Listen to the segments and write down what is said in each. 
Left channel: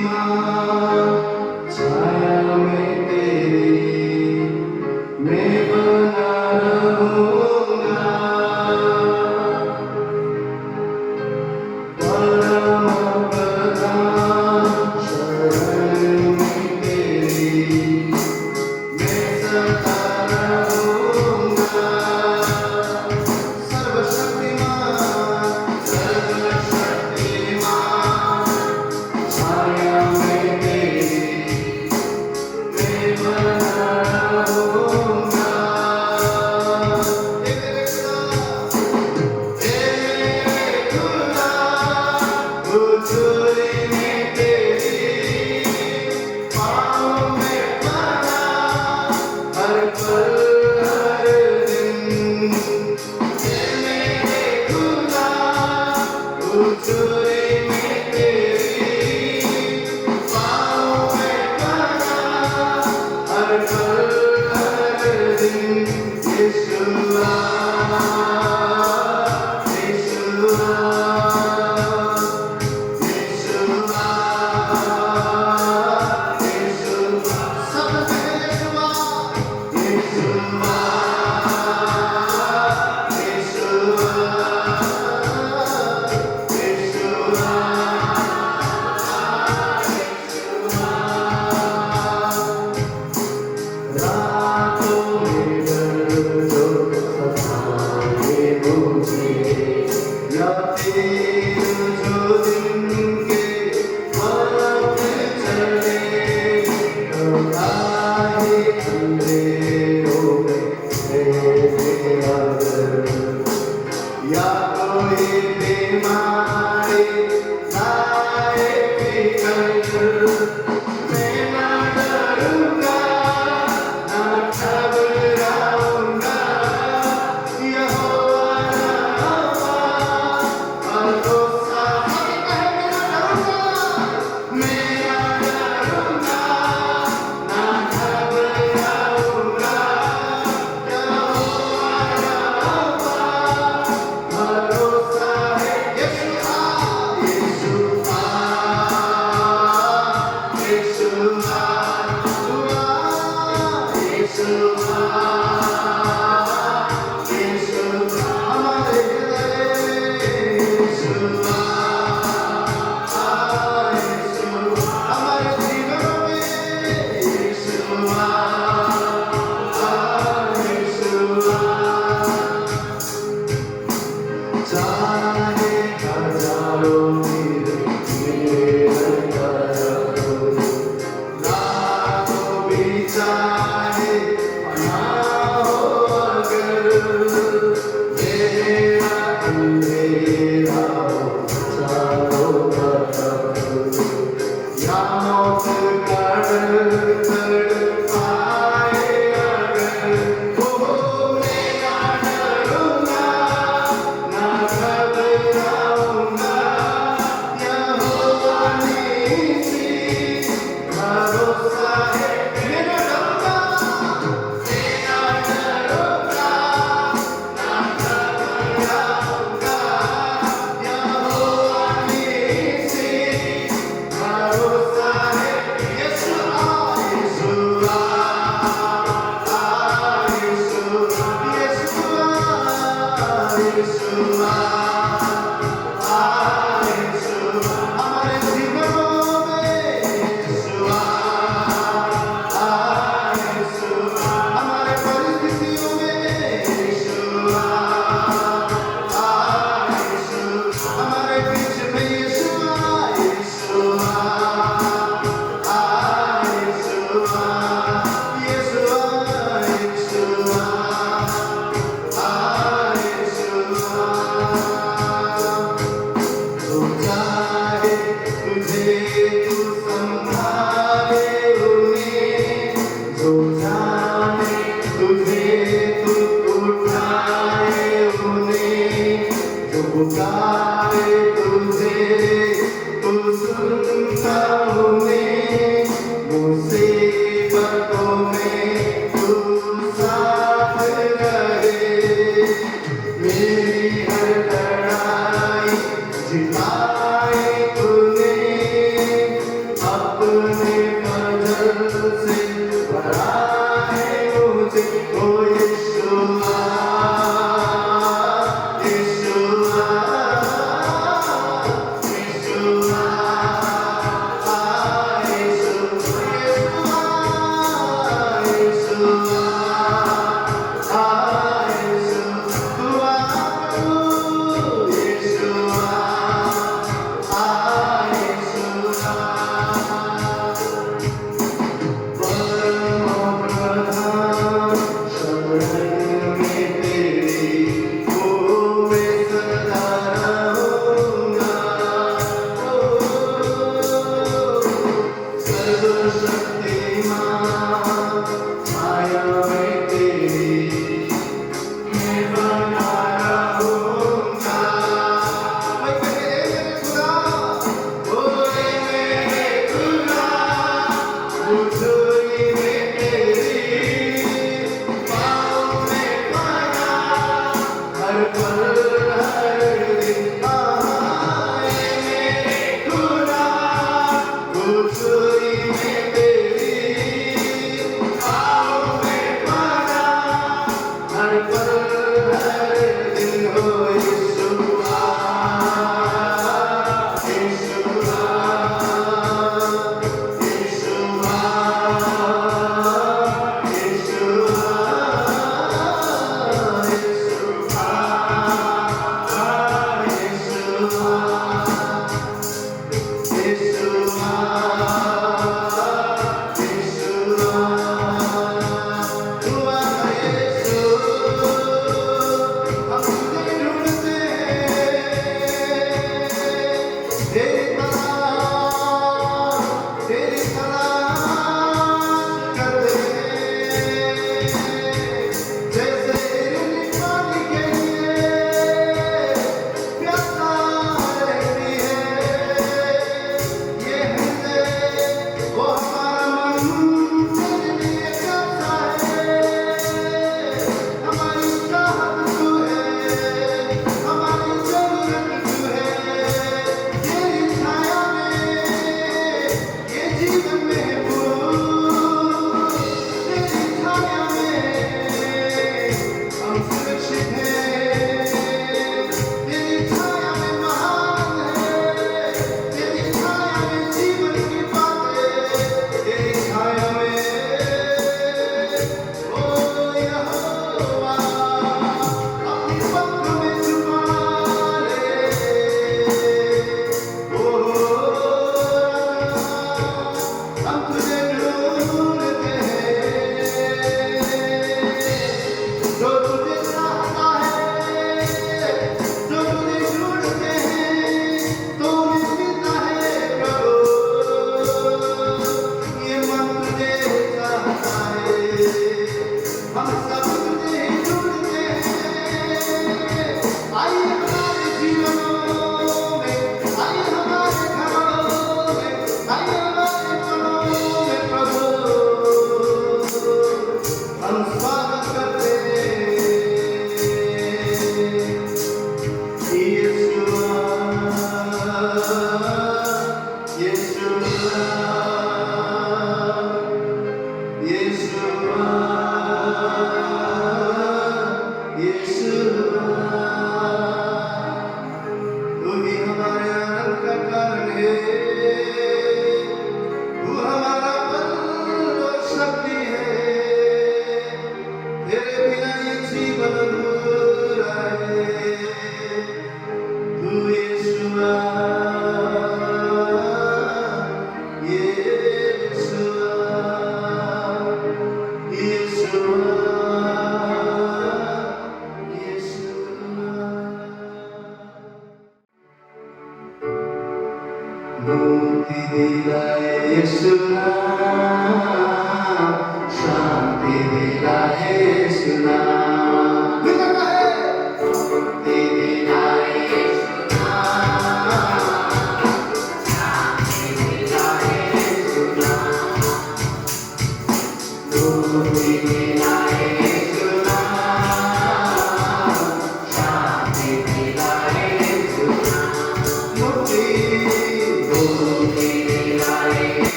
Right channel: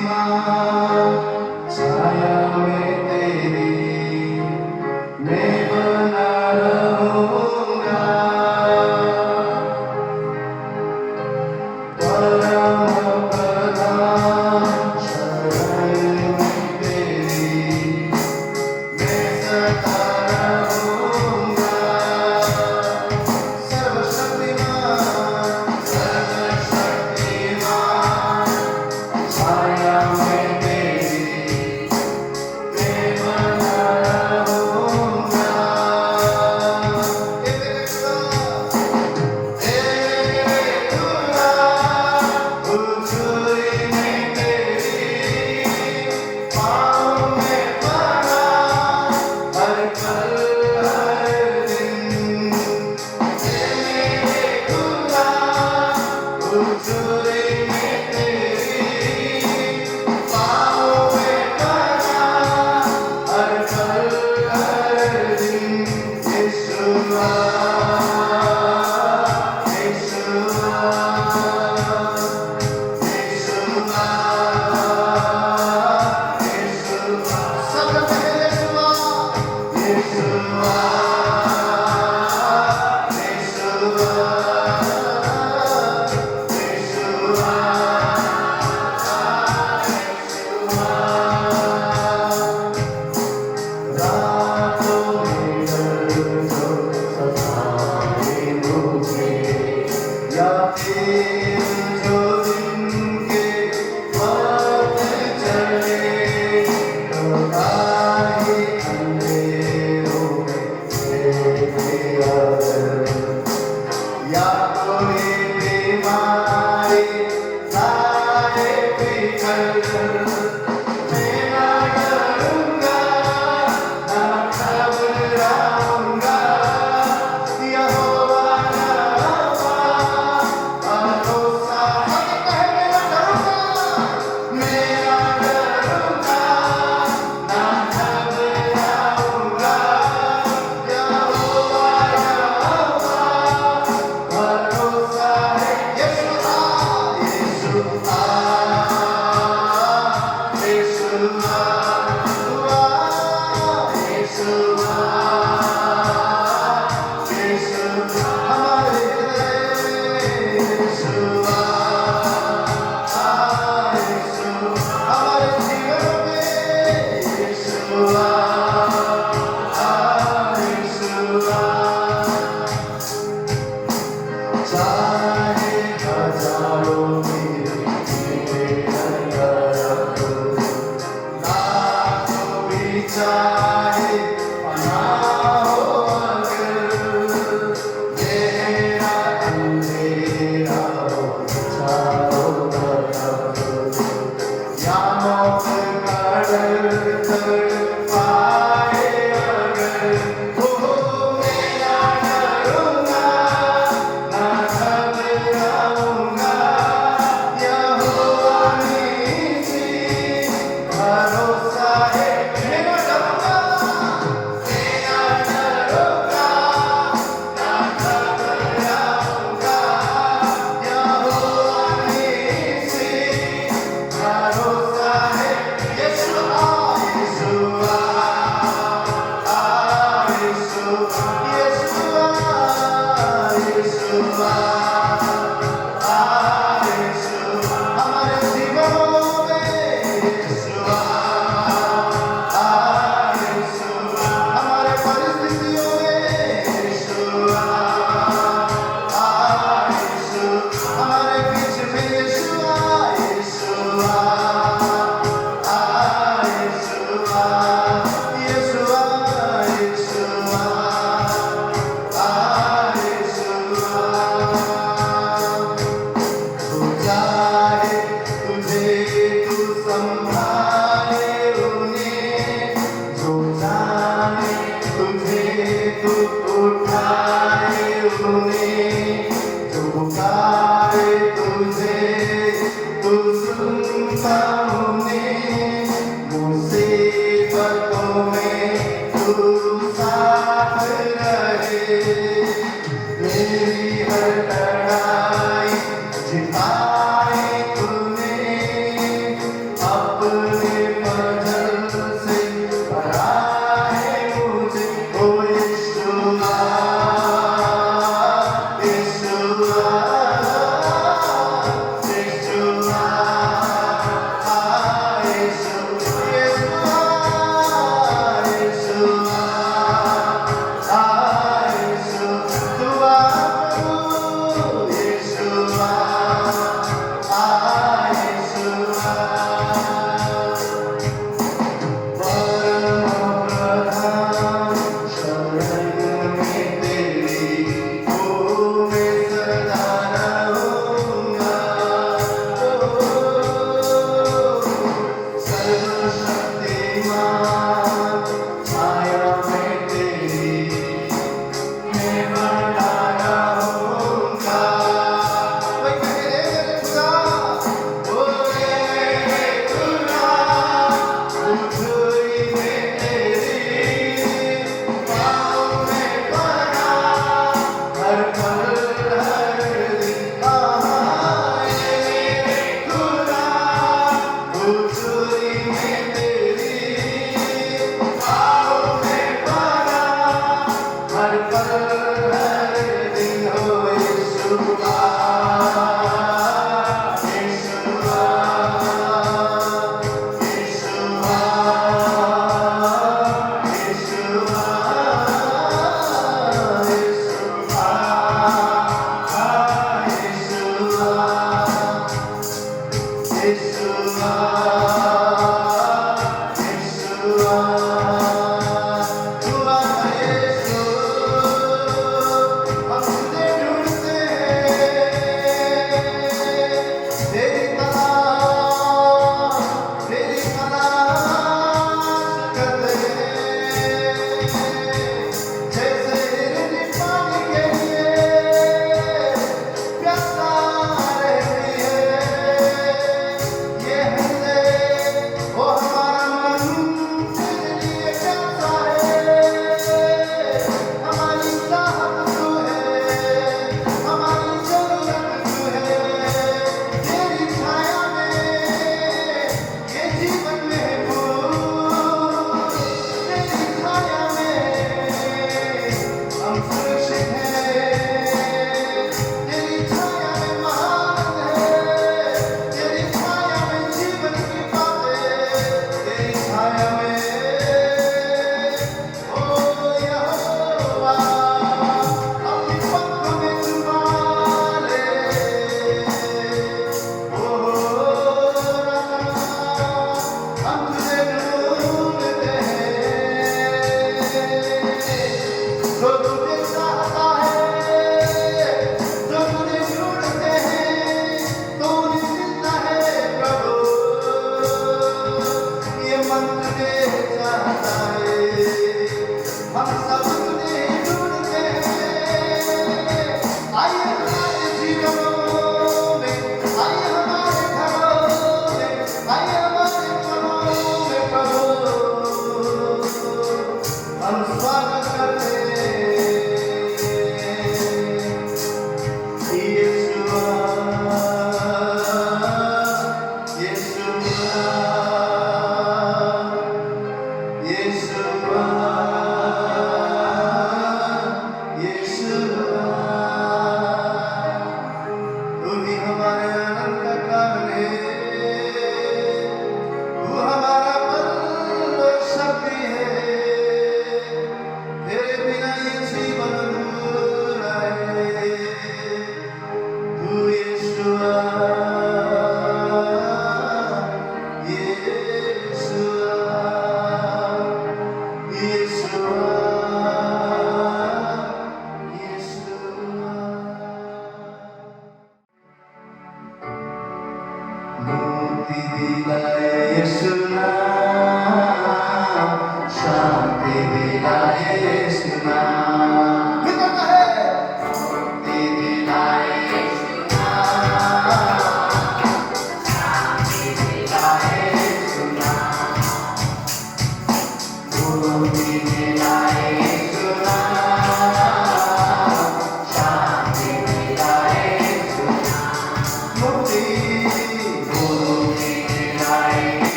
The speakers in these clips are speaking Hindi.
माँ छाया में तेरी मैं बना रहूँगा। परम प्रधान शरण में तेरी मैं सदा रहूँगा। सर्वशक्तिमान छाया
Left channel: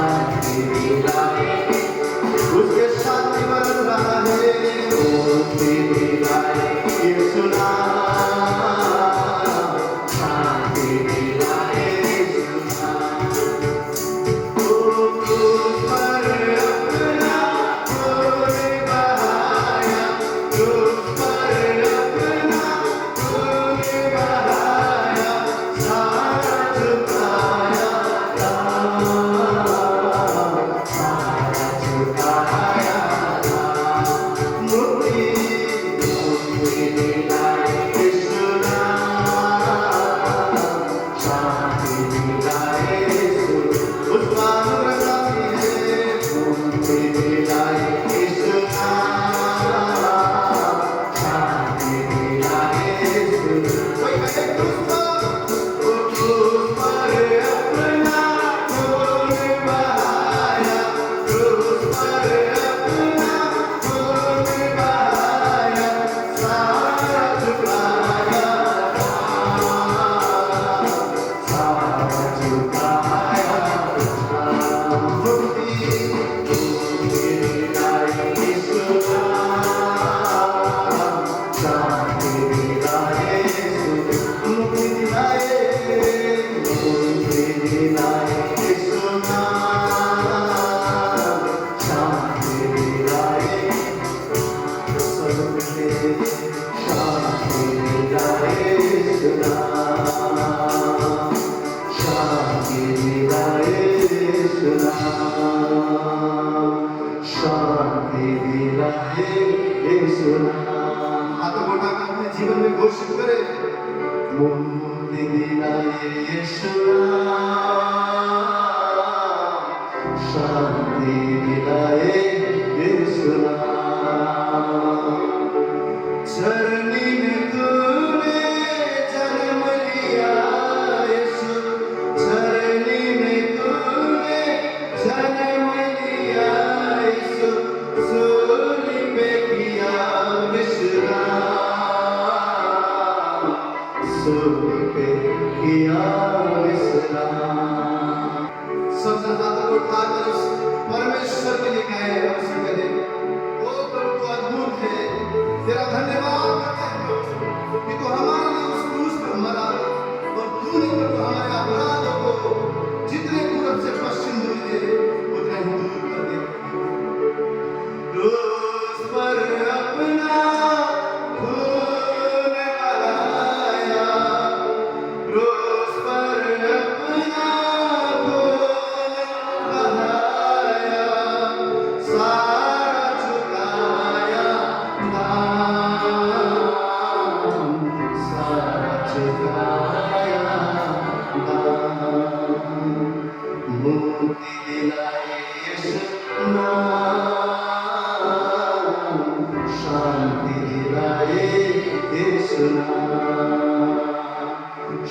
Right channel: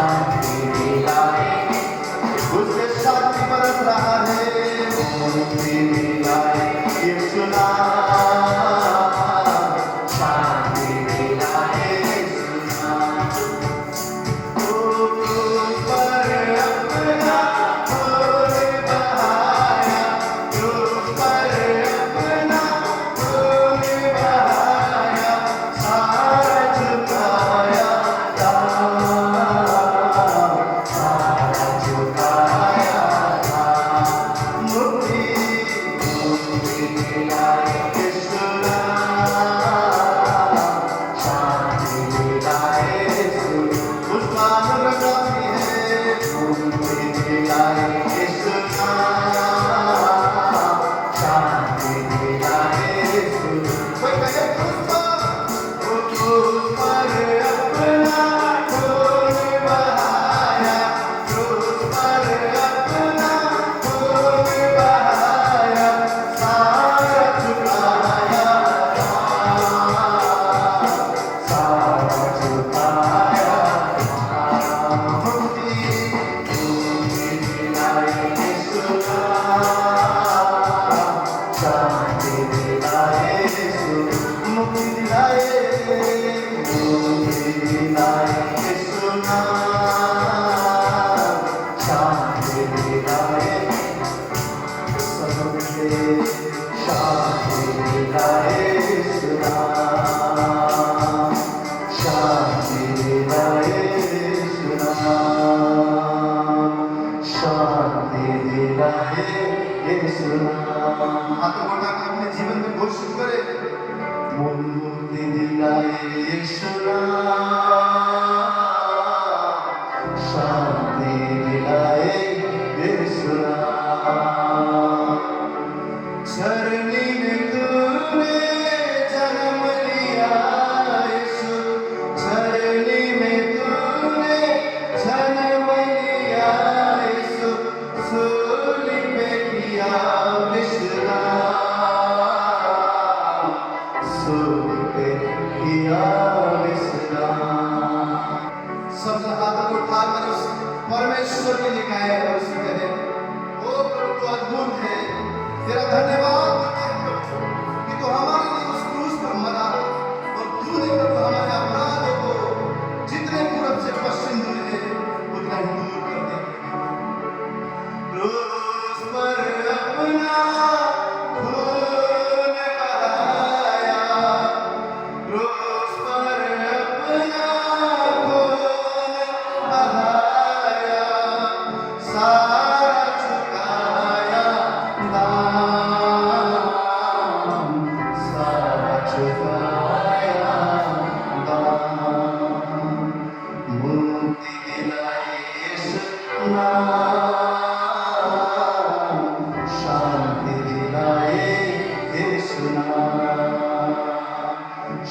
शांति दिलाए, उससे शांति बरस रहा है, मुक्ति दिलाए यीशु नाम, शांति दिलाए यीशु नाम। क्रूस पर अपना खून बहाया, क्रूस पर अपना खून बहाया, सारा झुकाया दाम, सारा झुकाया दाम। मुक्ति मुक्ति दिलाए यीशु नाम, शांति दिलाए यीशु, उसका अनुग्रह है, मुक्ति दिलाए यीशु नाम, शांति दिलाए यीशु। कोई कहे क्रूस पर अपना खून बहाया, क्रूस पर अपना खून बहाया, सारा झुकाया दाम, सारा झुकाया दाम। मुक्ति मुक्ति दिलाए यीशु नाम, शांति दिलाए यीशु, मुक्ति दिलाए यीशु नाम, शांति दिलाए सबके, शांति दिलाए यीशु नाम, शांति दिलाए यीशु नाम, शांति दिलाए यीशु नाम। हाथों को उठाकर अपने जीवन में घोषित करें, मुक्ति दिलाए यीशु नाम, शांति दिलाए यीशु नाम। धरनी में तूने जन्म लिया यीशु, धरनी में तूने जन्म लिया यीशु, सूली पे किया विश्राम, सूली पे किया विश्राम। सबसे हाथों को उठाकर उस परमेश्वर के दिखाए और उसे कहे, ओ प्रभु तू अद्भुत है, तेरा धन्यवाद करते हैं प्रभु कि तू हमारे लिए उस क्रूस पर मरा और तूने प्रभु हमारे अपराधों को जितने पूरब से पश्चिम दूर थे उतना ही दूर कर दिया। क्रूस पर अपना खून बहाया, क्रूस पर अपना खून बहाया, सारा झुकाया दाम, सारा झुकाया दाम। मुक्ति दिलाए यीशु नाम, शांति दिलाए यीशु नाम,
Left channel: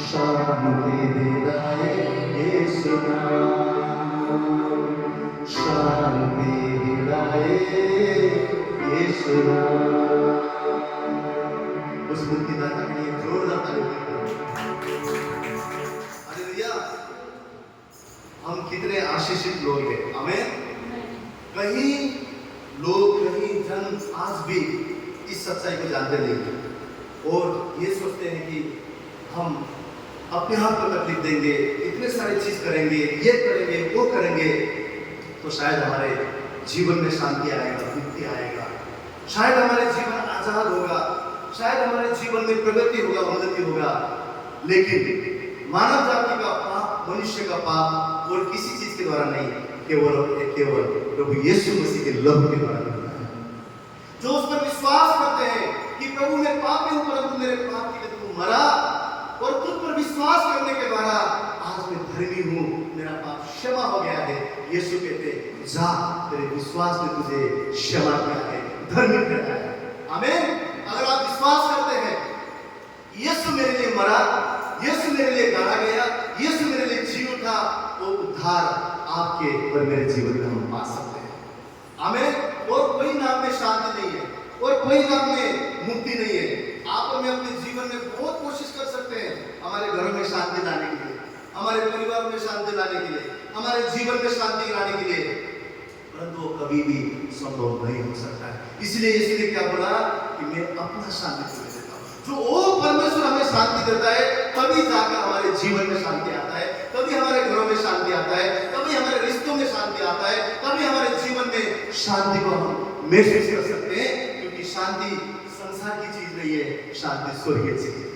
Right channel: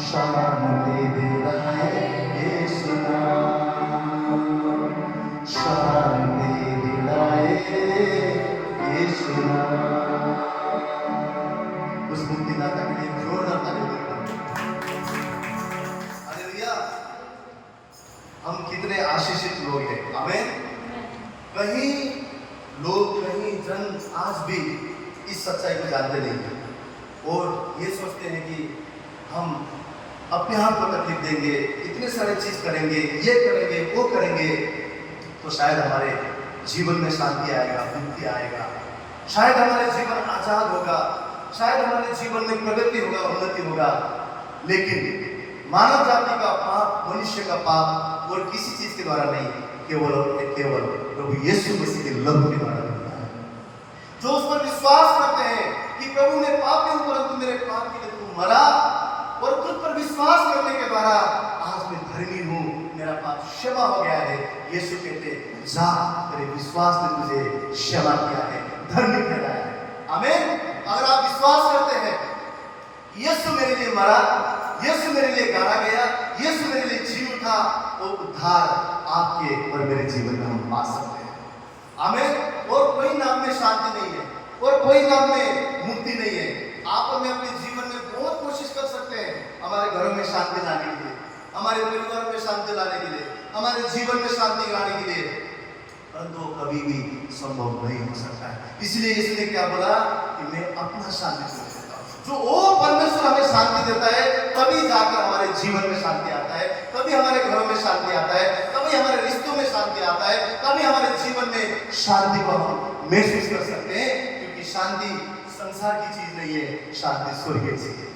शांति दिलाए यीशु नाम, शांति दिलाए यीशु नाम। उस मुक्तिदाता के लिए जोरदार ताली बजाएं। हालेलुया। हम कितने आशीषित लोग हैं, आमीन। कहीं लोग, कहीं जन आज भी इस सच्चाई को जानते नहीं हैं और ये सोचते हैं कि हम अपने आप को तकलीफ देंगे, इतने सारे चीज करेंगे, ये करेंगे, वो करेंगे, तो शायद हमारे जीवन में शांति आएगा, मुक्ति आएगा, शायद हमारे जीवन आजाद होगा, शायद हमारे जीवन में प्रगति होगा, उन्नति होगा। लेकिन मानव जाति का पाप, मनुष्य का पाप और किसी चीज के द्वारा नहीं, केवल प्रभु यीशु मसीह के लहू के द्वारा होता है। जो उस पर विश्वास करते हैं कि प्रभु मैं पापी हूं परंतु मेरे पाप के लिए तू मरा, और तुझ पर विश्वास करने के द्वारा आज मैं धर्मी हूं, मेरा पाप क्षमा हो गया है। यीशु कहते जा, तेरे विश्वास ने तुझे क्षमा किया है, धर्मी ठहराया है। आमीन। अगर आप विश्वास करते हैं यीशु मेरे लिए मरा, यीशु मेरे लिए गाड़ा गया, यीशु मेरे लिए जी उठा, वो उद्धार आपके और मेरे जीवन में हम पा सकते हैं। आमीन। और कोई नाम में शांति नहीं है और कोई नाम में मुक्ति नहीं है। आप और मैं अपने जीवन में बहुत कोशिश कर सकते हैं हमारे घरों में शांति लाने के लिए, हमारे परिवार में शांति लाने के लिए, हमारे जीवन में शांति लाने के लिए, परंतु वो कभी भी संभव नहीं हो सकता है। इसलिए यीशु ने क्या बोला कि मैं अपना शांति तुम्हें देता हूं। जो वो परमेश्वर हमें शांति देता है, तभी जाकर हमारे जीवन में शांति आता है, तभी हमारे घरों में शांति आता है, तभी हमारे रिश्तों में शांति आता है, तभी हमारे जीवन में शांति को हम महसूस कर सकते हैं। क्योंकि शांति संसार की चीज नहीं है, शांति स्वर्गीय चीज है।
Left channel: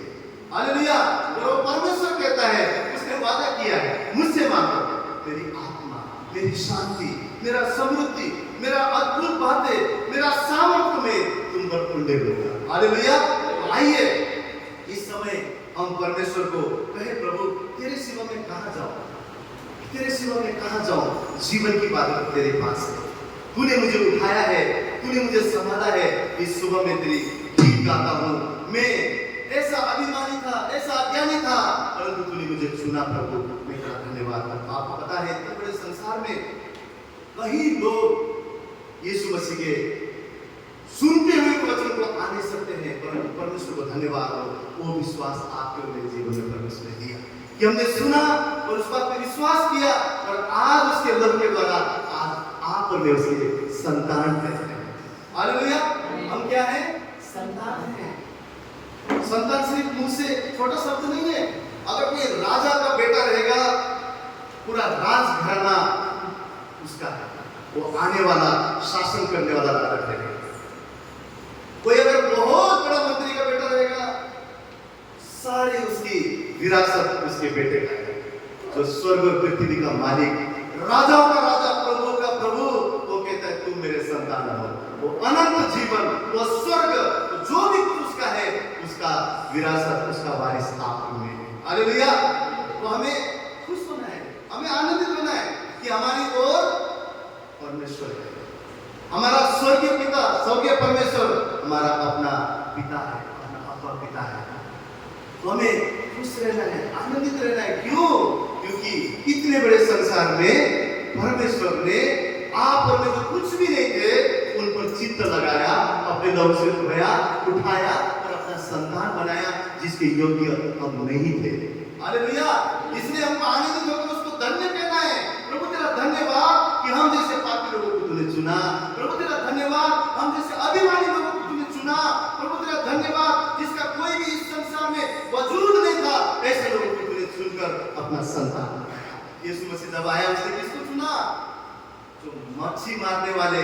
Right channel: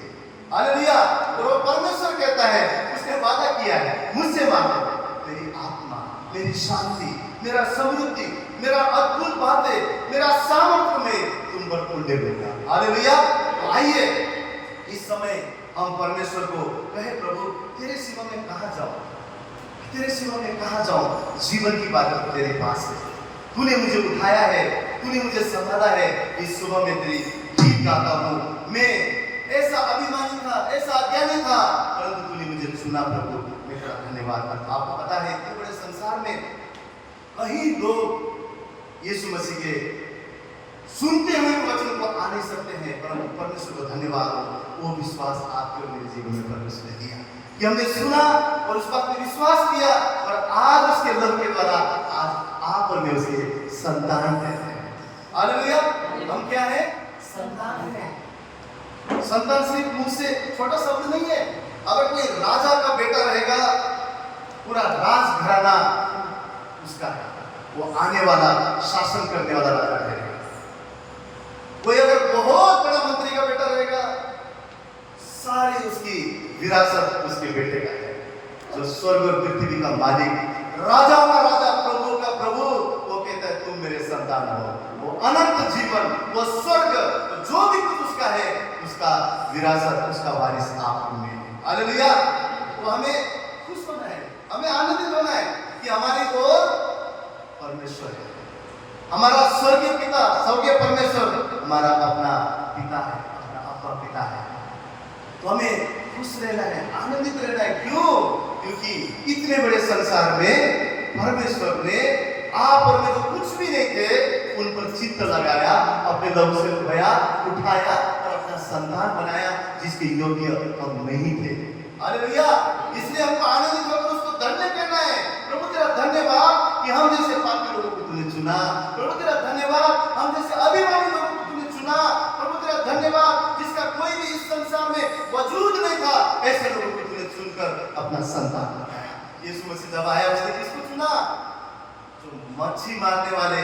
हालेलुया। और वो परमेश्वर कहता है, उसने वादा किया है, मुझसे मांगो, मेरी आत्मा, मेरी शांति, मेरा समृद्धि, मेरा अद्भुत बातें, मेरा सामर्थ्य में तुम पर उल्लेख होगा। हालेलुया। तो आइए इस समय हम परमेश्वर को कहे, प्रभु तेरे सिवा में कहां जाऊं, तेरे सिवा में कहां जाऊं, जीवन की बात तेरे पास है, तूने मुझे उठाया है, तूने मुझे संभाला है। इस सुबह में तेरी गीत गाता हूं। मैं ऐसा अभिमानी था, ऐसा अज्ञानी था, परंतु तूने मुझे चुना प्रभु, मैं तेरा धन्यवाद करता हूं। आपको पता है इतने बड़े संसार में कई लोग यीशु मसीह के सुनते हुए वचन को आ नहीं सकते हैं, परंतु परमेश्वर को धन्यवाद हो, वो विश्वास आपके और मेरे जीवन में परमेश्वर ने दिया कि हमने सुना और उस बात पे विश्वास किया, और आज उसके लव के द्वारा आज आप और मैं उसके संतान कहते हैं। हालेलुया। हम क्या है? संतान है। संतान सिर्फ मुंह से छोटा शब्द नहीं है। अगर कोई राजा का बेटा रहेगा, पूरा राजघराना उसका है, वो आने वाला शासन करने वाला राजा रहेगा। कोई अगर बहुत बड़ा मंत्री का बेटा रहेगा, सारी उसकी विरासत उसके बेटे का है। जो स्वर्ग और पृथ्वी का मालिक, राजाओं का राजा, प्रभु का प्रभु, वो कहता है तुम मेरे संतान हो। वो अनंत जीवन, वो स्वर्ग, जो भी कुछ उसका है, उसका विरासत, उसका वारिस आप में है। हालेलुया। तो हमें खुश होना है, हमें आनंदित होना है कि हमारी ओर परमेश्वर है, हमारा स्वर्गीय पिता, स्वर्गीय परमेश्वर हमारा अपना पिता है, अपना अपना पिता है। तो हमें खुश रहना है, आनंदित रहना है। क्यों? क्योंकि इतने बड़े संसार में परमेश्वर ने आप और मैं जो कुछ भी नहीं थे, उन पर चित्त लगाया, अपने लहू से उठाया और अपना संतान बनाया, जिसके योग्य हम नहीं थे। हालेलुया। इसलिए हमको आनंदित होकर उसको धन्य कहना है। प्रभु तेरा धन्यवाद कि हम जैसे पापी लोगों को तूने चुना। प्रभु तेरा धन्यवाद हम जैसे अभिमानी लोगों को तूने चुना। प्रभु तेरा धन्यवाद जिसका कोई भी इस संसार में वजूद नहीं था, ऐसे लोगों को तूने चुनकर अपना संतान बनाया। यीशु मसीह जब आया, उसने किसको चुना? जो मच्छी मारने वाले,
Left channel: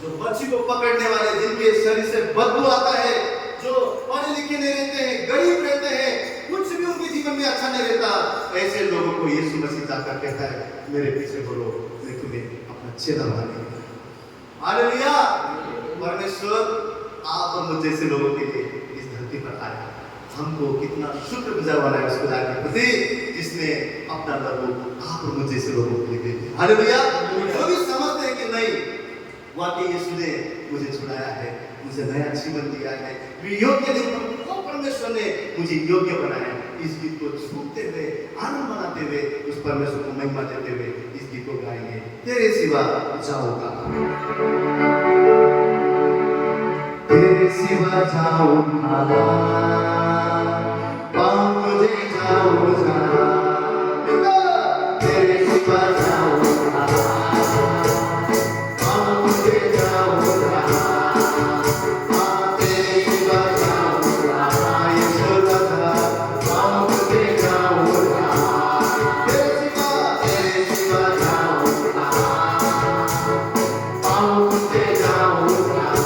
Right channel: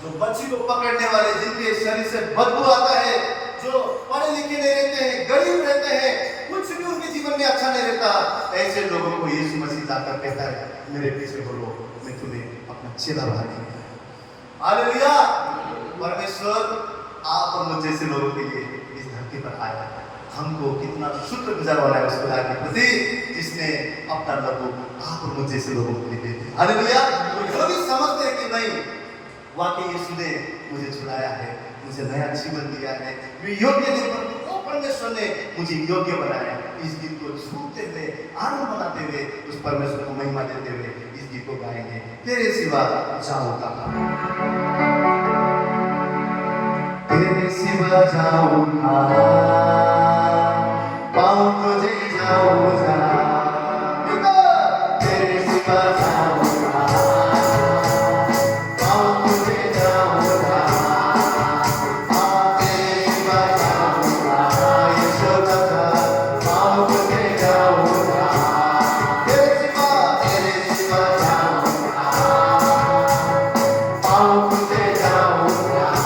जो मच्छी को पकड़ने वाले, जिनके शरीर से बदबू आता है, जो पढ़े लिखे नहीं रहते हैं, गरीब रहते हैं, कुछ भी उनके जीवन में अच्छा नहीं रहता, ऐसे लोगों को यीशु मसीह जाकर कहता है, मेरे पीछे बोलो, मैं तुम्हें अपना चेला बनाऊंगा। हालेलुया। परमेश्वर आप और मुझ जैसे लोगों के लिए इस धरती पर आया। हमको कितना शुक्रगुजार होना है उसके लायक प्रति, जिसने अपना लहू आप और मुझ जैसे लोगों के लिए दे दिया। हालेलुया। जो भी समझते हैं कि नहीं, वाकई यीशु ने मुझे छुड़ाया है, मुझे नया जीवन दिया है, मैं योग्य नहीं, पर वो परमेश्वर ने मुझे योग्य बनाया। इस गीत को सुनते हुए, आनंद मनाते हुए, उस परमेश्वर को महिमा देते हुए इस गीत को गाएंगे। तेरे सिवा जाऊं कहां, तेरे सिवा जाऊं कहां, पाऊं तुझे जाऊं जहां, तेरे सिवा जाऊं कहां, पाऊं तुझे जाऊं जहां, तेरे सिवा जाऊं कहां, यशोदा पाऊं तुझे जाऊं जहां, तेरे सिवा जाऊं कहां, पाऊं तुझे जाऊं जहां।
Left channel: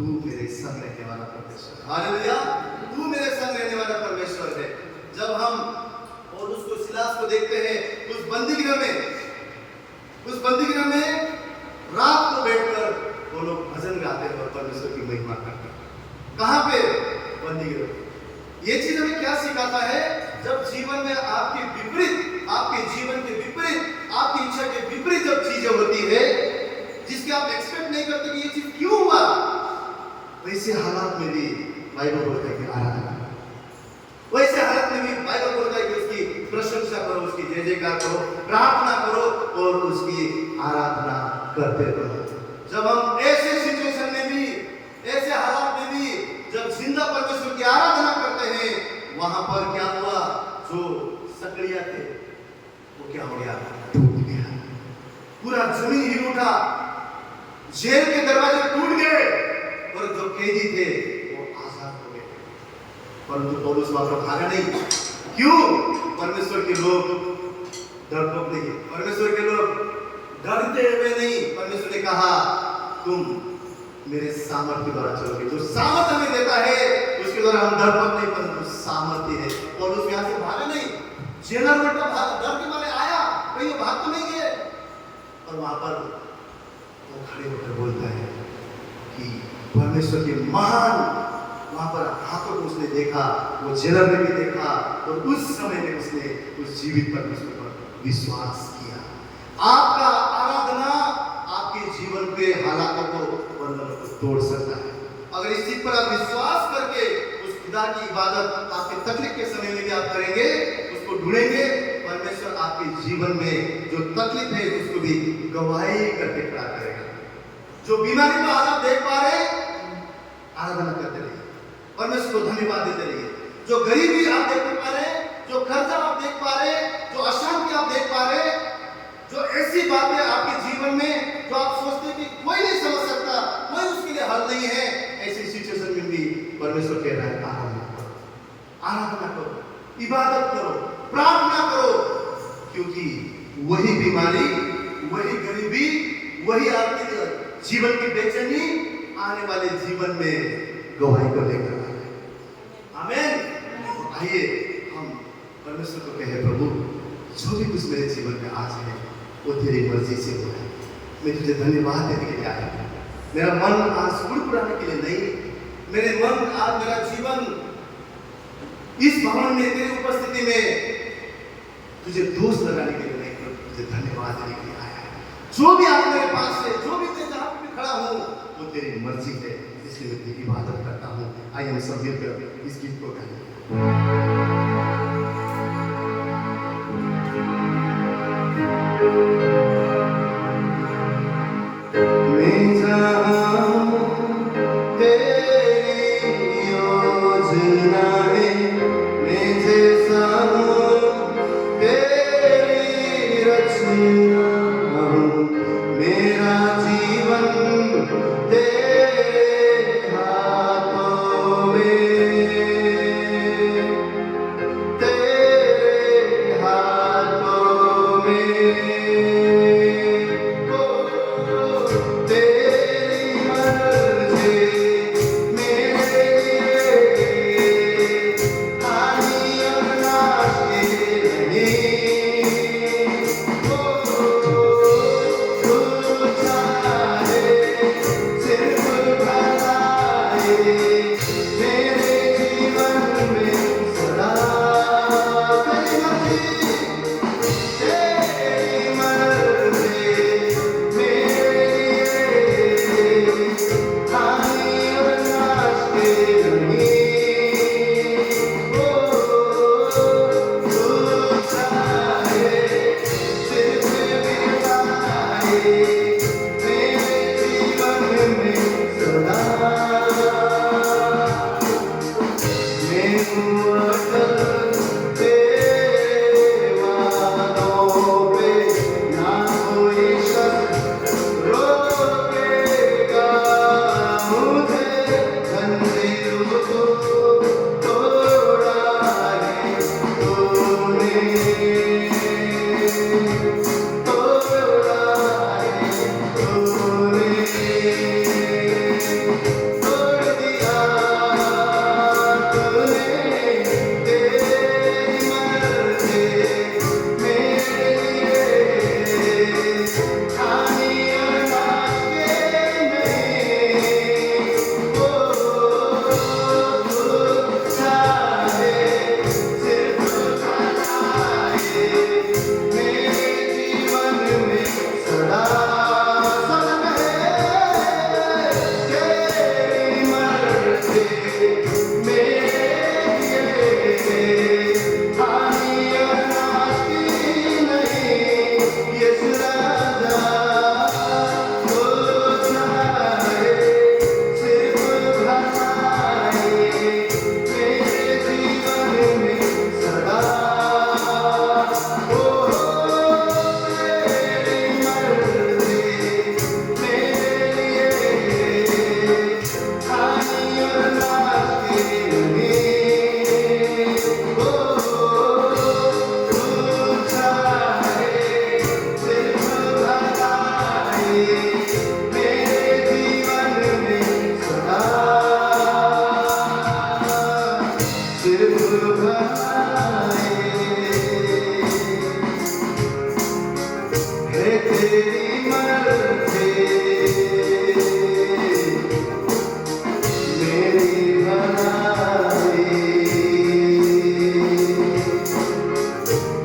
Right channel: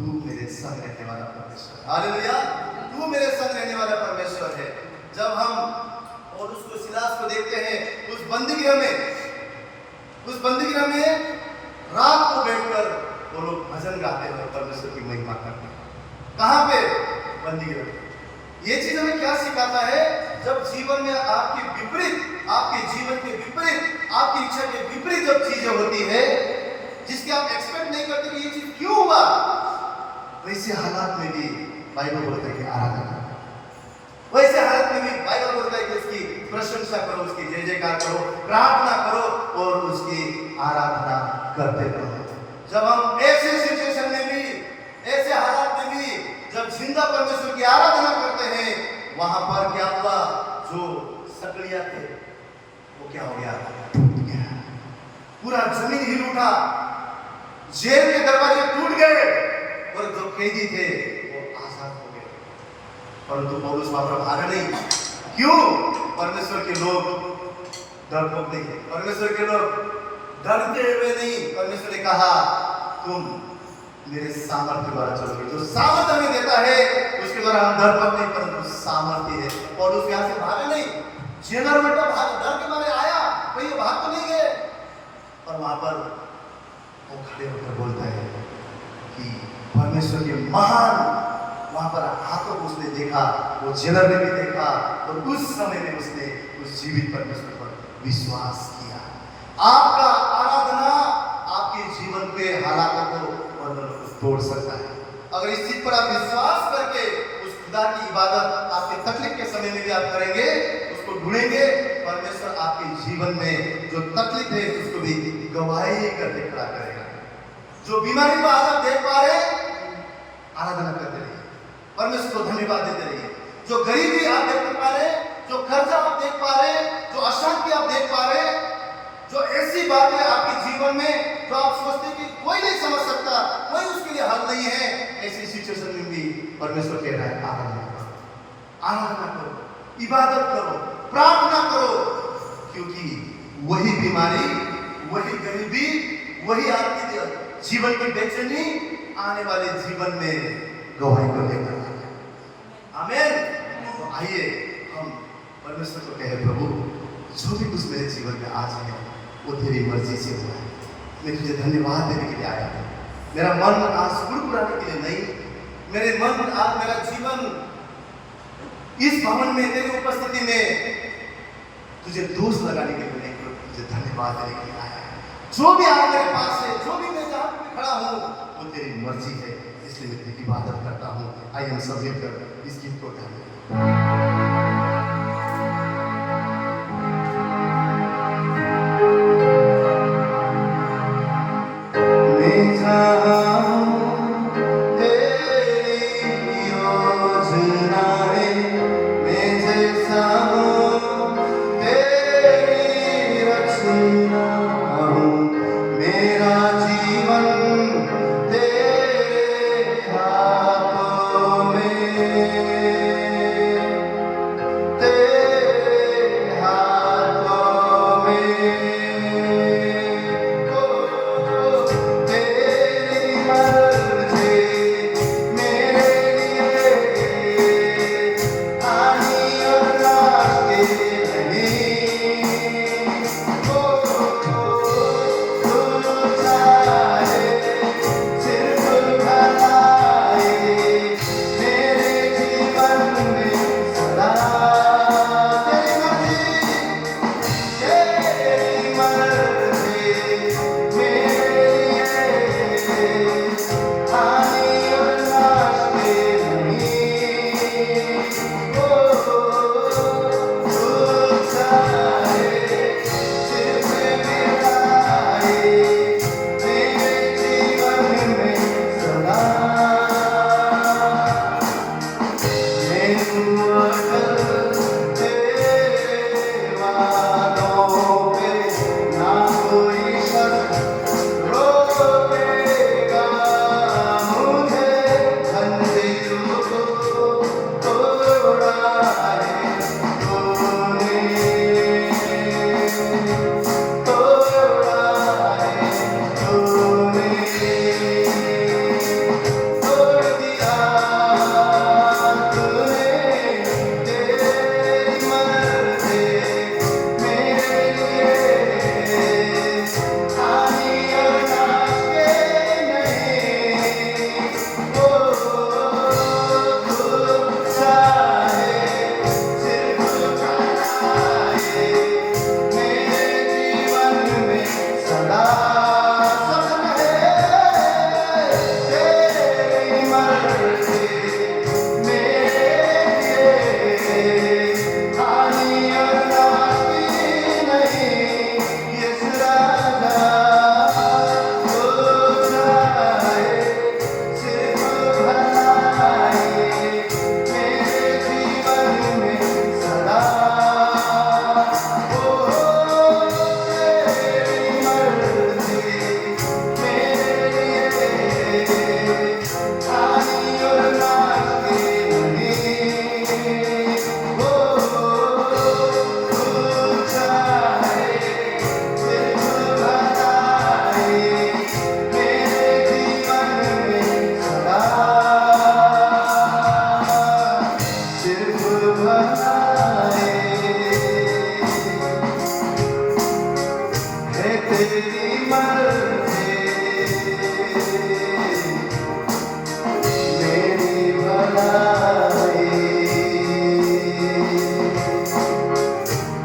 तू मेरे संग रहने वाला परमेश्वर। हालेलुया, तू मेरे संग रहने वाला परमेश्वर है। जब हम और उसको सिलास को देखते हैं उस बंदीगृह में रात को बैठकर वो लोग भजन गाते हैं, परमेश्वर की महिमा करते हैं। कहाँ पे? बंदीगृह। ये चीज हमें क्या सिखाता है? जब जीवन में आपके विपरीत, आपके जीवन के विपरीत, आपकी इच्छा के विपरीत जब चीजें होती है जिसकी आप एक्सपेक्ट नहीं करते कि ये चीज क्यों हुआ, वैसे हालात में भी बाइबल बोलता है कि आराधना करो। वैसे हालत में भी बाइबल बोलता है कि उसकी प्रशंसा करो, उसकी जय जयकार करो, प्रार्थना करो और उसकी आराधना करते रहो। जब हम ऐसे सिचुएशन में भी, ऐसे हालात में भी जब जिंदा परमेश्वर की आराधना करते हैं, वहां पर क्या हुआ? जो सकड़ियां थे वो क्या हो गया? टूट गया। पूरा जमीन हिल उठा, जेल के दरवाजे टूट गए और जो कैदी थे वो आजाद हो गए। परंतु पौलुस वहां पर भागा नहीं। क्यों? परमेश्वर के लोग डरपोक नहीं है, परमेश्वर के लोग डरते हुए नहीं। परमेश्वर ने कहा तुम मेरे सामर्थ्य द्वारा चलोगे। जो सामर्थ्य हमें देता है उसके द्वारा हम डरपोक नहीं, परंतु सामर्थ्य है। पौलुस यहाँ से भागा नहीं। जेलर उल्टा डर के मारे आया, कहीं भाग तो नहीं गए। और वहां पर वो खड़े होकर बोलता है कि परमेश्वर के महान, वहां पर हाथों को उसने देखा, वो जेलर ने भी देखा और उस समय में उसने उस जीवित परमेश्वर पर विश्वास किया। आपका आराधना आपके जीवन के हालातों को, बंधनों को तोड़ सकता है। अगर इस चीज पर आप विश्वास करके उस खुदा की इबादत आपके तकलीफ के समय में भी आप करेंगे, उसको ढूंढेंगे, परमेश्वर आपके जीवन में जो तकलीफ है उसको भी गवाही करके खड़ा करेगा। जो बीमारी को आज आप देख पा रहे, आराधना करते रहिए, परमेश्वर को धन्यवाद देते रहिए। जो गरीबी आप देख पा रहे, जो खर्चा आप देख पा रहे, जो अशांति आप देख पा रहे, जो ऐसी बातें आपके जीवन में जो आप सोचते हैं कि कोई नहीं समझ सकता, कोई उसके लिए हल नहीं है, ऐसी सिचुएशन में भी परमेश्वर कह रहा है आराधना करो, आराधना करो, इबादत करो, प्रार्थना करो, क्योंकि वही बीमारी, वही गरीबी, वही आपके जीवन की बेचैनी आने वाले जीवन में गवाही को लेकर आए। आमीन। तो आइए हम परमेश्वर को कहें, प्रभु जो भी कुछ मेरे जीवन में आज है वो तेरी मर्जी से हुआ है। मैं तुझे धन्यवाद देने के लिए आया। मेरा मन आज कुड़कुड़ाने के लिए नहीं, मेरे मन आज, मेरा जीवन इस भवन में तेरी उपस्थिति में तुझे दोष लगाने के लिए नहीं, तुझे धन्यवाद देने के लिए आया है। जो भी आप मेरे पास है, जो भी मैं जहां पे खड़ा हूं, वो तेरी मर्जी है, इसलिए मैं तेरी इबादत करता हूं। आइए हम सब मिलकर इस गीत को गाएं। में सदा सनम है। तेरी मर्ज़ी मेरे लिए हानि और नाज़ी नहीं। यीशु राजा हो जाए सिर्फ भलाई मेरे जीवन में सदा। तेरी मर्ज़ी मेरे लिए हानि और नाज़ी नहीं। हो जाए सिर्फ भलाई मेरे जीवन में सदा। सिर्फ भलाई है तेरी मर्ज़ी मेरी भलाई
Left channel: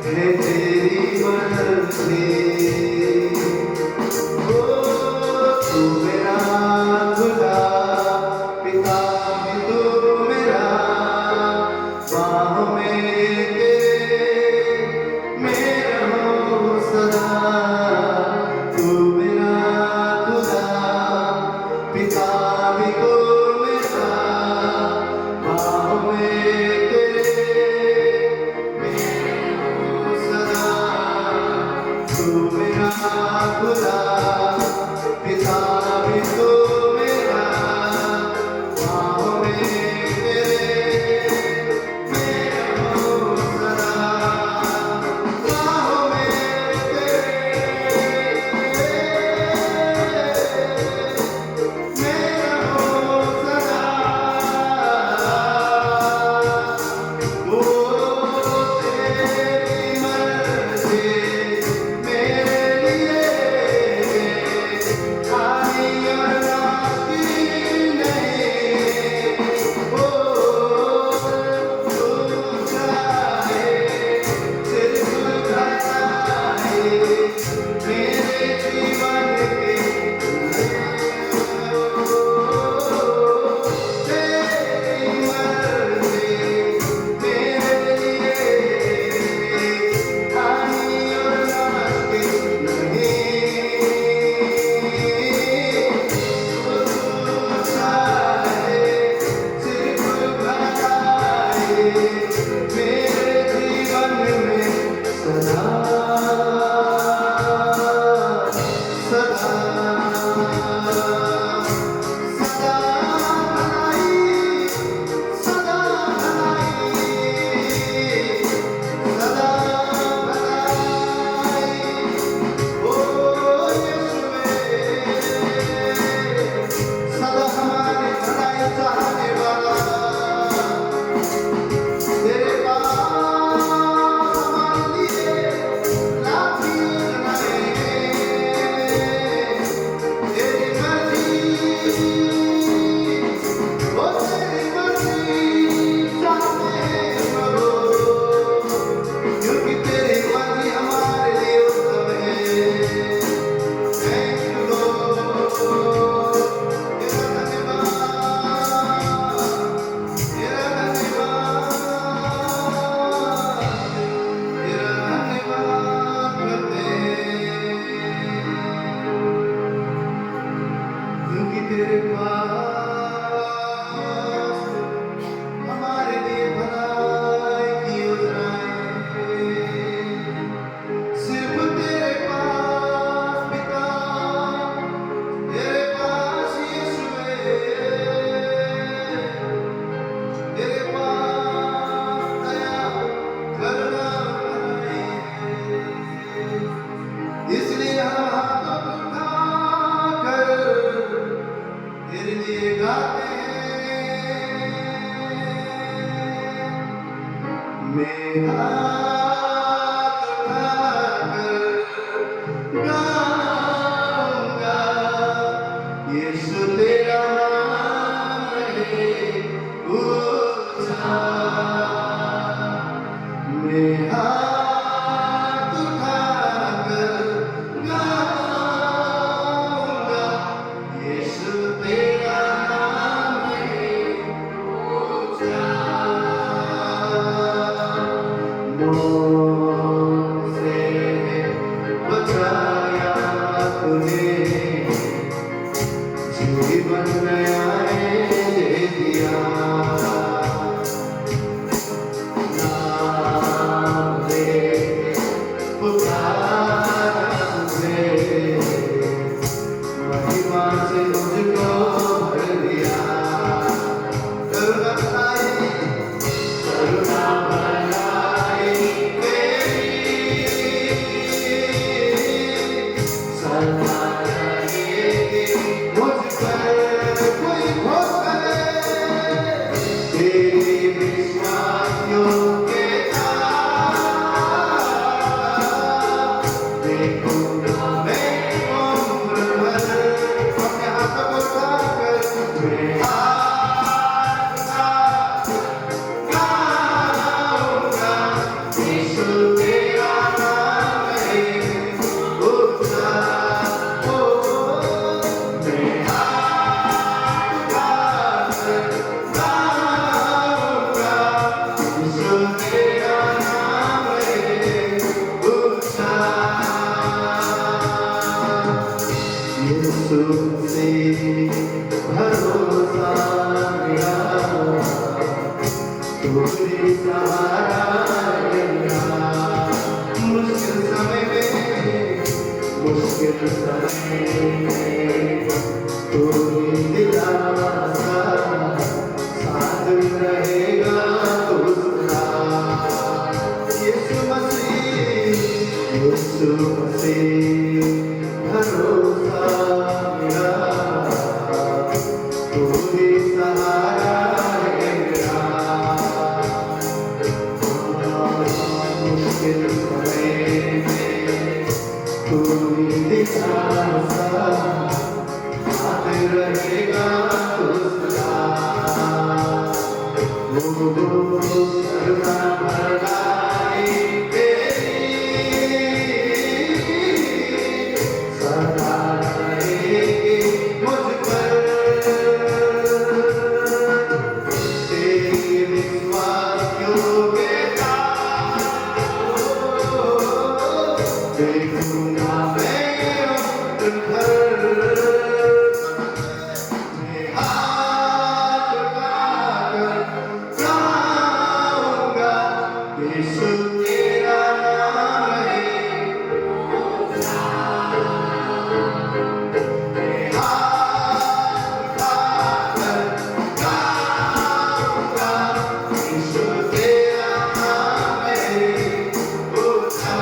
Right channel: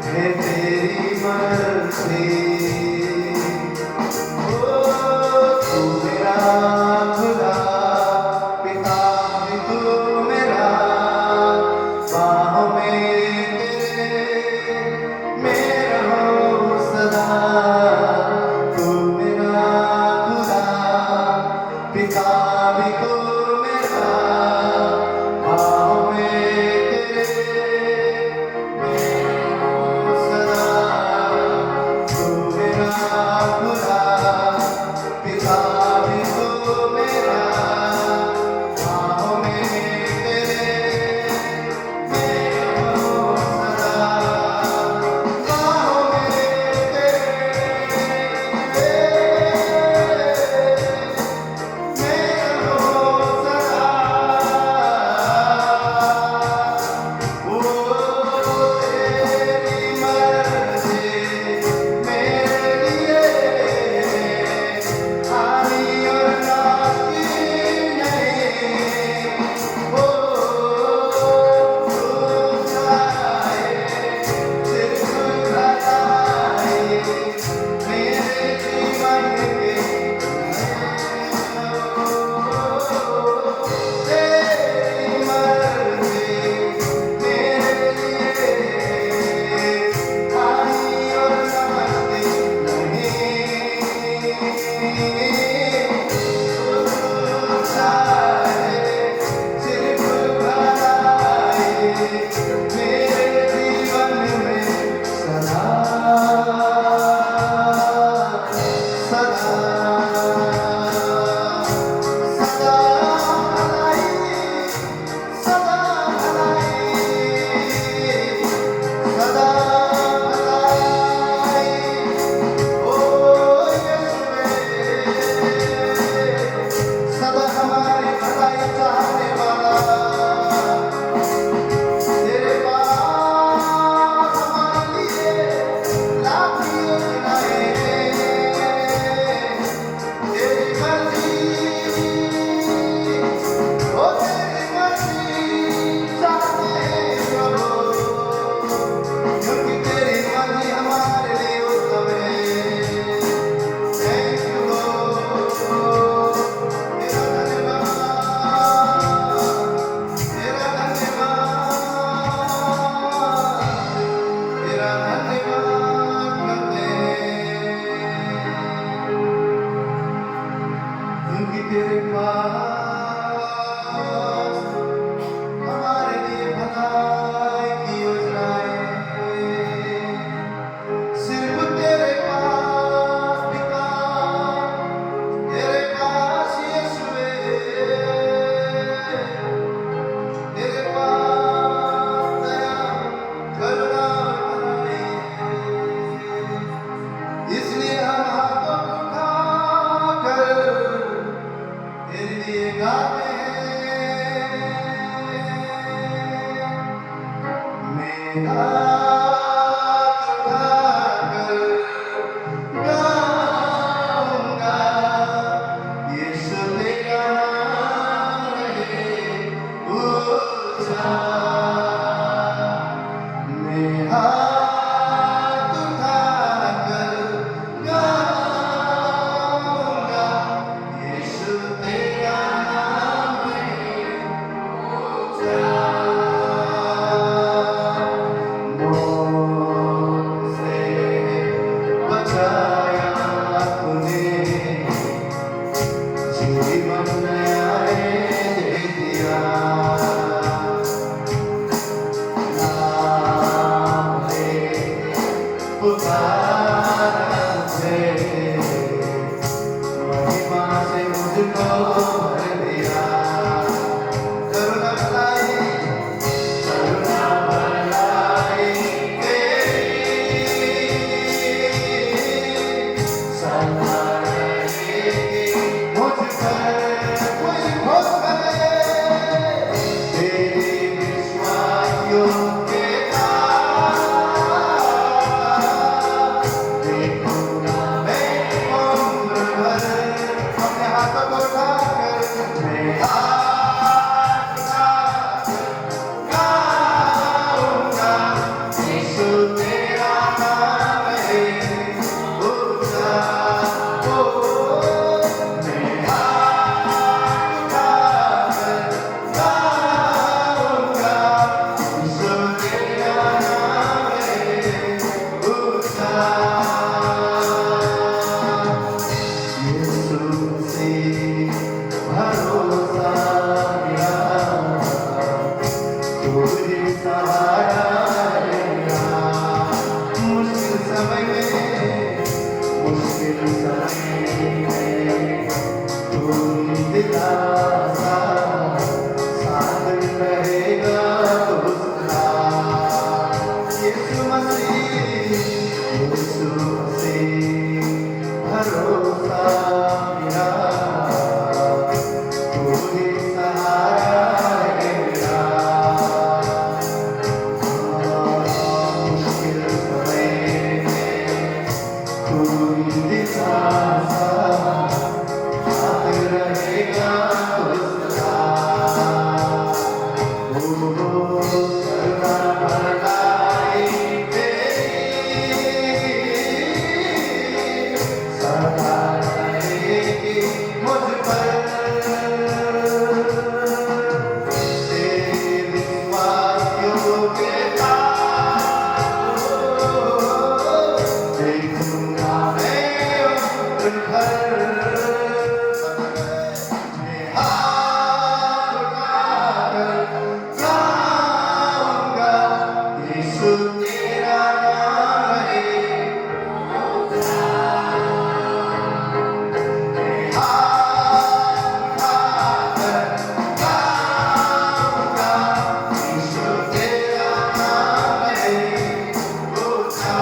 है तेरी मर्ज़ी। ओ तू मेरा खुदा पिता भी तू मेरा बाहों में तेरे मैं रहूं सदा। तू मेरा खुदा पिता भी तू मेरा बाहों में तेरे मैं रहूं सदा। तू मेरा खुदा पिता भी तू मेरा बाहों में तेरे मैं रहूं सदा। बाहों में मैं उम्र भर अपने हाथों को उठाकर मैं हाथ गाऊंगा, यीशु तेरा नाम है ऊंचा। ओ मैं हाथ गाऊंगा, यीशु तेरा नाम है ऊंचा। यीशु से भरोसा मेरा, तू ही सहारा मेरा। मुश्किल समय में तू ही दिलासा, साथ रहेगा उसका। यीशु मसीह भरोसा मेरा, तू ही सहारा है मेरा। मुश्किल समय में तू ही दिलासा, साथ रहेगा उसका। ओ करुणा बरसाए तेरी, सदा रहेगी मुझ पर। तेरे विश्वास योग्यता देखूंगा मैं उम्र भर। मैं हाथ उठाकर गाऊंगा, यीशु तेरा नाम है। मैं हाथ उठाकर गाऊंगा, यीशु तेरा नाम है ऊंचा।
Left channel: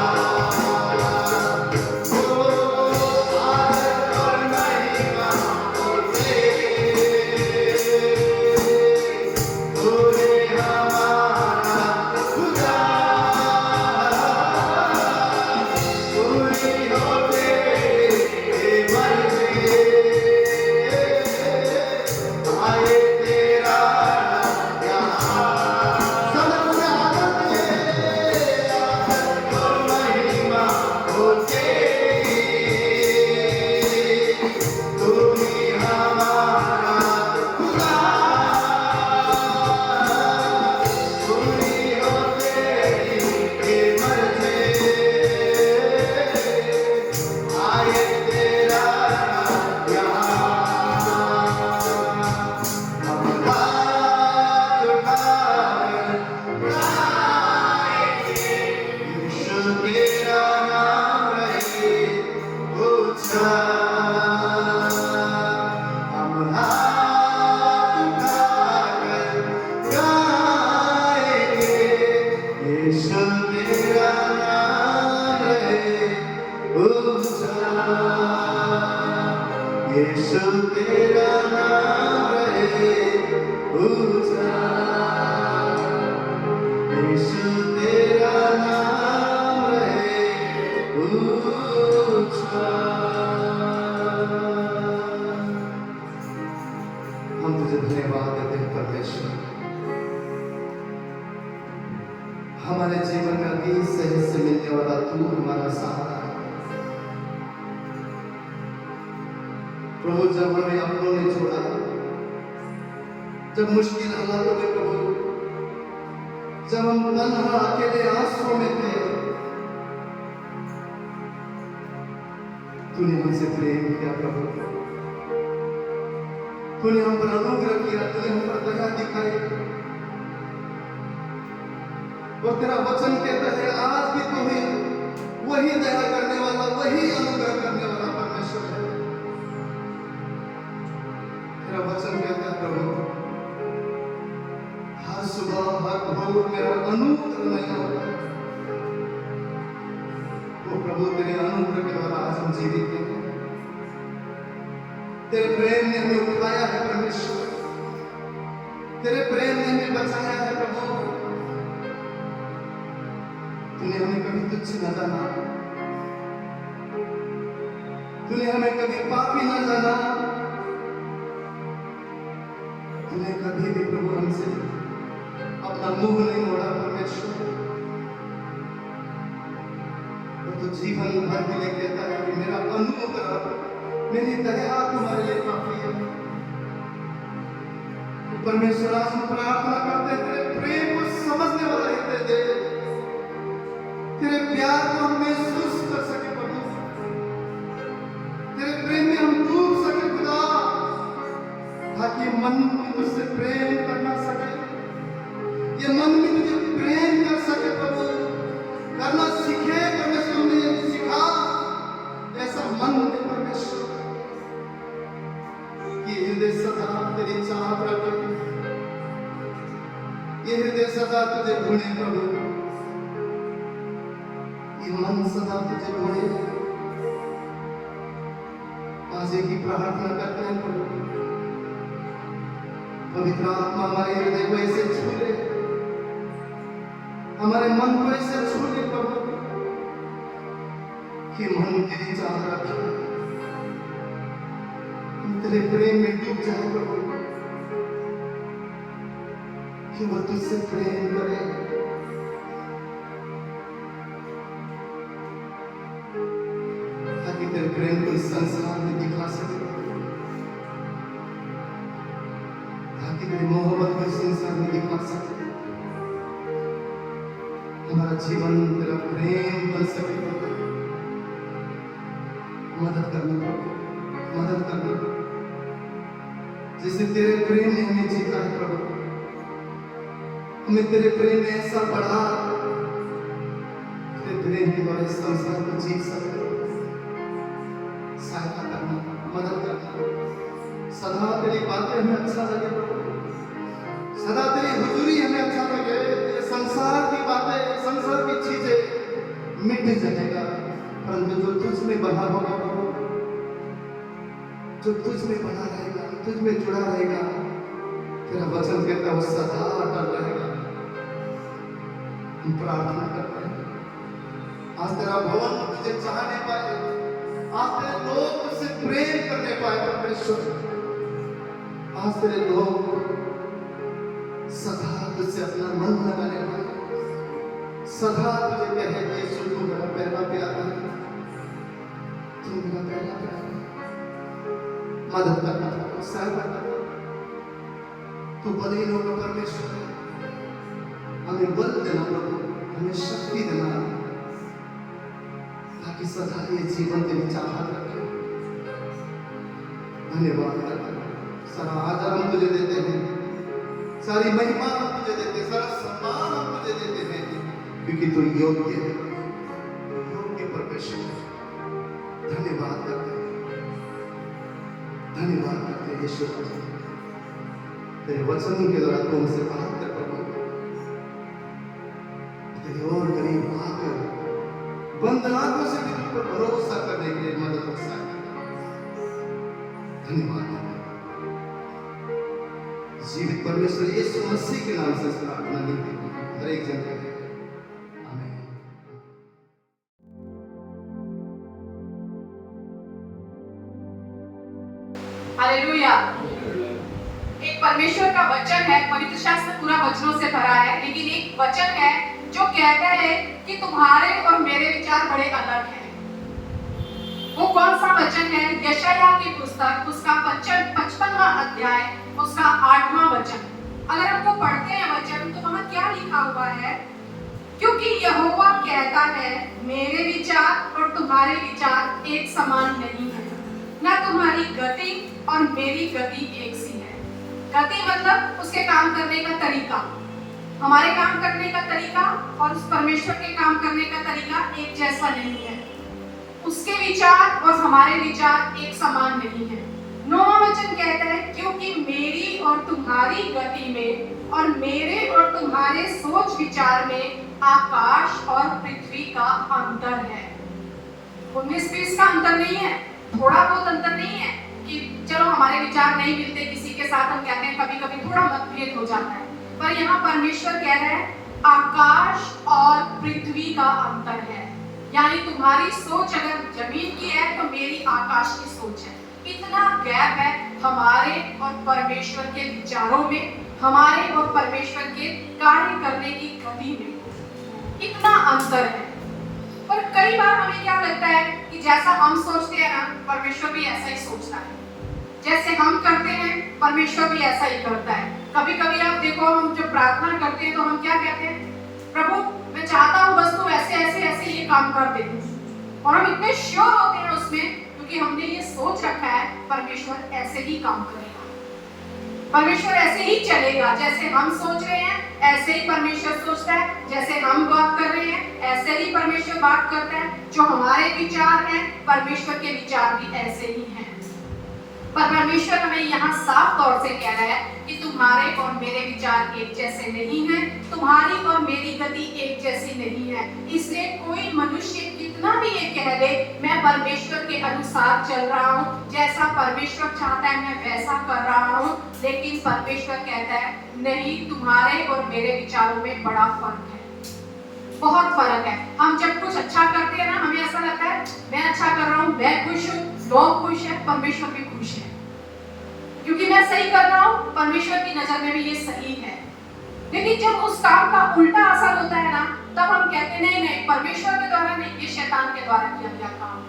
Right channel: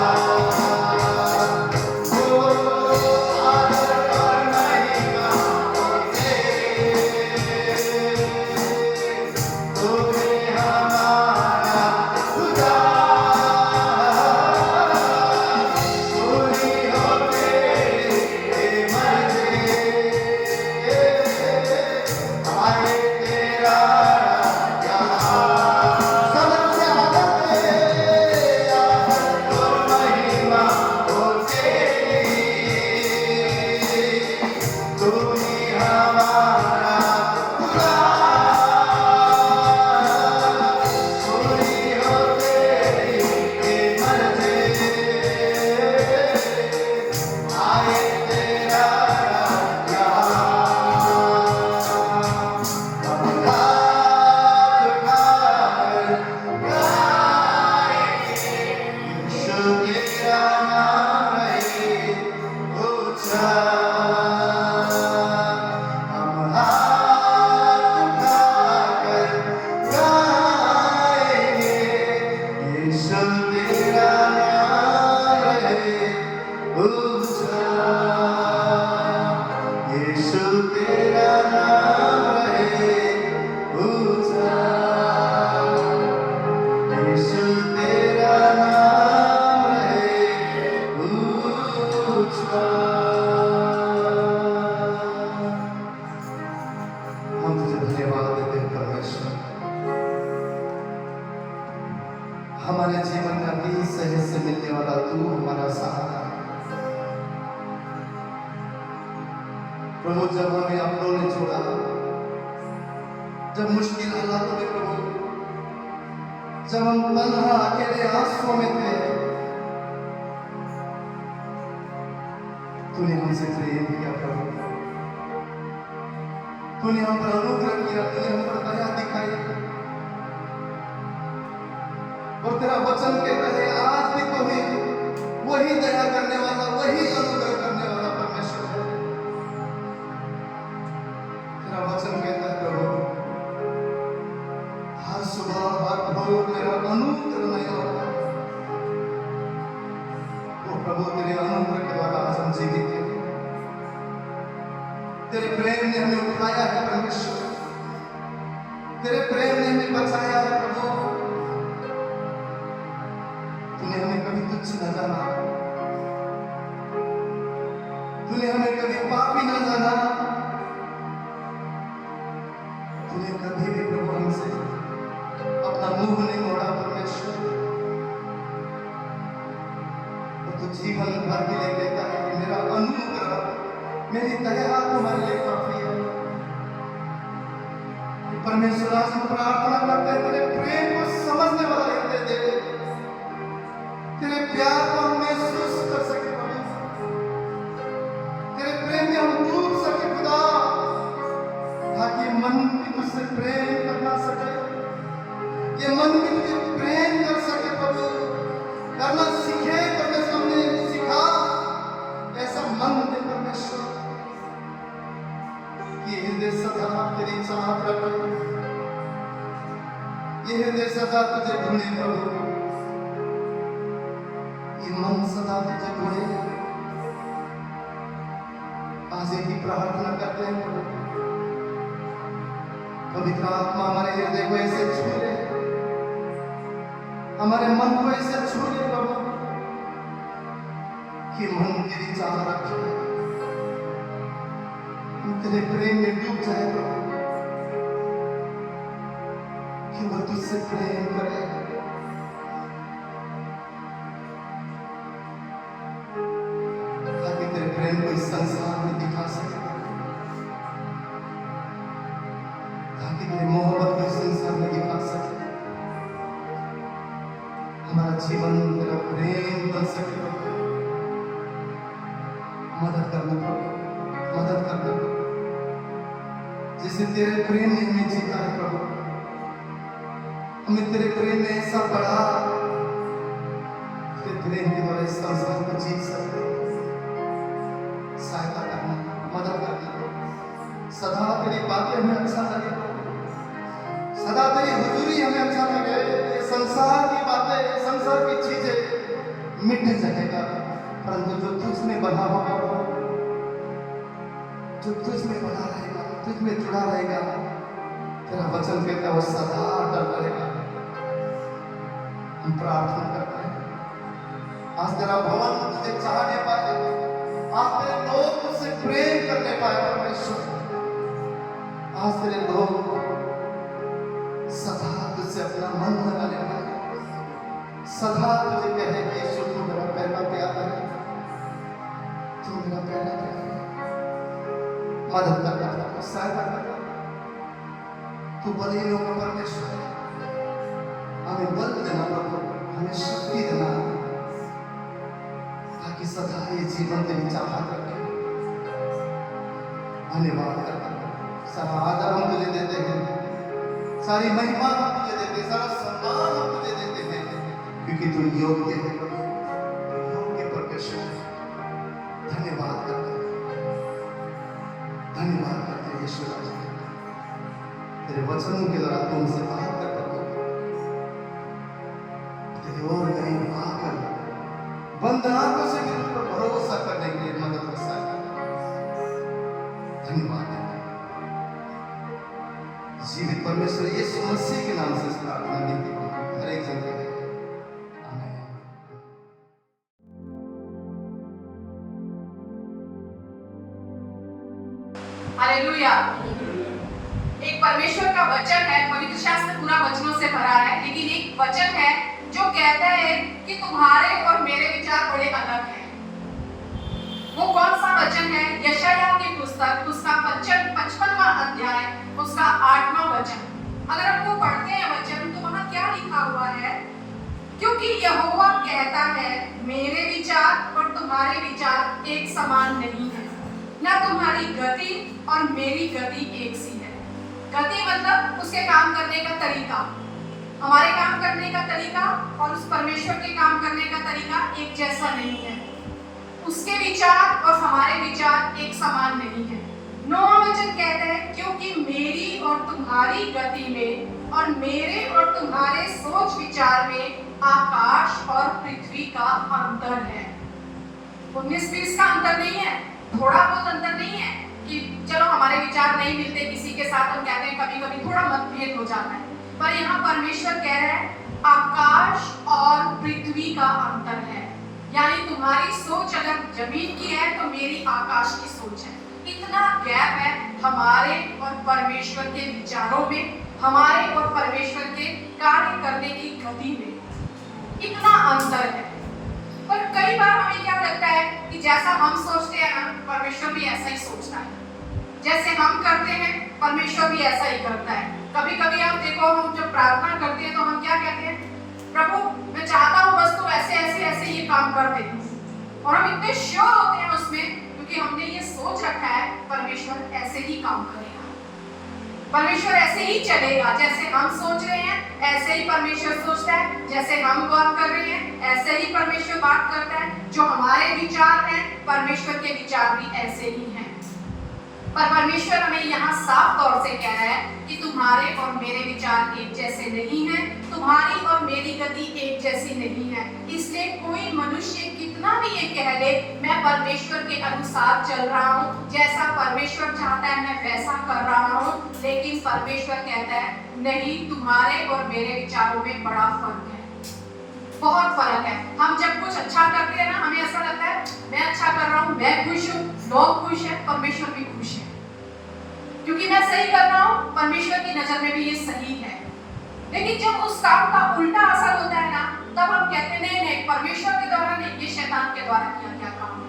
ओ आदर और महिमा तेरे, तू है हमारा खुदा। पूरी हो तेरी मर्जी, आए तेरा यहाँ। सब पूरा आदर और महिमा हो तेरी, तू ही हमारा खुदा। पूरी हो तेरी मर्जी, आए तेरा यहाँ। हम हाथ उठाकर गाएंगे, यीशु तेरा नाम है ऊंचा। हम हाथ उठाकर गाएंगे, यीशु तेरा नाम है ऊंचा। यीशु तेरा नाम है ऊंचा। यीशु तेरा नाम है ऊंचा। हम तुझे धन्यवाद देते हैं परमेश्वर, हमारे जीवन का भी सहज से मिलने वाला तू हमारा सहारा है। प्रभु जब हमें अपनों ने छोड़ा, जब मुश्किल हालातों में प्रभु, जब हम तन्हा अकेले आंसुओं में थे, तूने हमसे प्रेम किया प्रभु। तूने हम पर अनुग्रह किया, तूने हम पर दया दिखाई। और तेरा वचन कहता है आज भी तुम्हें वही दया करने वाला, वही अनुग्रह करने वाला परमेश्वर है। तेरा वचन कहता है प्रभु, हर सुबह हर भोर मेरा अनुग्रह नया होता है। वो प्रभु तेरे अनुग्रह के द्वारा आज हम जीवित हैं। तेरे प्रेम ने हमें उठाया है परमेश्वर, तेरे प्रेम ने हमें बचाया है प्रभु। तूने हमें कभी तुच्छ न जाना, तूने हमें कभी पापी ना जाना, तूने कभी भी प्रभु हमसे अपना मुंह नहीं मोड़ा परमेश्वर। और तू जीवन भर के लिए कहता है कि मेरा अनुग्रह, मेरी दया तुम्हारे लिए काफी है। परमेश्वर आज हम प्रार्थना करते हैं, तेरे प्रेम को समझने वाला हृदय दे, तेरे प्यार को हम महसूस कर सके प्रभु, तेरे प्रेम में हम डूब सके खुदा, ताकि मन भी तुझसे प्रेम करना सके, ये मन भी तुझे प्रेम कर सके प्रभु, करना सीखे, करना हमने सिखा, ऐसा मन दे परमेश्वर, ये हृदय सदा तेरी चाहत रखे, ये हृदय सदा तुझे ढूंढे प्रभु, ये मन सदा तुझे ढूंढे। आज एक ही प्रार्थना करते हैं प्रभु, पवित्र आत्मा हमारे हृदय को ऐसे छू ले, हमारे मन को ऐसे छू ले प्रभु, कि मन तेरी चाह रखे, हम तेरे प्रेम में डूब जाए प्रभु, कि वो तुझसे प्रेम करे, ताकि तेरे प्रेम को इस संसार में दिखा सके, ताकि तेरी मोहब्बत को इस संसार में दिखा सके, हमारा जीवन तेरा प्रेम बन सके प्रभु। मदद करना प्रभु, मदद करना, जिसे तेरे प्रेम ने हमें जीता है प्रभु, हमें तेरे प्रेम में ऐसा बढ़ा, तेरे प्रेम के द्वारा इस संसार को जीत सके। सहायता करना, मदद करना, सदा तेरी बातें हमें अच्छा लगे, सदा तेरी हुजूरी हमें अच्छा लगे। ये संसार की बातें, संसार की चीजें मिट जाएगा, परंतु जो तुझ में बना होगा, जो तुझ में बना रहेगा, तुझ में जुड़ा रहेगा, तेरा वचन कहता है वो सदा अटल रहेगा। हम प्रार्थना करते हैं, आज तेरा भवन तुझे चाहने पाए, आज तेरे लोग तुझसे प्रेम करने पाए परमेश्वर, आज तेरे लोग सदा तुझसे अपना मन लगाने पाए, सदा तुझे कहे कि यीशु तू मेरा पहला प्यार है, तू मेरा पहला प्यार है। मदद करना, सहायता करना, तू बलियों का परमेश्वर है, हमें बल देना प्रभु, हमें शक्ति देना, ताकि सदा ये जीवन तेरी चाहत रखे। धन्यवाद करना, सारा आदर हम तुझे देते हैं, सारी महिमा हम तुझे देते हैं, सारा सम्मान हम तुझे देते हैं, क्योंकि तू योग्य है, योग्य परमेश्वर। धन्यवाद करते हैं, धन्यवाद करते हैं यीशु, तेरे वचन के द्वारा तुमसे बात कर प्रभु, तेरे और करीब आकर बंद आंखों से भी तुम पर भरोसा करने के लिए मदद कर सकते। धन्यवाद है जीवित परमेश्वर यीशु मसीह के नाम से प्रार्थना की हर एक जन के। हालेलुया। एक परमेश्वर का वचन है, पवित्र शास्त्र पूरा वचनों से भरा है, लेकिन एक वचन है जो कहता है कि तुम्हारे और मेरे विचार बड़े अलग हैं। वो कौन सा वचन है? यशायाह की पुस्तक, उसका 55वां अध्याय, उसका 8वां वचन। अगर हम वो पढ़ते हैं वचन, तो वहाँ क्या लिखा हुआ है? क्योंकि यहोवा कहता है, मेरे विचार और तुम्हारे विचार एक समान नहीं है, ना तुम्हारी गति और मेरी गति एक सी है। गति मतलब उसके काम करने का तरीका, हमारे काम करने का तरीका और उस परमेश्वर के काम करने का तरीका एक जैसा नहीं है। उसके विचार और हमारे विचार एक समान नहीं है। 9वां वचन कहता है, क्योंकि मेरी और तुम्हारी गति में और मेरे और तुम्हारे सोच विचार में आकाश और पृथ्वी का अंतर है। 19-20 का अंतर नहीं है, थोड़ा बहुत अंतर नहीं है कि चलो हमारे विचार नहीं मिलते, किसी के साथ हम कहते हैं कभी कभी थोड़ा मतभेद हो जाता है, पर यहाँ परमेश्वर कह रहा है आकाश और पृथ्वी का अंतर है। यानी तुम्हारी सोच अगर जमीन की है तो मेरी आकाश की सोच है। इतना गैप है हमारे और परमेश्वर के विचारों में, हमारे और परमेश्वर के कार्य करने की गति में, इतना अंतर है। पर कई बार हमें क्या लगता है कि जैसा हम सोचते हैं ना, परमेश्वर भी ऐसा ही सोचता है। जैसे हम करते हैं परमेश्वर भी ऐसा ही करता है। कभी कभी आप देखो, हम जब प्रार्थना करते हैं तो हम क्या कहते हैं, प्रभु मैं चाहता हूँ बस तू ऐसे ऐसे ऐसे ये काम कर दे। और हम इतने श्योर होते हैं उसमें, क्योंकि हमने ये सोच रखा है परमेश्वर ऐसे ही काम करेगा, परमेश्वर ऐसे ही चलेगा। जैसे हम सोच रहे हैं ऐसे ही परमेश्वर सोचता है, जैसे हम बात कर रहे हैं ऐसे ही परमेश्वर बात करता है। जो हमारे विचार हैं परमेश्वर के विचार भी ऐसे ही हैं। पर परमेश्वर हमें यहाँ साफ तौर से कह रहा है कि तुम्हारे और मेरे विचार एक जैसे नहीं हैं, तुम्हारी और मेरी गति एक जैसी नहीं है। इसलिए कोई मनुष्य कितना भी ये कह ले मैं परमेश्वर के अनुसार चल रहा हूँ, जैसा परमेश्वर चाहता है मैं वैसा कर रहा हूँ, लेकिन परमेश्वर कहता है नहीं, तुम्हारे और मेरे विचारों में बड़ा फर्क है, बहुत फर्क है। हम जब कुछ अच्छा करते हैं ना, हमें ऐसा लगता है मैं अच्छा कर रहा हूँ, मैं खुश हूँ, लोग खुश हैं, परमेश्वर भी खुश है, क्योंकि मैं सही कर रहा हूँ, परमेश्वर की नजर में भी ये सही है। लेकिन जब उस काम का उल्टा असर होता है ना, तब हम कहते हैं नहीं नहीं, परमेश्वर के द्वारा नहीं, ये शैतान के द्वारा किया गया काम,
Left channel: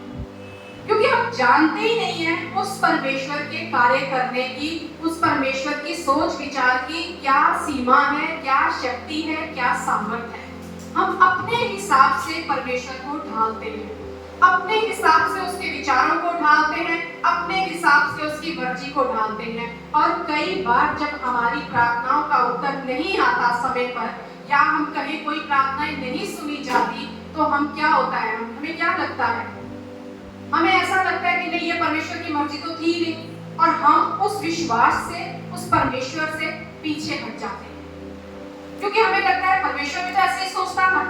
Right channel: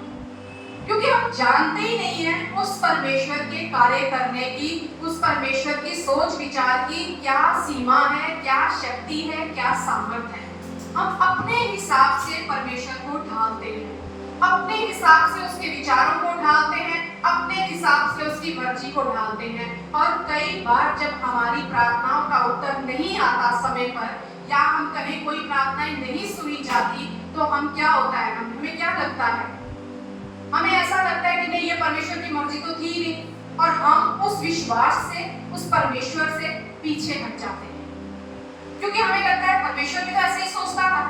क्योंकि हम जानते ही नहीं है उस परमेश्वर के कार्य करने की, उस परमेश्वर की सोच विचार की क्या सीमा है, क्या शक्ति है, क्या सामर्थ्य है। हम अपने हिसाब से परमेश्वर को ढालते हैं, अपने हिसाब से उसके विचारों को ढालते हैं, अपने हिसाब से उसकी मर्जी को ढालते हैं। और कई बार जब हमारी प्रार्थनाओं का उत्तर नहीं आता समय पर, या हम कहें कोई प्रार्थनाएं नहीं सुनी जाती, तो हम क्या होता है, हमें क्या लगता है, हमें ऐसा लगता है कि नहीं ये परमेश्वर की मर्जी तो थी नहीं, और हम उस विश्वास से, उस परमेश्वर से पीछे हट जाते हैं, क्योंकि हमें लगता है परमेश्वर भी तो ऐसे ही सोचता था,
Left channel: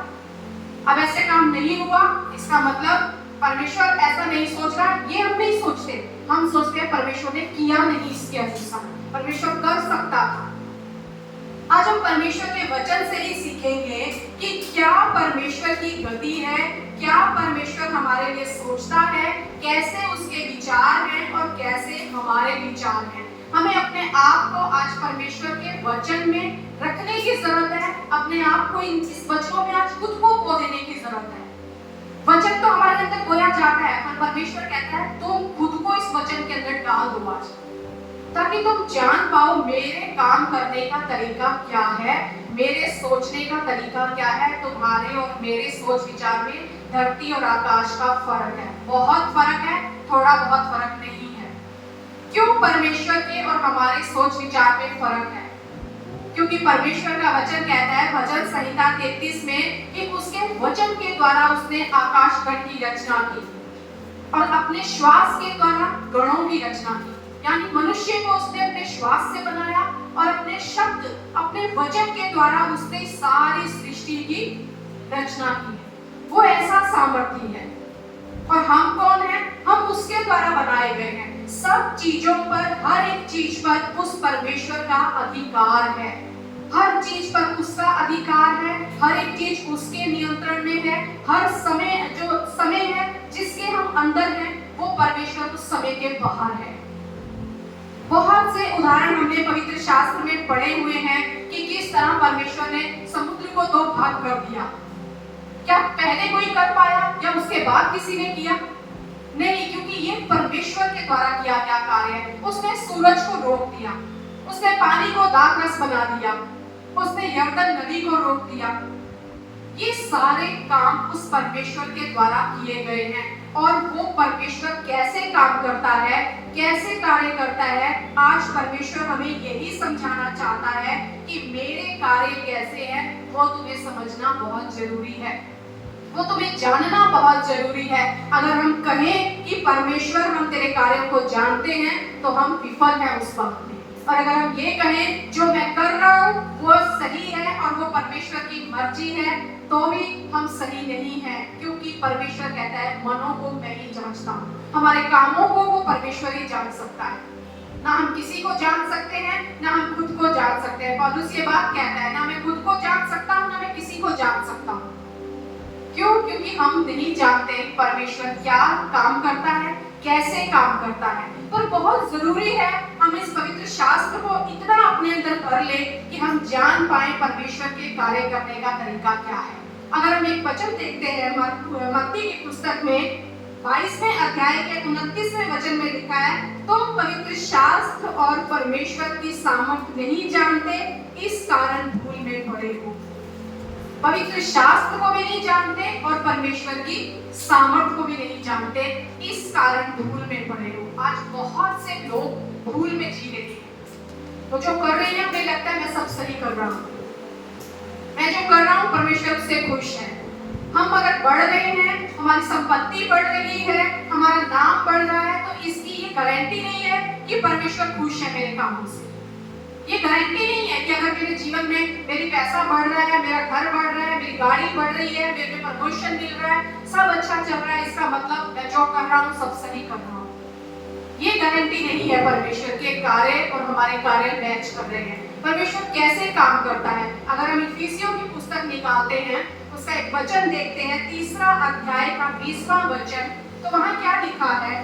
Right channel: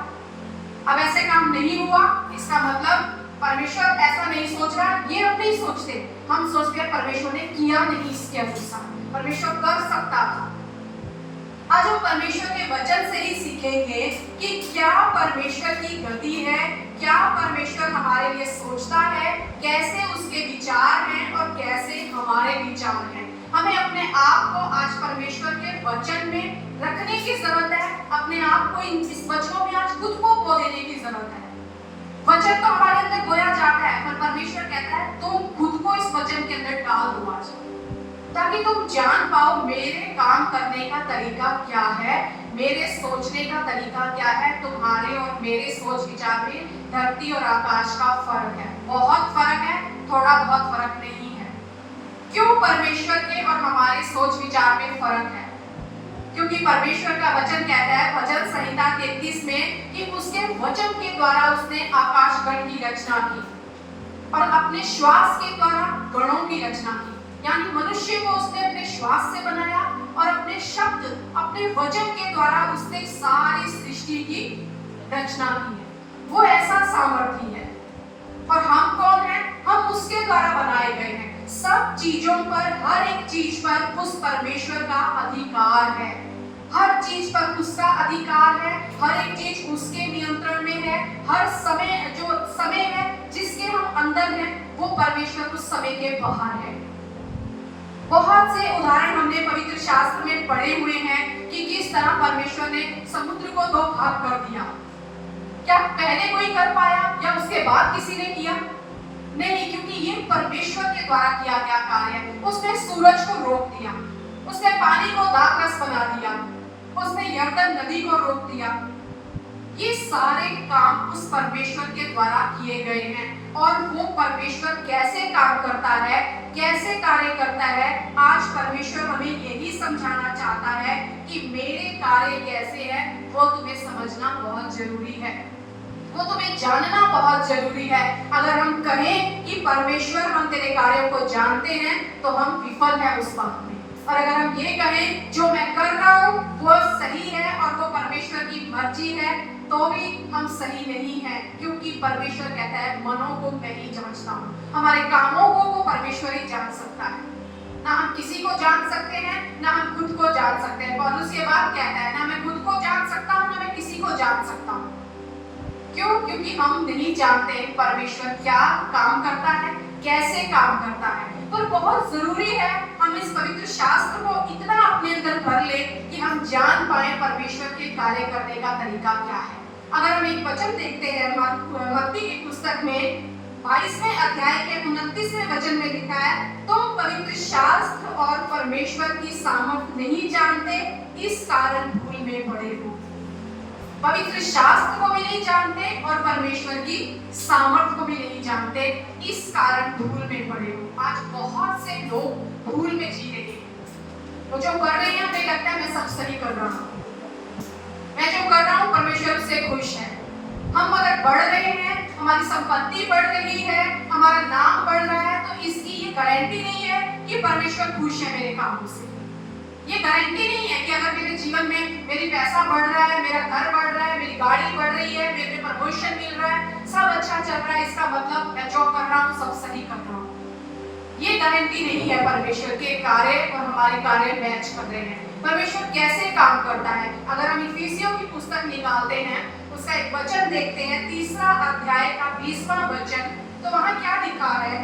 अब ऐसे काम नहीं हुआ, इसका मतलब परमेश्वर ऐसा नहीं सोच रहा। ये हम नहीं सोचते, हम सोचते हैं परमेश्वर ने किया नहीं इसके अनुसार, परमेश्वर कर सकता था। आज हम परमेश्वर के वचन से ही सीखेंगे कि क्या परमेश्वर की गति है, क्या परमेश्वर हमारे लिए सोचता है, कैसे उसके विचार हैं और कैसे हमारे विचार हैं। हमें अपने आप को आज परमेश्वर के वचन में रखने की जरूरत है, अपने आप को इस वचनों में आज खुद को बो देने की जरूरत है। वचन तो हमारे अंदर बोया जाता है, पर परमेश्वर कहता है तुम खुद को इस वचन के अंदर डाल दो आज, ताकि तुम जान पाओ मेरे काम करने का तरीका क्या है, मेरे सोचने का तरीका क्या है। तुम्हारे और मेरे सोच विचार में धरती और आकाश का फर्क है, बहुत फर्क है, थोड़ा बहुत फर्क नहीं है। क्यों परमेश्वर के और हमारे सोच विचार में फर्क है? क्योंकि परमेश्वर का वचन कहता है भजन संहिता 33 में कि उसके वचन के द्वारा उसने आकाश गण की रचना की और अपने श्वास के द्वारा गणों की रचना की। यानी मनुष्य को उसने अपने श्वास से बनाया और अपने शब्द, अपने वचन के द्वारा उसने सारी सृष्टि की रचना की है। वो ऐसा सामर्थ्य है। और हम कौन हैं? हम उसके द्वारा बनाए गए हैं। सब चीजों पर, हर एक चीज पर उस परमेश्वर का अधिकार है। हर चीज पर उसका अधिकार है, हर एक चीज उसके नियंत्रण में है। हर समय, जो समय है जिसके हम अंदर हैं, वो परमेश्वर उस समय के बाहर है। बहुत से उदाहरण हमने पवित्र शास्त्र में पढ़े हुए हैं कि किस तरह परमेश्वर ने समुद्र को 2 भाग कर दिया। क्या पहले कोई कर पाया या उसके बाद किसी ने किया? नहीं, क्योंकि ये परमेश्वर के द्वारा किया गया कार्य है। उसने सूरज को रोक दिया, उसने पानी को दाखरस बना दिया, उसने यरदन नदी को रोक दिया। ये सारे काम उस परमेश्वर के द्वारा किए गए हैं। और वो परमेश्वर कैसे काम करता है, कैसे कार्य करता है, आज परमेश्वर हमें यही समझाना चाहता है कि मेरे कार्य कैसे हैं, वो तुम्हें समझना बहुत जरूरी है, वो तुम्हें जानना बहुत जरूरी है। अगर हम कहें कि परमेश्वर हम तेरे कार्यों को जानते हैं, तो हम विफल हैं उस वक्त में। और अगर हम ये कहें जो मैं कर रहा हूँ वो सही है और वो परमेश्वर की मर्जी है, तो भी हम सही नहीं हैं, क्योंकि परमेश्वर कहता है मनों को मैं ही जांचता हूँ। हमारे कामों को वो परमेश्वर ही जान सकता है। ना हम किसी को जान सकते हैं, ना हम खुद को जान सकते हैं। पौलुस ये बात कहता है, ना मैं खुद को जान सकता हूँ, ना मैं किसी को जान सकता हूँ। क्यों? क्योंकि हम नहीं जानते परमेश्वर क्या काम करता है, कैसे काम करता है। तो बहुत जरूरी है हम इस पवित्र शास्त्र को इतना अपने अंदर भर ले कि हम जान पाए परमेश्वर के कार्य करने का तरीका क्या है। अगर हम एक वचन देखते हैं मत्ती की पुस्तक में 22वें अध्याय के 29वें वचन में लिखा है, तो पवित्र शास्त्र और परमेश्वर की सामर्थ नहीं जानते, इस कारण भूल में पड़े हो। पवित्र शास्त्र को भी नहीं जानते और परमेश्वर की सामर्थ को भी नहीं जानते, इस कारण भूल में पड़े हो। आज बहुत से लोग भूल में जी रहे हैं। वो जो कर रहे हैं उन्हें लगता है मैं सब सही कर रहा हूँ, मैं जो कर रहा हूँ परमेश्वर से खुश है। हम अगर बढ़ रहे हैं, हमारी संपत्ति बढ़ रही है, हमारा नाम बढ़ रहा है, तो इसकी ये गारंटी नहीं है कि परमेश्वर खुश है मेरे कामों से। ये गारंटी नहीं है कि अगर मेरे जीवन में मेरी पैसा बढ़ रहा है, मेरा घर बढ़ रहा है, मेरी गाड़ी बढ़ रही है, मेरे प्रमोशन मिल रहा है, सब अच्छा चल रहा है, इसका मतलब मैं जो कर रहा हूँ सब सही कर रहा हूँ। ये गारंटी नहीं है। परमेश्वर के कार्य और हमारे कार्य मैच कर रहे हैं। परमेश्वर कैसे काम करता है? अगर हम इफिसियों की पुस्तक निकालते हैं, उसका एक वचन देखते हैं, 3 अध्याय का 20वां वचन, तो वहां क्या लिखा है?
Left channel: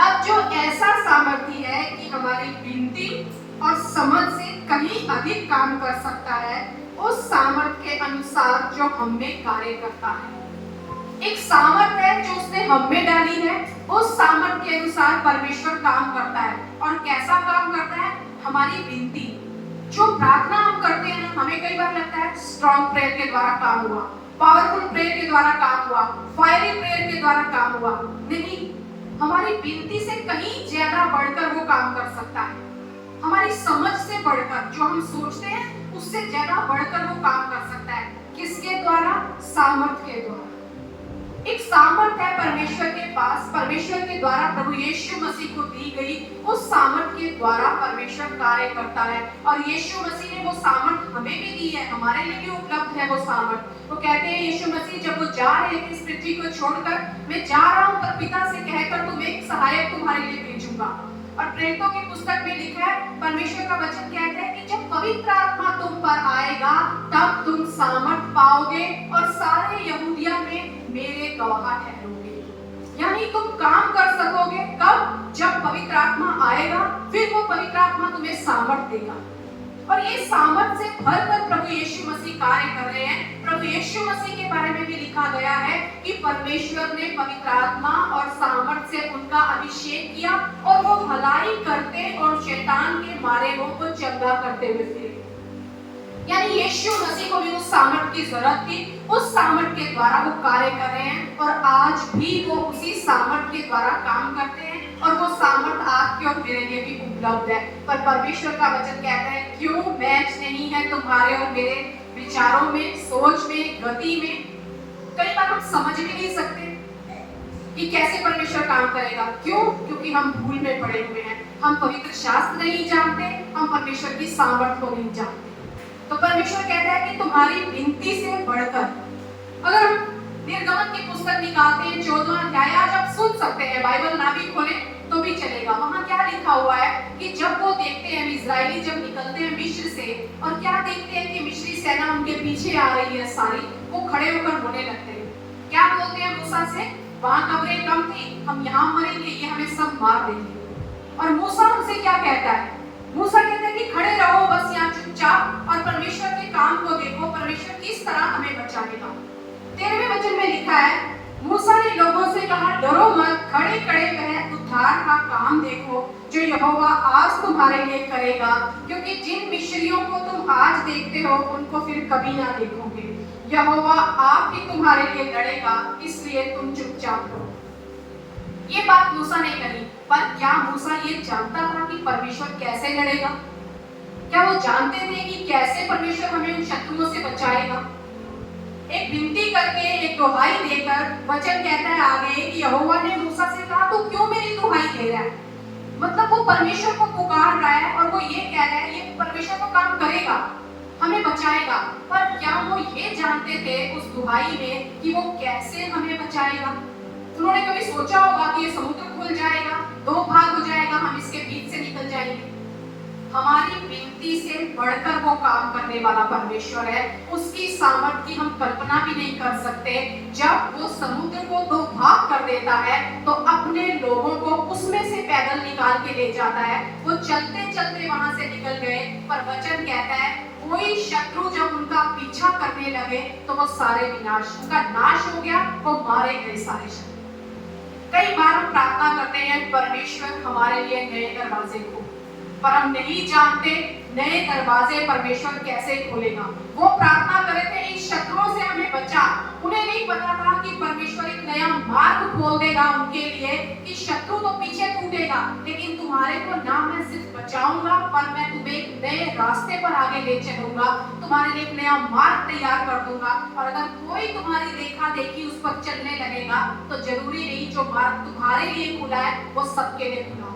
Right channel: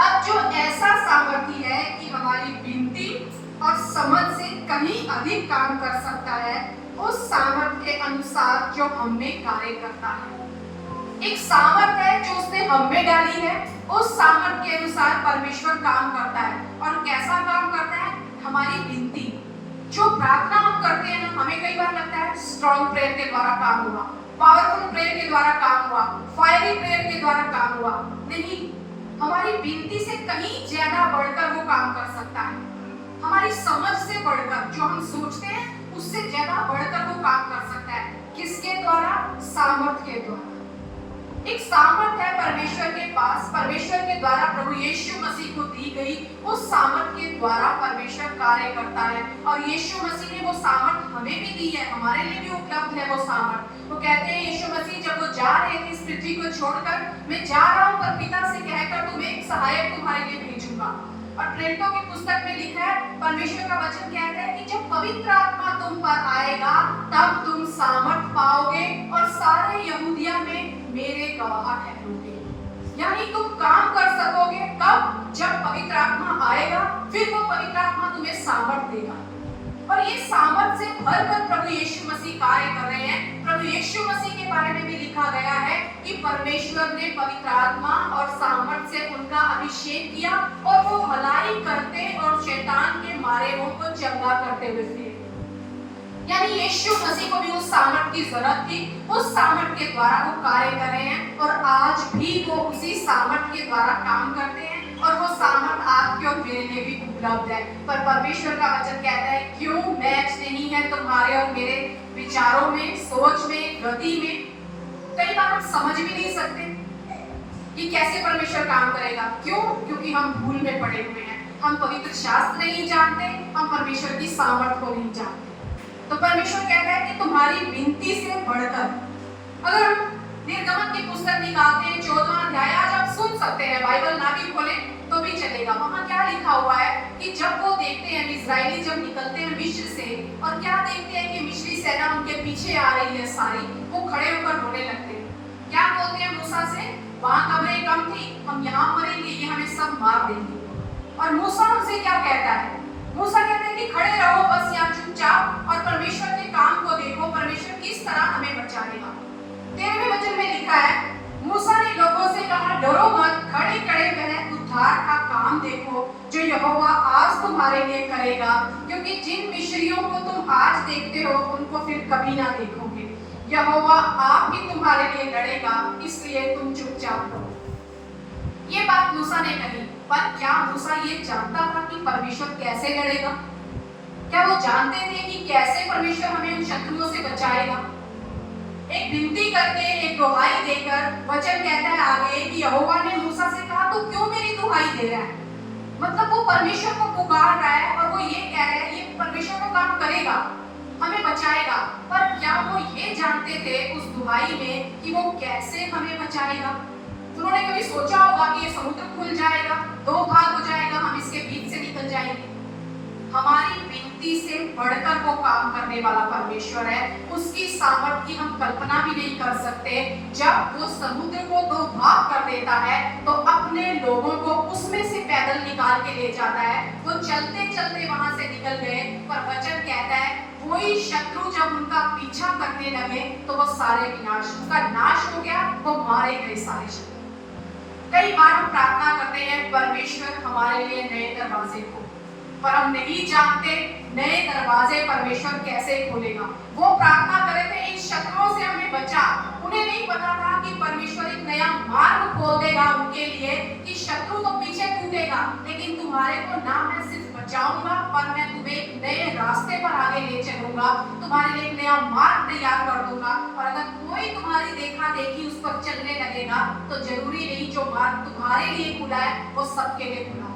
अब जो ऐसा सामर्थ्य है कि हमारी विनती और समझ से कहीं अधिक काम कर सकता है, उस सामर्थ्य के अनुसार जो हम में कार्य करता है। एक सामर्थ्य है जो उसने हम में डाली है, उस सामर्थ्य के अनुसार परमेश्वर काम करता है। और कैसा काम करता है? हमारी विनती, जो प्रार्थना हम करते हैं ना, हमें कई बार लगता है स्ट्रॉन्ग प्रेयर के द्वारा काम हुआ, पावरफुल प्रेयर के द्वारा काम हुआ, फायरिंग प्रेयर के द्वारा काम हुआ। नहीं, हमारी विनती से कहीं ज्यादा बढ़कर वो काम कर सकता है। हमारी समझ से बढ़कर, जो हम सोचते हैं उससे ज्यादा बढ़कर वो काम कर सकता है। किसके द्वारा? सामर्थ्य के द्वारा। एक सामर्थ्य है परमेश्वर के पास, परमेश्वर के द्वारा प्रभु यीशु मसीह को दी गई उस सामर्थ्य के द्वारा परमेश्वर कार्य करता है। और यीशु मसीह ने वो सामर्थ्य हमें भी दी है, हमारे लिए भी उपलब्ध है वो सामर्थ्य। तो कहते हैं यीशु मसीह जब वो जा रहे थे इस पृथ्वी को छोड़कर, मैं जा रहा हूँ पर पिता से कहकर तुम्हें एक सहायक तुम्हारे लिए भेजूंगा। और प्रेरितों की पुस्तक में लिखा है, परमेश्वर का वचन कहता है कि जब पवित्र आत्मा तुम पर आएगा तब तुम सामर्थ पाओगे और सारे यहूदिया में मेरे गवाह ठहरोगे। यानी तुम काम कर सकोगे कब? जब पवित्र आत्मा आएगा, फिर वो पवित्र आत्मा तुम्हें सामर्थ देगा। और ये सामर्थ से भरकर प्रभु यीशु मसीह कार्य कर रहे हैं। प्रभु यीशु मसीह के बारे में भी लिखा गया है कि परमेश्वर ने पवित्र आत्मा और सामर्थ से उनका अभिषेक किया और वो भलाई करते और शैतान के मारे को चंगा करते हुए फिरे। यानी यीशु मसीह को भी उस सामर्थ की जरूरत थी, उस सामर्थ के द्वारा वो कार्य कर रहे हैं और आज भी वो उसी सामर्थ के द्वारा काम करते हैं। और वो सामर्थ आपके और मेरे लिए भी उपलब्ध है। पर परमेश्वर का वचन कहता है, क्यों मैच नहीं है तुम्हारे और मेरे विचारों में, सोच में, गति में। कई बार हम समझ भी नहीं सकते कि कैसे परमेश्वर काम करेगा। क्यों? क्योंकि हम भूल में पड़े हुए हैं। हम पवित्र शास्त्र नहीं जानते, हम परमेश्वर की सामर्थ को नहीं जानते। तो परमेश्वर कहता है कि तुम्हारी विनती से बढ़कर, अगर हम निर्गमन की पुस्तक निकालते हैं 14वां अध्याय, आज आप सुन सकते हैं, बाइबल ना भी खोले तो भी चलेगा। वहां क्या लिखा हुआ है कि जब वो देखते हैं इजरायली जब निकलते हैं मिस्र से, और क्या देखते हैं कि मिस्री सेना उनके पीछे आ रही है सारी, वो खड़े होकर रोने लगते हैं। क्या बोलते हैं मूसा से? वहां कब्रें कम थी, हम यहाँ मरेंगे, ये हमें सब मार देंगे। और मूसा उनसे क्या कहता है? मूसा कहता है कि खड़े रहो बस यहाँ चुपचाप और परमेश्वर के काम को देखो, परमेश्वर किस तरह हमें बचाएगा। 13वें वचन में लिखा है, मूसा ने लोगों से कहा, डरो मत, खड़े खड़े वह उद्धार का काम देखो जो यहोवा आज तुम्हारे लिए करेगा, क्योंकि जिन मिस्रियों को तुम आज देखते हो उनको फिर कभी ना देखोगे। यहोवा आप ही तुम्हारे लिए लड़ेगा, इसलिए तुम चुपचाप रहो। ये बात मूसा ने कही, पर क्या मूसा ये जानता था कि परमेश्वर कैसे लड़ेगा? क्या वो जानते थे कि कैसे परमेश्वर हमें उन शत्रुओं से बचाएगा? एक विनती करके, एक दुहाई देकर, वचन कहता है आगे कि यहोवा ने मूसा से कहा, तू क्यों मेरी दुहाई दे रहा है? मतलब वो परमेश्वर को पुकार रहा है और वो ये कह रहा है, ये परमेश्वर को काम करेगा, हमें बचाएगा। पर क्या वो ये जानते थे उस दुहाई में कि वो कैसे हमें बचाएगा? उन्होंने कभी सोचा होगा कि ये समुद्र खुल जाएगा, दो भाग हो जाएगा, हम इसके बीच से निकल जाएंगे? हमारी विनती से बढ़कर वो काम करने वाला परमेश्वर है। उसकी सामर्थ की हम कल्पना भी नहीं कर सकते। जब वो समुद्र को दो भाग कर देता है तो अपने लोगों को चलते वहां से निकल गए, पर वचन कहता है कोई शत्रु जब उनका पीछा करने लगे तो वो सारे विनाश, उनका नाश हो गया, वो मारे गए सारे शत्रु। कई बार हम प्रार्थना करते हैं परमेश्वर हमारे लिए नए दरवाजे खोले, पर हम नहीं जानते नए दरवाजे परमेश्वर कैसे खोलेगा। वो प्रार्थना कर रहे थे इन शत्रुओं से हमें बचा, उन्हें नहीं पता था कि परमेश्वर एक नया मार्ग खोल देगा उनके लिए, कि शत्रु तो पीछे छूटेगा, लेकिन तुम्हारे को ना मैं सिर्फ बचाऊंगा, पर मैं तुम्हें एक नए रास्ते पर आगे ले चलूंगा, तुम्हारे लिए एक नया मार्ग तैयार कर दूंगा। और अगर कोई तुम्हारी देखा देखी उस पर चलने लगेगा तो जरूरी नहीं जो मार्ग तुम्हारे लिए खुला है वो सबके लिए खुला।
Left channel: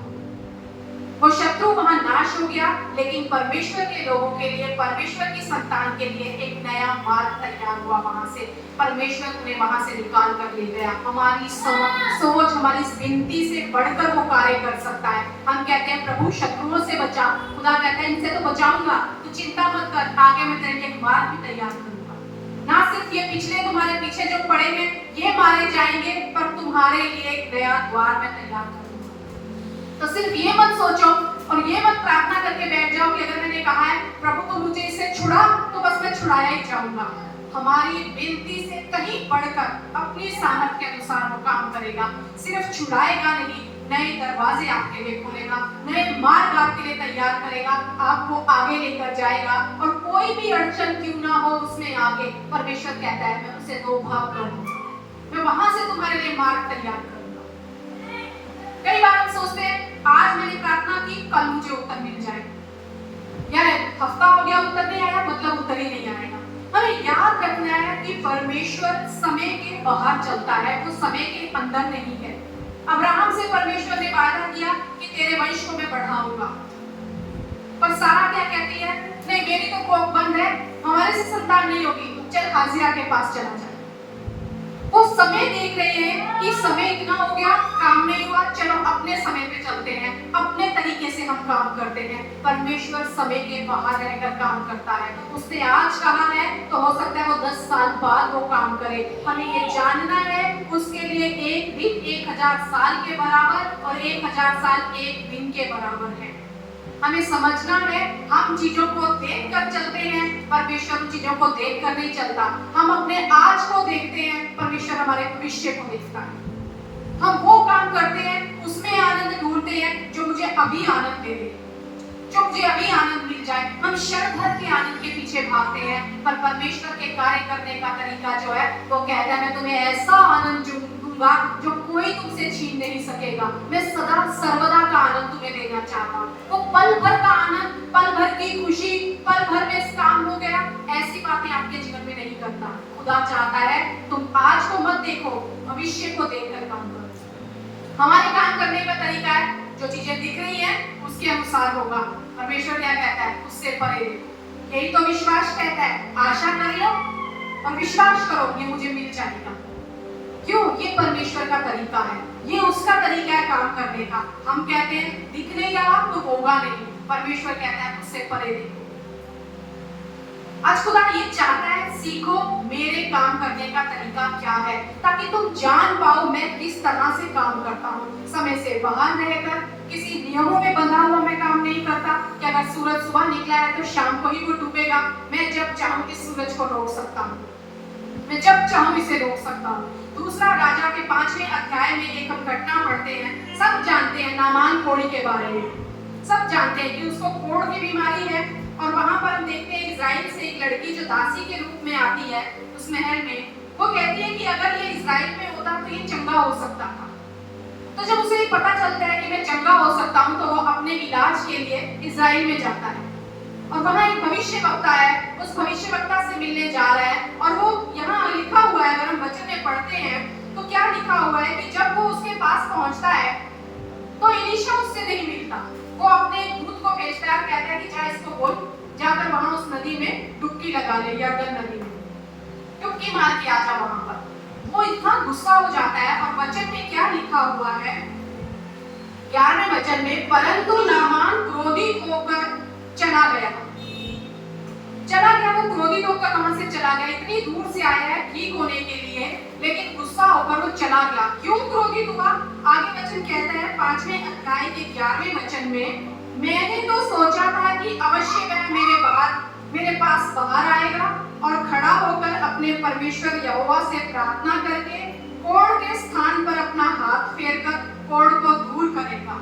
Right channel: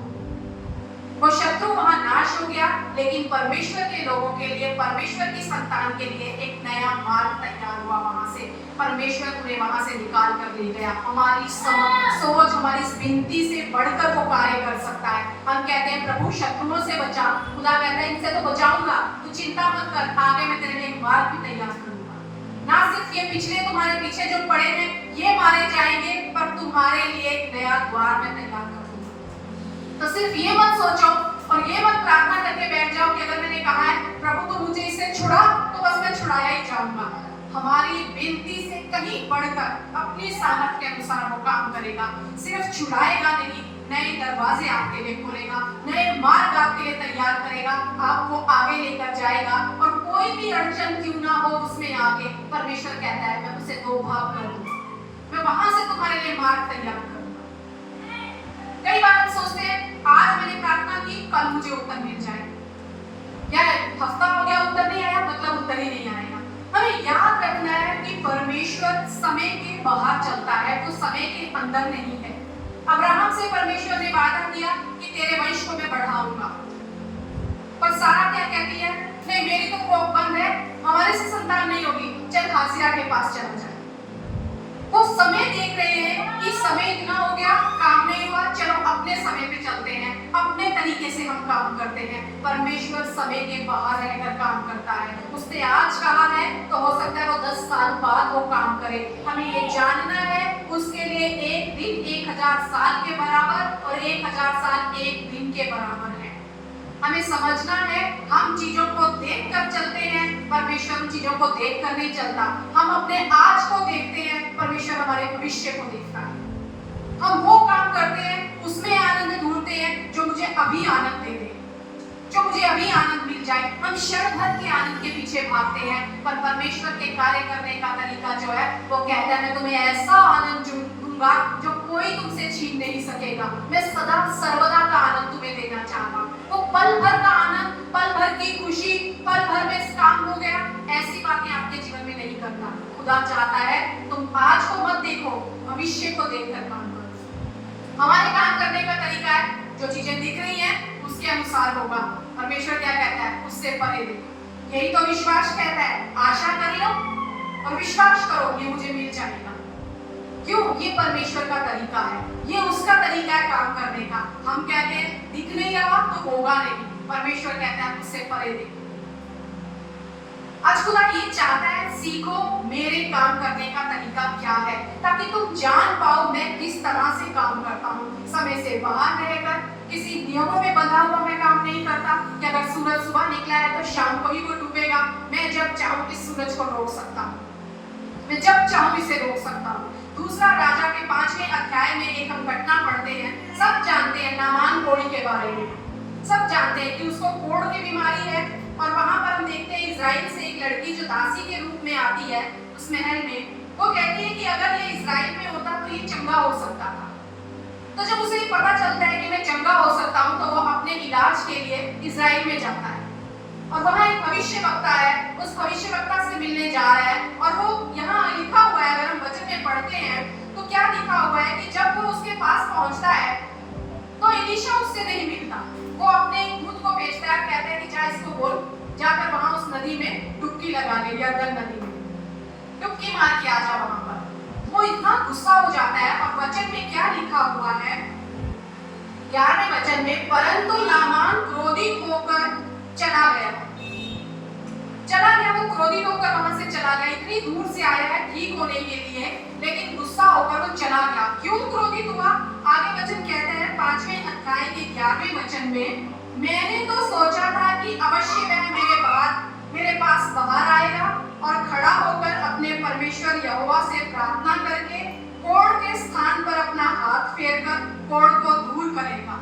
वो शत्रु वहां नाश हो गया, लेकिन परमेश्वर के लोगों के लिए, परमेश्वर की संतान के लिए एक नया मार्ग तैयार हुआ। वहां से परमेश्वर उन्हें वहां से निकाल कर ले गया। हमारी सोच, हमारी विनती से बढ़कर वो कार्य कर सकता है। हम कहते हैं प्रभु शत्रुओं से बचा, खुदा कहता है इनसे तो बचाऊंगा, तू चिंता मत कर, आगे मैं तेरे लिए एक मार्ग भी तैयार करूंगा। ना सिर्फ ये पिछले तुम्हारे पीछे जो पड़े हैं ये मारे जाएंगे, पर तुम्हारे लिए एक नया द्वार में तैयार करूंगा। तो सिर्फ ये मत सोचो और ये मत प्रार्थना करके बैठ जाओ कि अगर मैंने कहा है प्रभु तो मुझे इससे छुड़ा, तो बस मैं छुड़ाया ही जाऊंगा। हमारी विनती से कहीं बढ़कर अपनी सामर्थ के अनुसार वो काम करेगा। सिर्फ छुड़ाएगा नहीं, नए दरवाजे आपके लिए खोलेगा, नए मार्ग आपके लिए तैयार करेगा, आपको आगे लेकर जाएगा। और कोई भी अड़चन क्यों ना हो उसमें आगे परमेश्वर कहता है मैं उसे दो भाग करूंगा, मैं वहां से तुम्हारे लिए मार्ग तैयार करूंगा। कई बार हम सोचते हैं आज मैंने प्रार्थना की, कल मुझे उत्तर मिल जाएगा, यार हफ्ता हो गया उत्तर नहीं आया, मतलब उत्तर ही नहीं आएगा। हमें याद रखना है कि परमेश्वर समय के बाहर चलता है, वो समय के अंदर नहीं है। अब्राहम से परमेश्वर ने वादा किया कि तेरे वंश को मैं बढ़ाऊंगा, पर सारा क्या कहती है, नहीं मेरी तो कोख बंद है, हमारे से संतान नहीं होगी, चल हाजिरा के पास चला जाए। वो समय देख रहे हैं कि समय इतना हो गया, काम नहीं हुआ, चलो अपने समय पे चलते हैं, अपने तरीके से हम काम करते हैं। परमेश्वर समय के बाहर रहकर काम करता है। उसने आज कहा है तो हो सकता है वो 10 साल बाद वो काम करे। हमें ये जानना है उसके लिए एक दिन 1000 साल के बराबर और 1000 साल एक दिन के बराबर है। हमें समझना है हम चीजों को देख कर चलते हैं, परमेश्वर उन चीजों को देख कर नहीं चलता। हम अपने आज को देखते हैं, परमेश्वर हमारे भविष्य को देखता है। हम वो काम करते हैं, उसमें आनंद ढूंढते हैं जो मुझे अभी आनंद दे दे, जो मुझे अभी आनंद मिल जाए। हम क्षण भर के आनंद के पीछे भागते हैं, पर परमेश्वर के कार्य करने का तरीका जो है वो कहता है मैं तुम्हें ऐसा आनंद दूंगा जो कोई तुमसे छीन नहीं सकेगा। मैं सदा सर्वदा का आनंद तुम्हें देना चाहता हूँ। वो पल भर का आनंद, पल भर की खुशी, पल भर में काम हो गया, ऐसी बातें आपके जीवन में नहीं करता। खुदा चाहता है तुम आज को मत देखो, भविष्य को देखकर काम करो। हमारे काम करने का तरीका है जो चीजें दिख रही हैं उसके अनुसार होगा। परमेश्वर क्या कहता है उससे परे देखो। यही तो विश्वास कहता है, आशा कर लो और विश्वास करो ये मुझे मिल जाएगा। क्यों? ये परमेश्वर का तरीका है, ये उसका तरीका है काम करने का। हम कहते हैं दिख नहीं रहा तो होगा नहीं, परमेश्वर कहता है उससे परे देखो। आज खुदा ये चाहता है सीखो मेरे काम करने का तरीका क्या है, ताकि तुम जान पाओ मैं किस तरह से काम करता हूँ। समय से बाहर रहकर किसी नियमों में बंधा हुआ मैं काम नहीं करता कि अगर सूरज सुबह निकला है तो शाम को ही वो डूबेगा। मैं जब चाहूँ इस सूरज को रोक सकता हूँ, मैं जब चाहूँ इसे रोक सकता हूँ। दूसरा राजा के 5वें अध्याय में एक हम घटना पढ़ते हैं। सब जानते हैं नामान कोढ़ी के बारे में, सब जानते हैं कि उसको कोढ़ की बीमारी है। और वहां पर हम देखते हैं इजराइल से एक लड़की जो दासी के रूप में आती है उस महल में, वो कहती है कि अगर ये इजराइल में होता तो ये चंगा हो सकता था। तो जब उसे पता चलता है कि मैं चंगा हो सकता हूँ तो वो अपने इलाज के लिए इजराइल में जाता है। और वहाँ एक भविष्यवक्ता है, उस भविष्यवक्ता से मिलने जा रहा है। और वो यहाँ लिखा हुआ है, अगर हम वचन में पढ़ते हैं तो क्या लिखा हुआ है कि जब वो उसके पास पहुंचता है तो एलीशा उससे नहीं मिलता। वो अपने दूत को भेजता है, कहता है कि जा इसको बोल जाकर वहां उस नदी में डुबकी लगा ले, यरदन नदी में डुबकी मार के आ जा वहां पर। वो इतना गुस्सा हो जाता है। और वचन में क्या लिखा हुआ है 11वें वचन में, परंतु नामान क्रोधित होकर चला गया। वो क्रोधित होकर वहां से चला गया। इतनी दूर से आया है ठीक होने के लिए, लेकिन गुस्सा होकर वो चला गया। क्यों क्रोधित हुआ? आगे वचन कहता है 5वें अध्याय के 11वें वचन वचन में, मैंने तो सोचा था कि अवश्य वह मेरे पास बाहर आएगा और खड़ा होकर अपने परमेश्वर यहोवा से प्रार्थना करके कोढ़ के स्थान पर अपना हाथ फेरकर कोढ़ को दूर करेगा।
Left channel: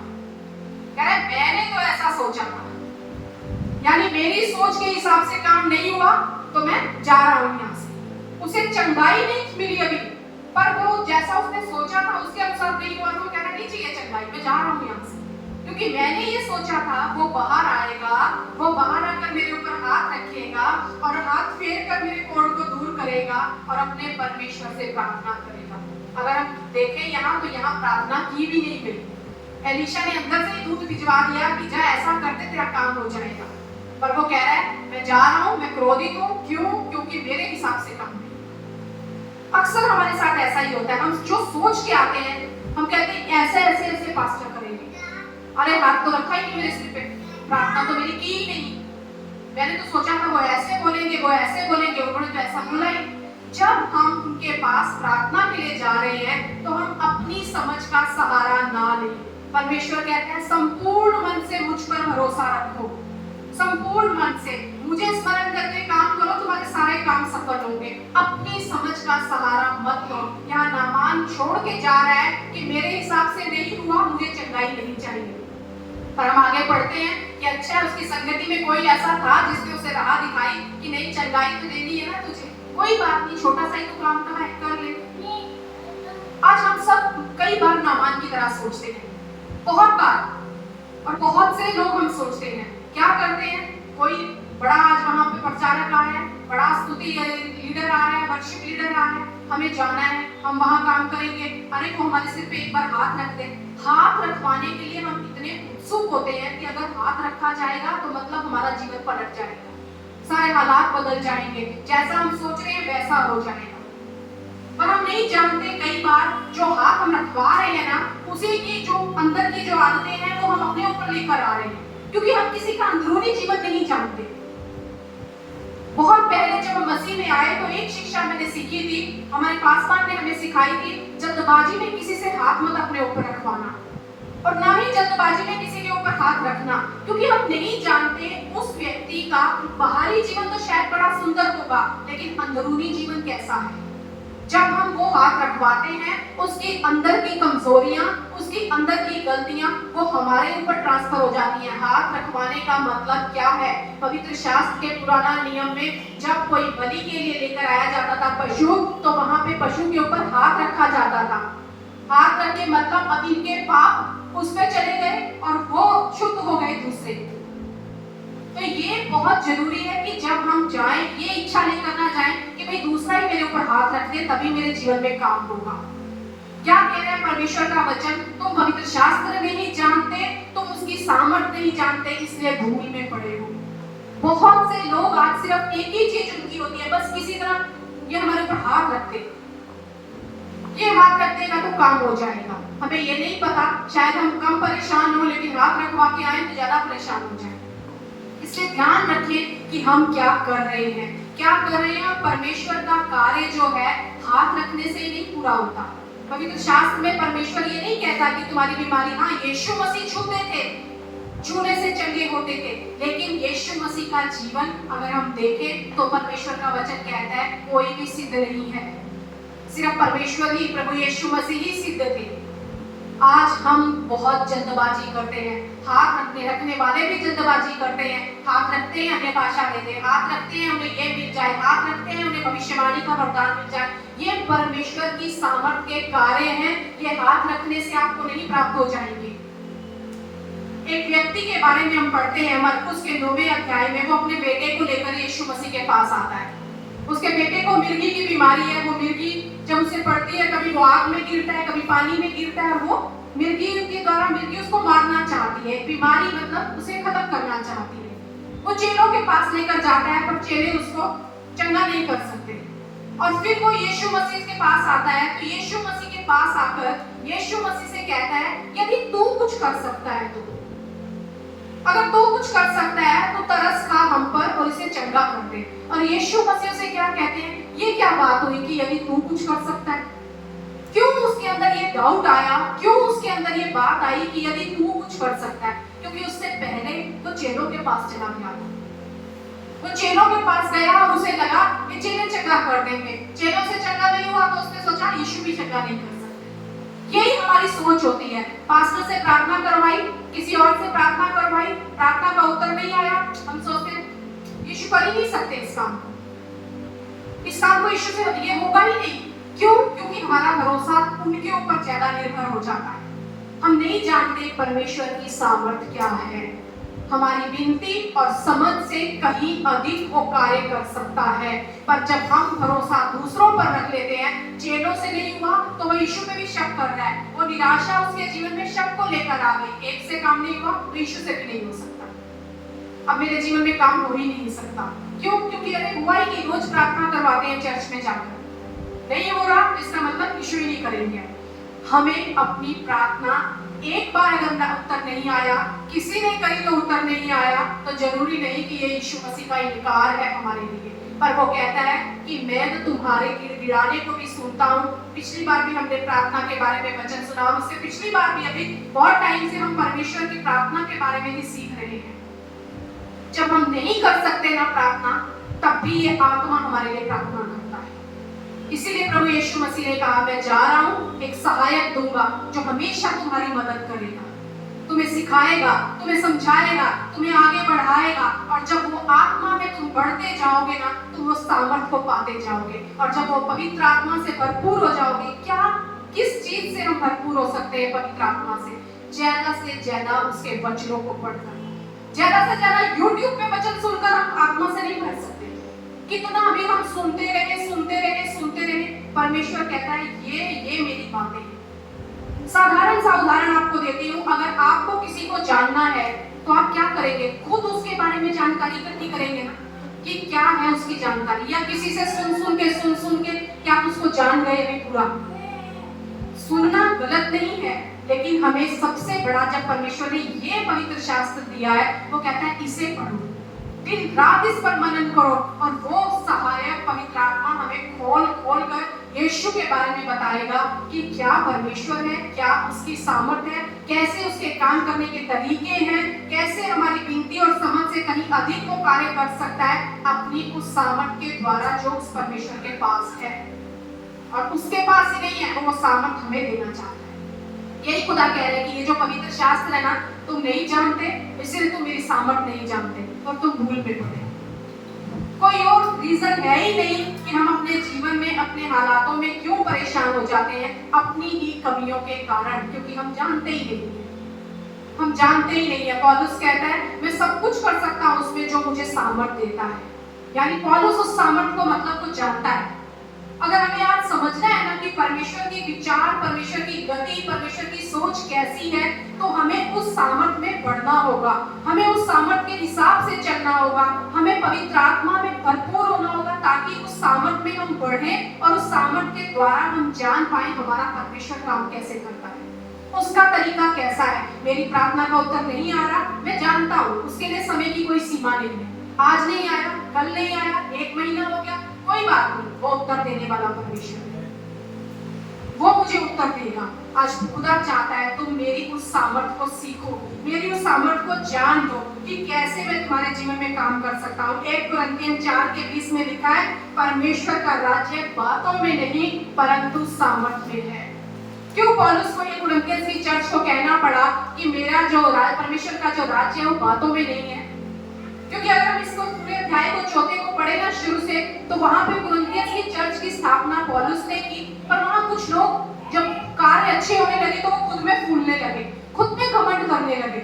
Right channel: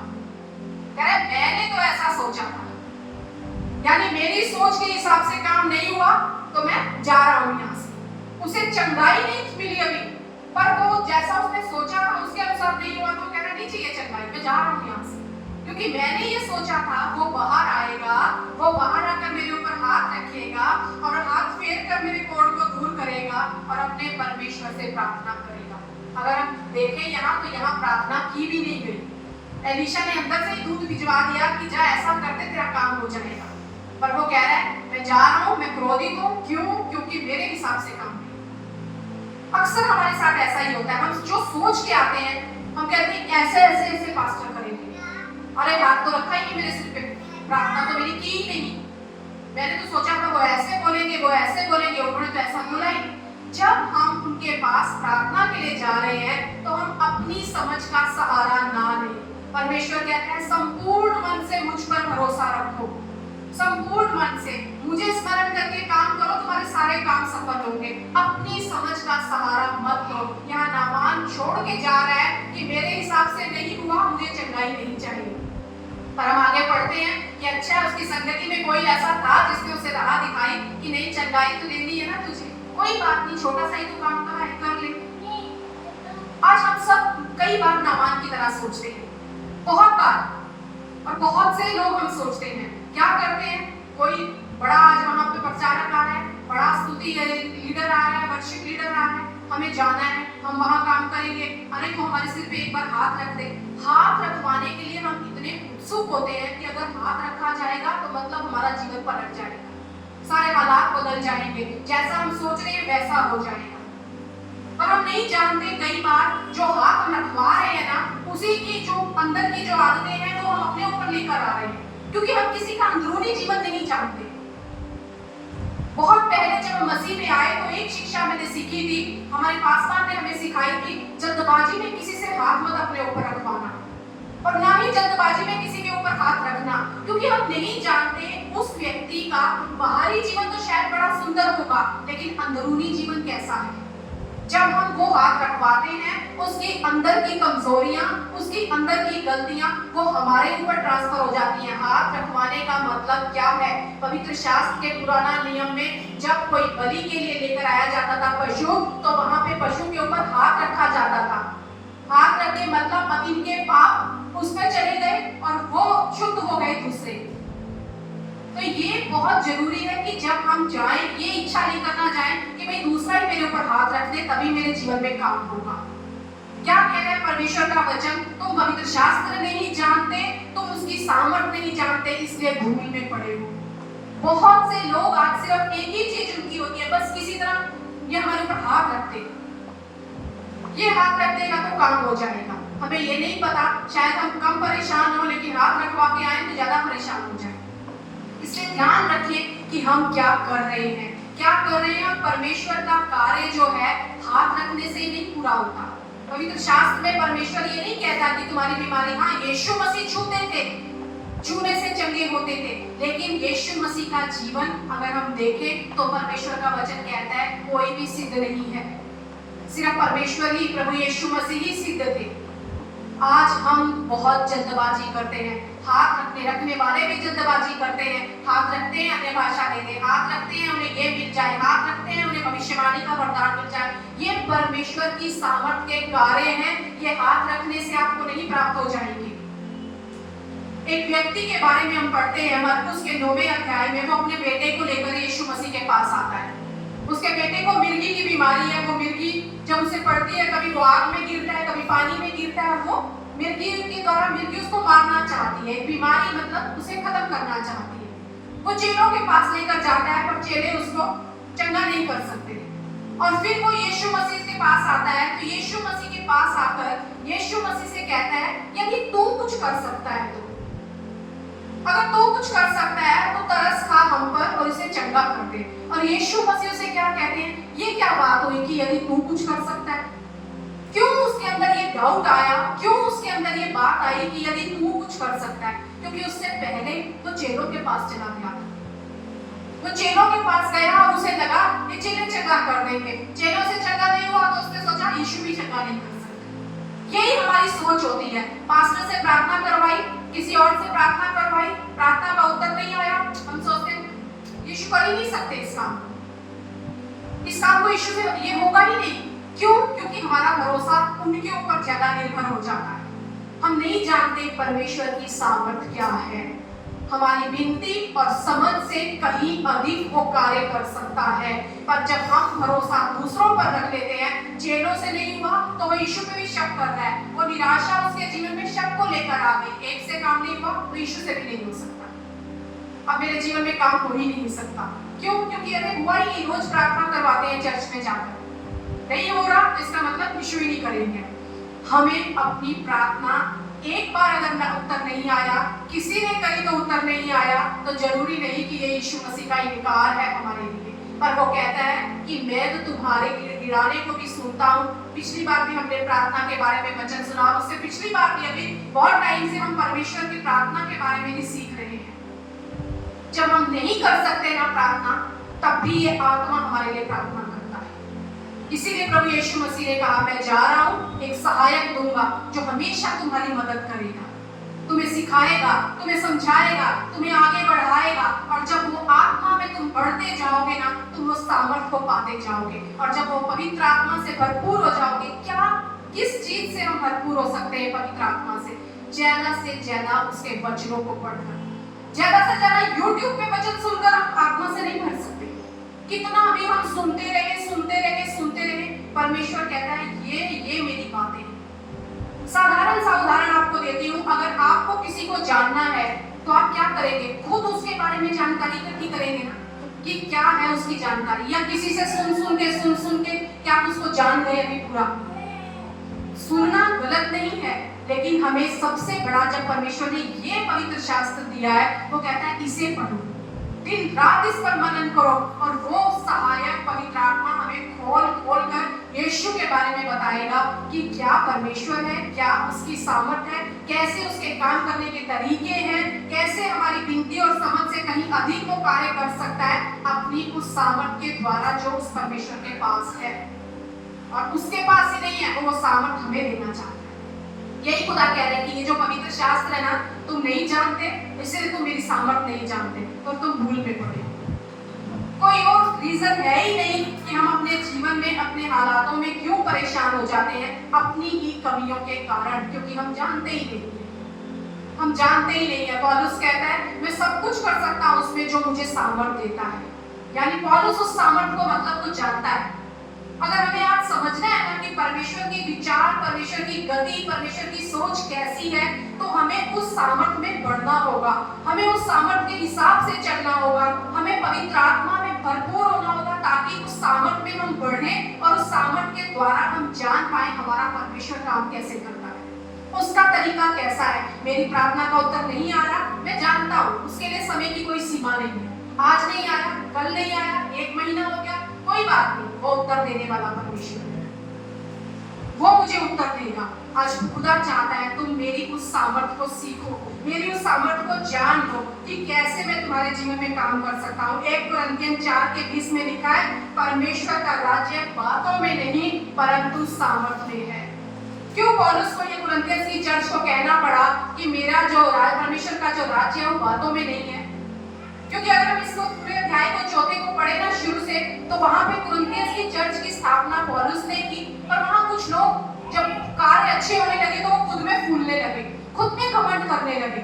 कह रहे मैंने तो ऐसा सोचा था, यानी मेरी सोच के हिसाब से काम नहीं हुआ तो मैं जा रहा हूं यहाँ से। उसे चंगाई नहीं मिली अभी, पर वो जैसा उसने सोचा था उसके अनुसार नहीं हुआ तो कह रहा नहीं चाहिए चंगाई, मैं जा रहा हूँ यहाँ से, क्योंकि मैंने ये सोचा था वो बाहर आएगा, वो बाहर आकर मेरे ऊपर हाथ रखेगा और हाथ फेर कर मेरे कोढ़ को दूर करेगा और अपने परमेश्वर से प्रार्थना करेगा। अगर हम देखें यहाँ तो यहाँ प्रार्थना की भी नहीं गई। एलीशा ने अंदर से दूत भिजवा दिया कि जा ऐसा करते तेरा काम हो जाएगा, पर वो कह रहा है मैं जा रहा हूँ, मैं क्रोधित हूँ। क्यों? क्योंकि मेरे हिसाब से काम नहीं। अक्सर हमारे साथ ऐसा ही होता है, हम जो सोच के आते हैं हम कहते हैं ऐसे ऐसे ऐसे पास्टर करेंगे, अरे हाथ तो रखा ही नहीं मेरे सिर पे, प्रार्थना तो मेरी की ही नहीं, मैंने तो सोचा था वो ऐसे बोलेंगे, वो ऐसे बोलेंगे, उन्होंने तो ऐसा बोला ही। जब हम उनके पास प्रार्थना के लिए जा रहे हैं तो हम अपनी समझ का सहारा ना लें। परमेश्वर कहता है संपूर्ण मन से मुझ पर भरोसा रखो, संपूर्ण मन से मुझे स्मरण करके काम करो, तुम्हारे सारे काम सफल होंगे। अपनी समझ का सहारा मत लो। यहाँ नामान छोड़ के जा रहा है कि मेरे हिसाब से नहीं हुआ, मुझे चंगाई नहीं चाहिए। पर हम आगे पढ़ते हैं कि अच्छा उसकी संगति में कोई ऐसा था जिसने उसे राह दिखाई कि नहीं चंगाई तो देनी है ना तुझे, कोई बात नहीं, छोटा सा ही तो काम करा है, कर ले। आज हम सब कई बार नामान की तरह सोचते हैं, बहुत बार, और बहुत से लोग हम सोचते हैं क्या करते हैं, कोई बड़ा आज वहां पे प्रचारक आ रहा है, बड़ा स्तुति लीडर आ रहा है, वर्शिप लीडर आ रहा है, हमें जाना है, हम वहां काम करेंगे, अरे वो हमारे सिर पे एक बार हाथ रख दे। हाथ रखवाने के लिए हम इतने उत्सुक होते हैं कि अगर हाथ रखा जाएगा तो मतलब हमारा जीवन पलट जाएगा, सारे हालात बदल जाएंगे, जैसा हम सोच रहे हैं वैसा हो जाएगा। पर हम नहीं जानते कई बार जो हाथ हम रखवा रहे हैं ना, उसी की जो अंदर की जो आदतें हैं वो हम अपने ऊपर लेकर आ रहे हैं, क्योंकि हम किसी का अंदरूनी जीवन नहीं जानते। बहुत पहले जब हम मसीह में आए तो एक शिक्षा मैंने सीखी थी, हमारे पासवान ने हमें सिखाई थी, जल्दबाजी में किसी से हाथ मत अपने ऊपर रखवाना, और ना ही जल्दबाजी में किसी के ऊपर हाथ रखना, क्योंकि हम नहीं जानते उस व्यक्ति का बाहरी जीवन तो शायद बड़ा सुंदर होगा, लेकिन अंदरूनी जीवन कैसा है। जब हम वो हाथ रखवाते हैं उसके अंदर की कमजोरियां, उसके अंदर की गलतियां वो हमारे ऊपर ट्रांसफर हो जाती हैं। हाथ रखवाने का मतलब क्या है? पवित्र शास्त्र के पुराना नियम में जब कोई बलि के लिए लेकर आया जाता था पशु, तो वहां पे पशु के ऊपर हाथ रखा जाता था। हाथ रखने मतलब अब इनके पाप उस पर चले गए और वो शुद्ध हो गए दूसरे। तो ये बहुत जरूरी है कि जब हम जाएं ये इच्छा नहीं करना जाएं कि भाई दूसरा ही मेरे ऊपर हाथ रख दे तभी मेरे जीवन में काम होगा। क्या कह रहा है परमेश्वर का वचन? तुम पवित्र शास्त्र नहीं जानते, तुम उसकी सामर्थ नहीं जानते, इसलिए धूल में पड़े हो। बहुत से लोग आज सिर्फ एक ही चीज उनकी होती है, बस किसी तरह ये हमारे ऊपर हाथ रखते, ये हाथ रख देगा तो काम हो जाएगा। हमें ये नहीं पता, शायद हम कम परेशान हो लेकिन हाथ रखवा के आए तो ज्यादा परेशान हो जाए। इसलिए ध्यान रखें कि हम क्या कर रहे हैं, क्या कर रहे हैं। और परमेश्वर का कार्य जो है हाथ रखने से नहीं पूरा होता। पवित्र शास्त्र में परमेश्वर ये नहीं कहता कि तुम्हारी बीमारी, हाँ यीशु मसीह छूते थे, छूने से चंगे होते थे, लेकिन यीशु मसीह का जीवन अगर हम देखें तो परमेश्वर का वचन कहता है कोई भी सिद्ध नहीं है, सिर्फ परमेश्वर ही, प्रभु यीशु मसीह ही सिद्ध थे। आज हम बहुत जल्दबाजी करते हैं, हाथ रखने वाले भी जल्दबाजी करते हैं, हाथ रखते हैं हमें भाषा दे दे, हाथ रखते हैं हमें ये मिल जाए, हाथ रखते हैं उन्हें भविष्यवाणी का वरदान मिल जाए। ये परमेश्वर की सामर्थ के कार्य हैं, ये हाथ रखने से आपको नहीं प्राप्त हो जाएंगे। एक व्यक्ति के बारे में हम पढ़ते हैं मरकुस के 9वें अध्याय में, वो अपने बेटे को लेकर यीशु मसीह के पास आता है। उसके बेटे को मिर्गी की बीमारी है, वो मिर्गी जब उसे पड़ती है कभी वो आग में गिरता है, कभी पानी में गिरता है, वो मिर्गी के द्वारा मिर्गी उसको मारना चाहती है, बीमारी मतलब उसे खत्म करना चाहती है। वो चेलों के पास लेकर जाता है पर चेले उसको चंगा नहीं कर सकते, और फिर वो यीशु मसीह के पास आता है। तो यीशु मसीह के पास आकर यीशु मसीह से कहता है यदि तू कुछ कर सकता है तो, अगर तू कुछ कर सकता है तो तरस खा हम पर और इसे चंगा कर दे। और यीशु मसीह से क्या कहते हैं, ये क्या बात हुई कि यदि तू कुछ कर सकता है? क्यों उसके अंदर ये डाउट आया, क्यों उसके अंदर ये बात आई कि यदि तू कुछ कर सकता है? क्योंकि उससे पहले वो चेलों के पास चला गया। वो चेलों के पास गया और उसे लगा कि चेले चंगा कर देंगे। चेलों से चंगा नहीं हुआ तो उसने सोचा यीशु भी चंगा नहीं कर सकते। यही हमारी सोच होती है। पास्टर से प्रार्थना करवाई, किसी और से प्रार्थना करवाई, प्रार्थना का उत्तर नहीं आया, हम सोचते हैं यीशु कर ही नहीं सकते इस काम को यीशु से ये होगा ही नहीं। क्यों? क्योंकि हमारा भरोसा उनके ऊपर ज्यादा निर्भर हो जाता है। हम नहीं जानते परमेश्वर की सामर्थ क्या है। हमारी विनती और समझ से कहीं अधिक वो कार्य कर सकता है। पर जब हम भरोसा दूसरों पर रख लेते हैं, चेलों से नहीं हुआ तो वो यीशु पे भी शक कर रहा है। वो निराशा उसके जीवन में शक को लेकर आ गई। एक से काम नहीं हुआ तो यीशु से भी नहीं हो सकता। अब मेरे जीवन में काम हो ही नहीं सकता। क्यों? क्योंकि अरे हुआ ही नहीं। रोज प्रार्थना करवाते हैं चर्च में जाकर, नहीं हो रहा इसका मतलब यीशु ही नहीं करेंगे। हमें अपनी प्रार्थना एक बार अगर उत्तर नहीं आया, किसी ने कही तो उत्तर नहीं आया, तो जरूरी नहीं कि ये यीशु मसीह का इनकार है हमारे लिए। पर वो कहता है कि मैं तो तुम्हारे गिड़गिड़ाने को भी सुनता हूँ। पिछली बार भी हमने प्रार्थना के बारे में वचन सुना और उससे पिछली बार भी अभी बहुत टाइम से हम परमेश्वर की प्रार्थना के बारे में ही सीख रहे हैं। जब हम नहीं कर सकते ना प्रार्थना, तब भी ये आत्मा हमारे लिए प्रार्थना करता है। इसीलिए प्रभु यीशु मसीह ने कहा मैं जा रहा हूँ, एक सहायक दूंगा जो हमेशा तुम्हारी मदद करेगा, तुम्हें सिखाएगा, तुम्हें समझाएगा, तुम्हें आगे बढ़ाएगा। और जब वो आत्मा में तुम बढ़ते जाओगे ना, तुम वो सामर्थ को पाते जाओगे। और जब वो पवित्र आत्मा से भरपूर हो जाओगे, क्या किस चीज से हम भरपूर हो सकते हैं पवित्र आत्मा से? ज्यादा से ज्यादा उसके वचनों को पढ़कर, ज्यादा से ज्यादा YouTube पे वचन सुनकर हम आत्मा से नहीं भर सकते। कितना भी हम सुनते रहे। परमेश्वर कहता है ये मेरी बातें हैं। साधारण सा उदाहरण आपको देती हूँ। अगर आपको किसी को जानना है तो आप क्या करेंगे? खुद उसके बारे में जानकारी इकट्ठी करेंगे ना, कि क्या है उसकी जानकारी, या किसी से सुन के क्या आप उसको जान गए अभी पूरा? सुनना गलत नहीं है, लेकिन हमें सबसे बड़ा जब परमेश्वर ने ये पवित्र शास्त्र दिया है, वो कहता है इसे पढ़ो, दिन रात इस पर मनन करो। और वो सहायक पवित्र आत्मा हमें खोल कर यीशु के बारे में बताएगा कि क्या परमेश्वर है, क्या उसकी सामर्थ है, कैसे उसके काम करने के तरीके हैं, कैसे हमारी विनती और समझ से कहीं अधिक वो कार्य कर सकता है अपनी उस सामर्थ के द्वारा जो उस परमेश्वर के पास है। और उसके पास ही नहीं है, वो सामर्थ हमें देना चाहता है। यही खुदा कह रहे हैं कि ये जो पवित्र शास्त्र है ना, तुम नहीं जानते, इसलिए तुम मेरी सामर्थ नहीं जानते और तुम भूल पे पड़े। कोई और रीजन है ही नहीं कि हम अपने जीवन में, अपने हालातों में क्यों परेशान हो जाते हैं, अपनी ही कमियों के कारण, क्योंकि हम जानते ही नहीं है। पौलुस कहता है मैं सब कुछ कर सकता हूँ उसमें जो मुझे सामर्थ देता है। यानी पौलुस उस सामर्थ को मतलब को जानता है। अगर हमें आज समझना है ना कि परमेश्वर की विचार, परमेश्वर की गति, परमेश्वर की सोच कैसी है, तो हमें उस सामर्थ में बढ़ना होगा, हमें उस सामर्थ के हिसाब से चलना होगा, हमें पवित्र आत्मा में भरपूर होना होगा, ताकि उस सामर्थ में हम बढ़ें और उस सामर्थ के द्वारा हम जान पाए हमारा परमेश्वर काम कैसे करता है, उसका तरीका कैसा है। मेरी प्रार्थना का उत्तर नहीं आ रहा, मैं जानता हूँ उसके लिए समय की कोई सीमा नहीं है। आज नहीं आया, कल नहीं आया, 1 महीना हो गया, कोई बात नहीं, वो उत्तर देने वाला परमेश्वर है, वो मुझे उत्तर देगा। आज खुदा चाहता है तुम मेरी उस सामर्थ को सीखो, मेरी उस सामर्थ को जान लो कि कैसे मैं तुम्हारे जीवन में काम कर सकता हूँ। 1 कुरिन्थियन 4:20 में लिखा है, परमेश्वर का राज्य बातों में नहीं परंतु सामर्थ में है। क्यों पौलुस को ये कुरिन्थियन की चर्च को कहना पड़ा कि मेरा जो परमेश्वर का जो राज्य है वो बातों में नहीं है? क्योंकि अगर हम इसको पूरे अध्याय को 4 को पढ़े ना शुरू से, तो वहां पे कुरिन्थियन की चर्च की स्थापना पौलुस ने की। पर वहां कुछ लोग जब कार्य अच्छे होने लगे तो वो खुद में फूलने लगे, खुद में घमंड करने लगे।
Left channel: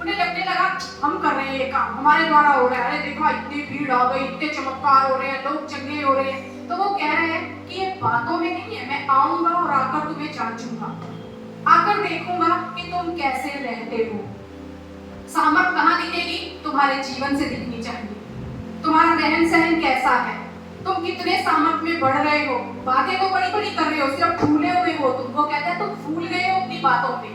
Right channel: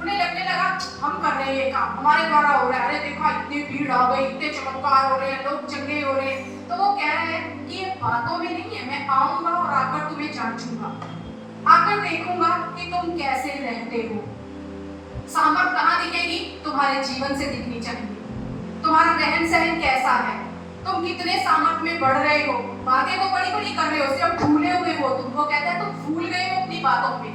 उन्हें लगने लगा हम कर रहे हैं ये काम, हमारे द्वारा हो रहा है, अरे देखो इतनी भीड़ आ गई, इतने चमत्कार हो रहे हैं, लोग चंगे हो रहे हैं। तो वो कह रहे हैं कि ये बातों में नहीं है, मैं आऊंगा और आकर तुम्हें जांचूंगा, आकर देखूंगा कि तुम कैसे रहते हो। सामर्थ कहाँ दिखेगी? तुम्हारे जीवन से दिखनी चाहिए। तुम्हारा रहन सहन कैसा है, तुम कितने सामर्थ में बढ़ रहे हो। बातें तो बड़ी बड़ी कर रहे हो, सिर्फ फूले हुए हो। तुमको कहता है तुम फूल गए हो अपनी बातों पे,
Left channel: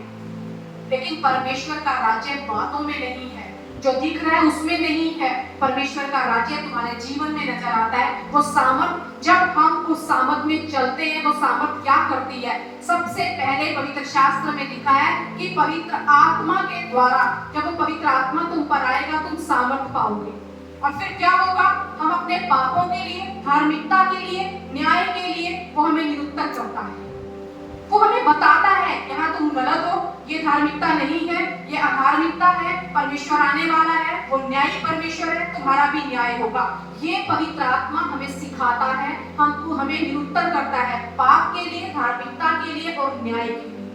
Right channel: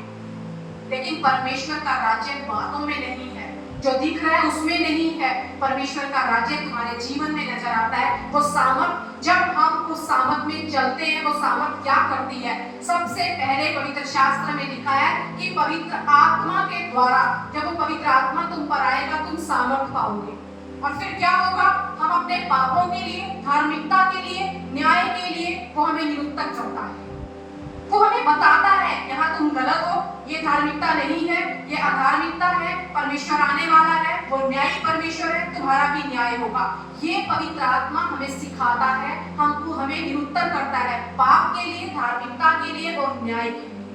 लेकिन परमेश्वर का राज्य बातों में नहीं है, जो दिख रहा है उसमें नहीं है। परमेश्वर का राज्य तुम्हारे जीवन में नजर आता है। वो सामर्थ, जब हम उस सामर्थ में चलते हैं, वो सामर्थ क्या करती है? सबसे पहले पवित्र शास्त्र में लिखा है कि पवित्र आत्मा के द्वारा, जब वो पवित्र आत्मा तुम पर आएगा, तुम सामर्थ पाओगे। और फिर क्या होगा? हम अपने पापों के लिए, धार्मिकता के लिए, न्याय के लिए वो हमें निरुत्तर करता है। वो हमें बताता है यहाँ तुम गलत हो, ये धार्मिकता नहीं है, ये अधार्मिकता है, परमेश्वर आने वाला है, वो न्यायी परमेश्वर है, तुम्हारा भी न्याय होगा। ये पवित्र आत्मा हमें सिखाता है, हमको हमें निरुत्तर करता है पाप के लिए, धार्मिकता के लिए और न्याय के लिए।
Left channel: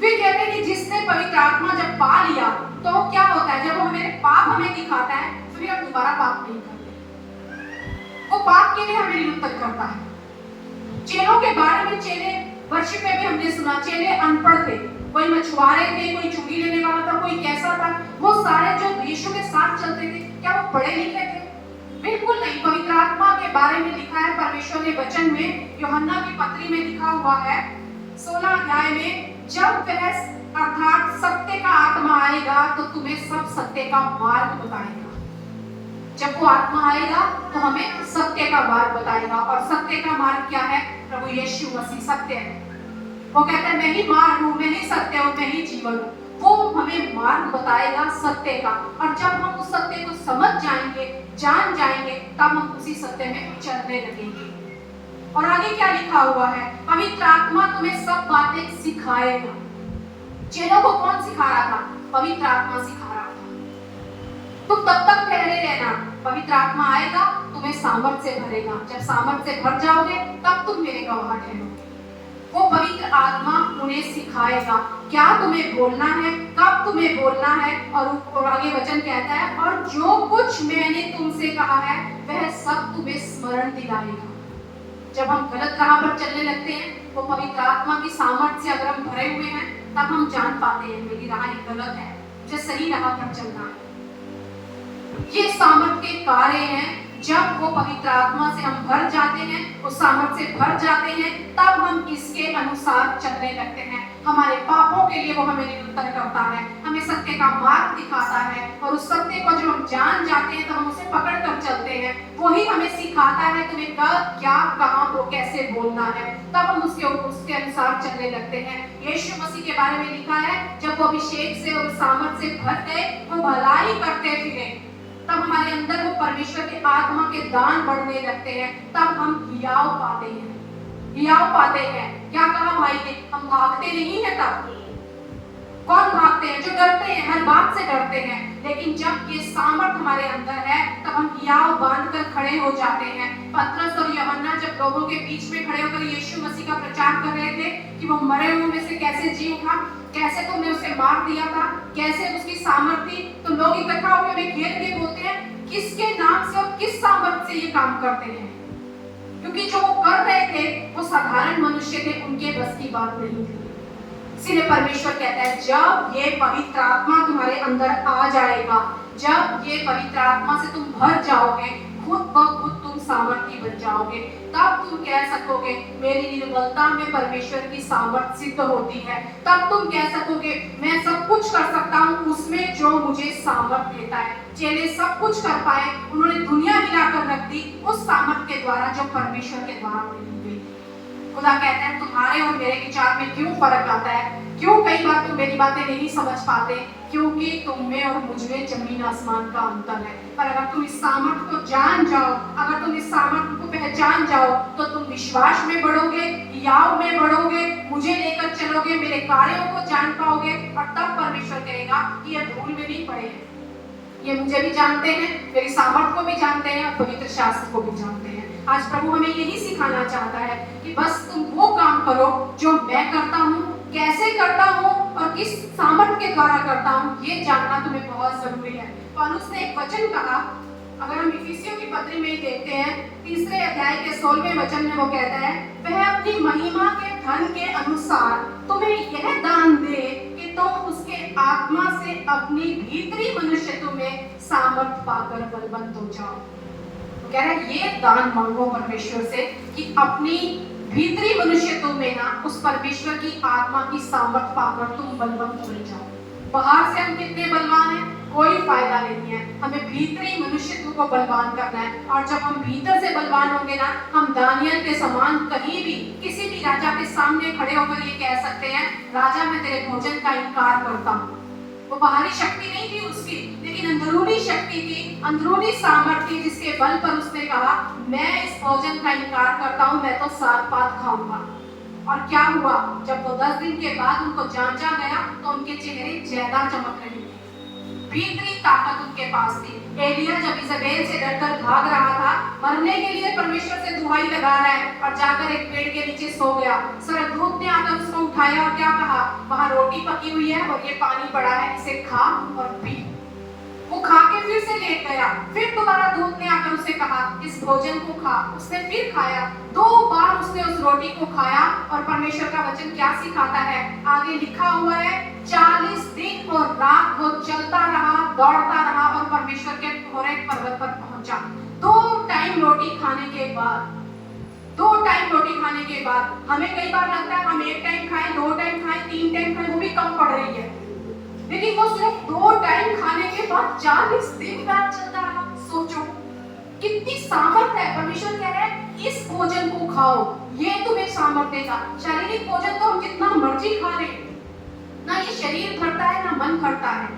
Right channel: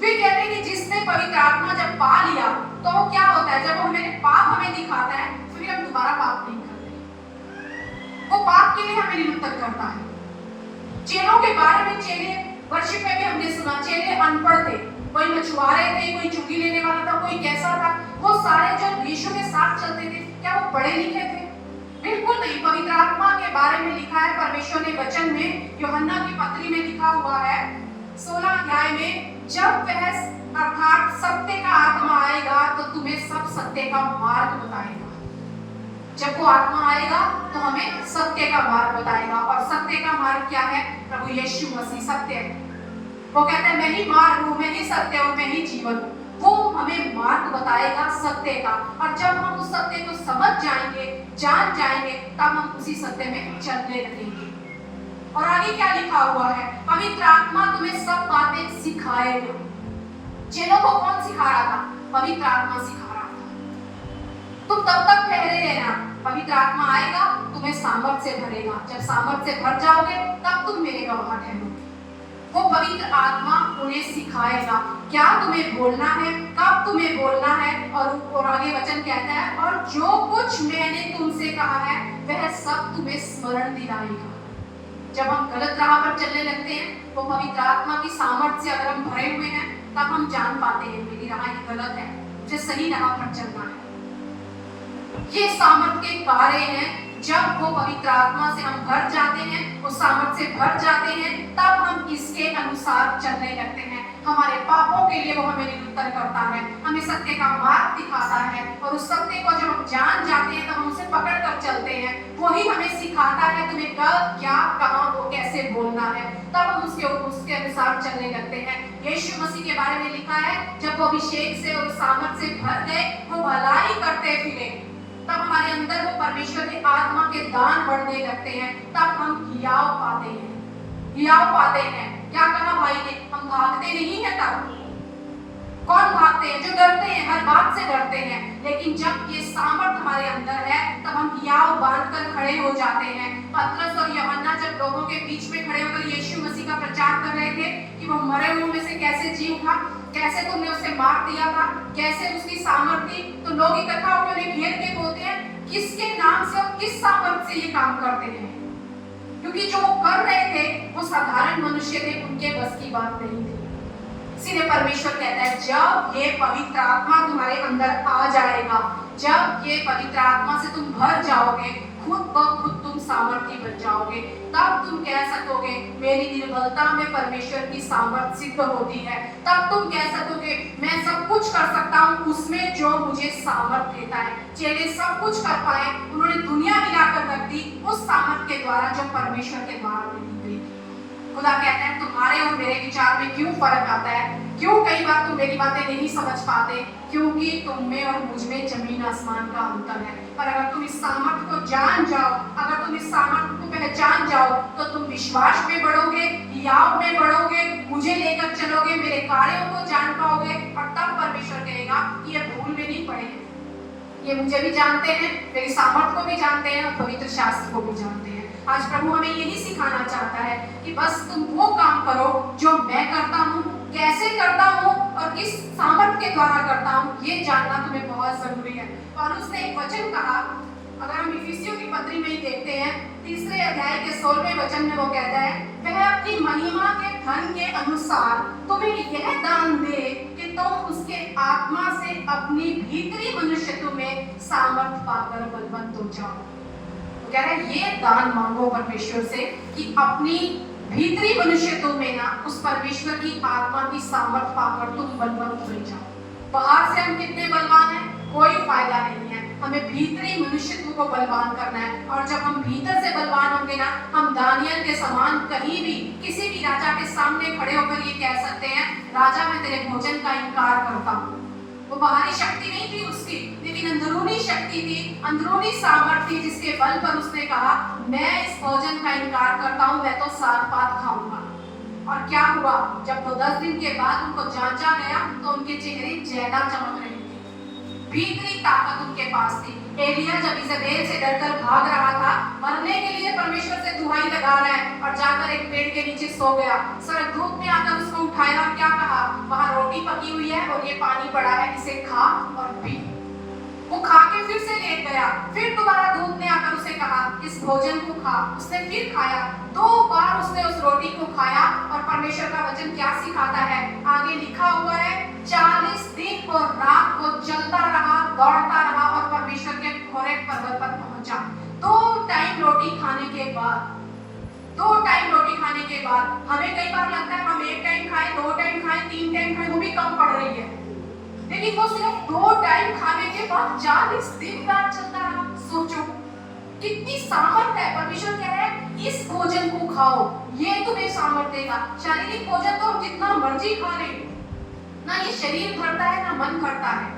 फिर कहते हैं कि जिसने पवित्र आत्मा जब पा लिया तो वो क्या होता है? जब वो हमें पाप हमें दिखाता है फिर हम दोबारा पाप नहीं करते। वो पाप के लिए हमें निरुत्तर करता है। चेलों के बारे में, चेले वर्षिप में भी हमने सुना, चेले अनपढ़ थे, कोई मछुआरे थे, कोई चुंगी लेने वाला था, कोई कैसा था। वो सारे जो यीशु के साथ चलते थे, क्या वो पढ़े लिखे थे? बिल्कुल नहीं। पवित्र आत्मा के बारे में लिखा है परमेश्वर ने वचन में, यूहन्ना की पत्री में लिखा हुआ है 16 अध्याय में, जब वह अर्थात सत्य का आत्मा आएगा तो तुम्हें सब सत्य का मार्ग बताएगा। जब वो आत्मा आएगा तो हमें सत्य का मार्ग बताएगा। और सत्य का मार्ग क्या है? प्रभु यीशु मसीह सत्य है। वो कहता है मैं ही मार्ग हूँ, मैं ही सत्य हूँ, मैं ही जीवन। वो हमें मार्ग बताएगा सत्य का। और जब हम उस सत्य को समझ जाएंगे, जान जाएंगे, तब हम उसी सत्य में चलने लगेंगे। और आगे क्या लिखा हुआ है? पवित्र आत्मा तुम्हें सब बातें सिखाएगा। चेलों को कौन सिखा रहा था? पवित्र आत्मा सिखा रहा था। तुम तब तक ठहरे रहना, पवित्र आत्मा आएगा, तुम्हें सामर्थ से भरेगा। जब सामर्थ से भर जाओगे तब तुम मेरे गवाह ठहरोगे। वो पवित्र आत्मा उन्हें सिखाएगा क्या तुम्हें बोलना है, कब तुम्हें बोलना है। और आगे वचन कहता है और जो कुछ मैंने तुमसे कहा है वह सब तुम्हें स्मरण दिलाएगा। जब हम गलत राह पर चलने लगते हैं, वो पवित्र आत्मा की सामर्थ से अगर हम भरे हुए हैं, तब हम जान पाते हैं मेरी राह ये गलत है, मुझे सही राह पर चलना है। ये सामर्थ के कार्य हैं। जब वो पवित्र आत्मा से हम भर जाते हैं, उस सामर्थ से भर जाते हैं, तब हम इसके अनुसार चलने लगते हैं। हमारे पापों के लिए वो हमें निरुत्तर करता है, हमें सत्य का मार्ग दिखाता है। और उस सत्य को जो हम जान जाते हैं तो हम उसे पकड़ कर चलते हैं। वही हमें सिखाता है तुम्हें कब, क्या, कहाँ, वो कैसे बोलना है। तब हम उसके अनुसार चलने लगते हैं। यीशु मसीह के बारे में लिखा है जब वो अभिषेक से और सामर्थ से भर गए, वो भलाई करते फिरे, तब हमारे अंदर वो परमेश्वर की आत्मा के दान बढ़ने लगते हैं। तब हम हियाव पाते हैं, हियाव पाते हैं। क्या कहा भाई ने? हम भागते नहीं है। तब कौन भागते हैं? जो डरते हैं, हर बात से डरते हैं। लेकिन जब ये सामर्थ हमारे अंदर है, तब हम हियाव बांधकर खड़े हो जाते हैं। पतरस और यूहन्ना जब लोगों के बीच में खड़े होकर यीशु मसीह का प्रचार कर रहे थे कि वो मरे हुओं में से कैसे जी उठा, कैसे तुमने उसे मार दिया था, कैसे उसकी सामर्थ थी, तो लोग इकट्ठा होकर उन्हें घेर के बोलते हैं किसके नाम से और किस सामर्थ से ये काम करते हैं। क्योंकि जो कर रहे थे वो साधारण मनुष्य थे, उनके बस की बात नहीं थी। इसीलिए परमेश्वर कहता है जब ये पवित्र आत्मा तुम्हारे अंदर आ जाएगा, जब ये पवित्र आत्मा से तुम भर जाओगे, खुद ब खुद तुम सामर्थ्य बन जाओगे। तब तुम कह सकोगे मेरी निर्बलता में परमेश्वर की सामर्थ सिद्ध होती है। तब तुम कह सकोगे मैं सब कुछ कर सकता हूँ उसमें जो मुझे सामर्थ देता है। चेले सब कुछ कर पाए, उन्होंने दुनिया हिलाकर रख दी उस सामर्थ के द्वारा जो परमेश्वर के द्वारा दी गई। खुदा कहते हैं तुम्हारे और मेरे विचार में क्यों फर्क आता है, क्यों कई बार तुम मेरी बातें नहीं समझ पाते, क्योंकि तुम में और मुझ में जमीन आसमान का अंतर है। पर अगर तुम इस सामर्थ को जान जाओ, अगर तुम इस सामर्थ को पहचान जाओ, तो तुम विश्वास में बढ़ोगे, हियाव में बढ़ोगे, मुझे लेकर चलोगे, मेरे कार्यों को जान पाओगे। और तब परमेश्वर कहेगा ये भूल में नहीं पड़े हैं, ये मुझे भी जानते हैं, मेरी सामर्थ को भी जानते हैं और पवित्र शास्त्र को भी जानते हैं। आज प्रभु हमें यही सिखाना चाहता है कि बस तुम वो काम करो जो मैं करता हूँ, कैसे करता हूँ और किस सामर्थ के द्वारा करता हूँ, ये जानना तुम्हें बहुत जरूरी है। पौलुस ने एक वचन कहा, अगर हम इफिसियों की पत्री में ही देखते हैं 3 अध्याय के 16वें वचन में वो कहता है वह अपनी महिमा के धन के अनुसार तुम्हें यह दान दे कि तुम उसके आत्मा से अपनी भीतरी मनुष्यत्व में सामर्थ पाकर बलवंत हो जाओ। कह रहे ये दान मांगो परमेश्वर से कि अपनी भीतरी मनुष्यत्व में ना उस परमेश्वर की आत्मा की सामर्थ पाकर तुम बलवंत बन जाओ। बाहर से हम कितने बलवान हैं, कोई फायदा नहीं है। हमें भीतरी मनुष्यत्व को बलवान करना है, और जब हम भीतर से बलवान होंगे ना, हम दानियल के समान कहीं भी किसी भी राजा के सामने खड़े होकर ये कह सकते हैं, राजा मैं तेरे भोजन का इनकार करता हूँ। वो बाहरी शक्ति नहीं थी उसकी, लेकिन अंदरूनी शक्ति थी, अंदरूनी सामर्थ्य थी, जिसके बल पर उसने कहा मैं इस भोजन का इनकार करता हूँ, मैं तो साग पात खाऊंगा। और क्या हुआ, जब वो 10 दिन के बाद उनको जांचा गया तो उनके चेहरे ज्यादा चमक रहे थे, भीतरी ताकत उनके पास थी। एलिया जब इज़ेबेल से डरकर भाग रहा था, मरने के लिए परमेश्वर से दुहाई लगा रहा है, और जाकर एक पेड़ के नीचे सो गया। स्वर्गदूत ने आकर उसको उठाया और क्या कहा, वहां रोटी पकी हुई है और ये पानी पड़ा है, इसे खा और पी। वो खा के फिर से लेट गया। फिर दोबारा दूत ने आकर उसे कहा इस भोजन को खा। उसने फिर खाया। 2 बार उसने उस रोटी को खाया। और परमेश्वर का वचन क्या सिखाता है, आगे लिखा हुआ है 40 दिन और रात वो चलता रहा, दौड़ता रहा और परमेश्वर के होरेब पर्वत पर पहुंचा। 2 टाइम रोटी खाने के बाद, 2 टाइम रोटी खाने के बाद, हमें कई बार लगता है हम 1 टाइम खाएं, 2 टाइम खाएं, 3 टाइम खाएं, वो भी कम पड़ रही है, लेकिन वो सिर्फ 2 टाइम खाने के बाद 40 दिन रात चलता रहा। सोचो कितनी सामर्थ है। परमेश्वर कह रहा है इस भोजन को खाओ, ये तुम्हें सामर्थ देगा। शारीरिक भोजन तो हम जितना मर्जी खा ले, ना ये शरीर भरता है ना मन भरता है,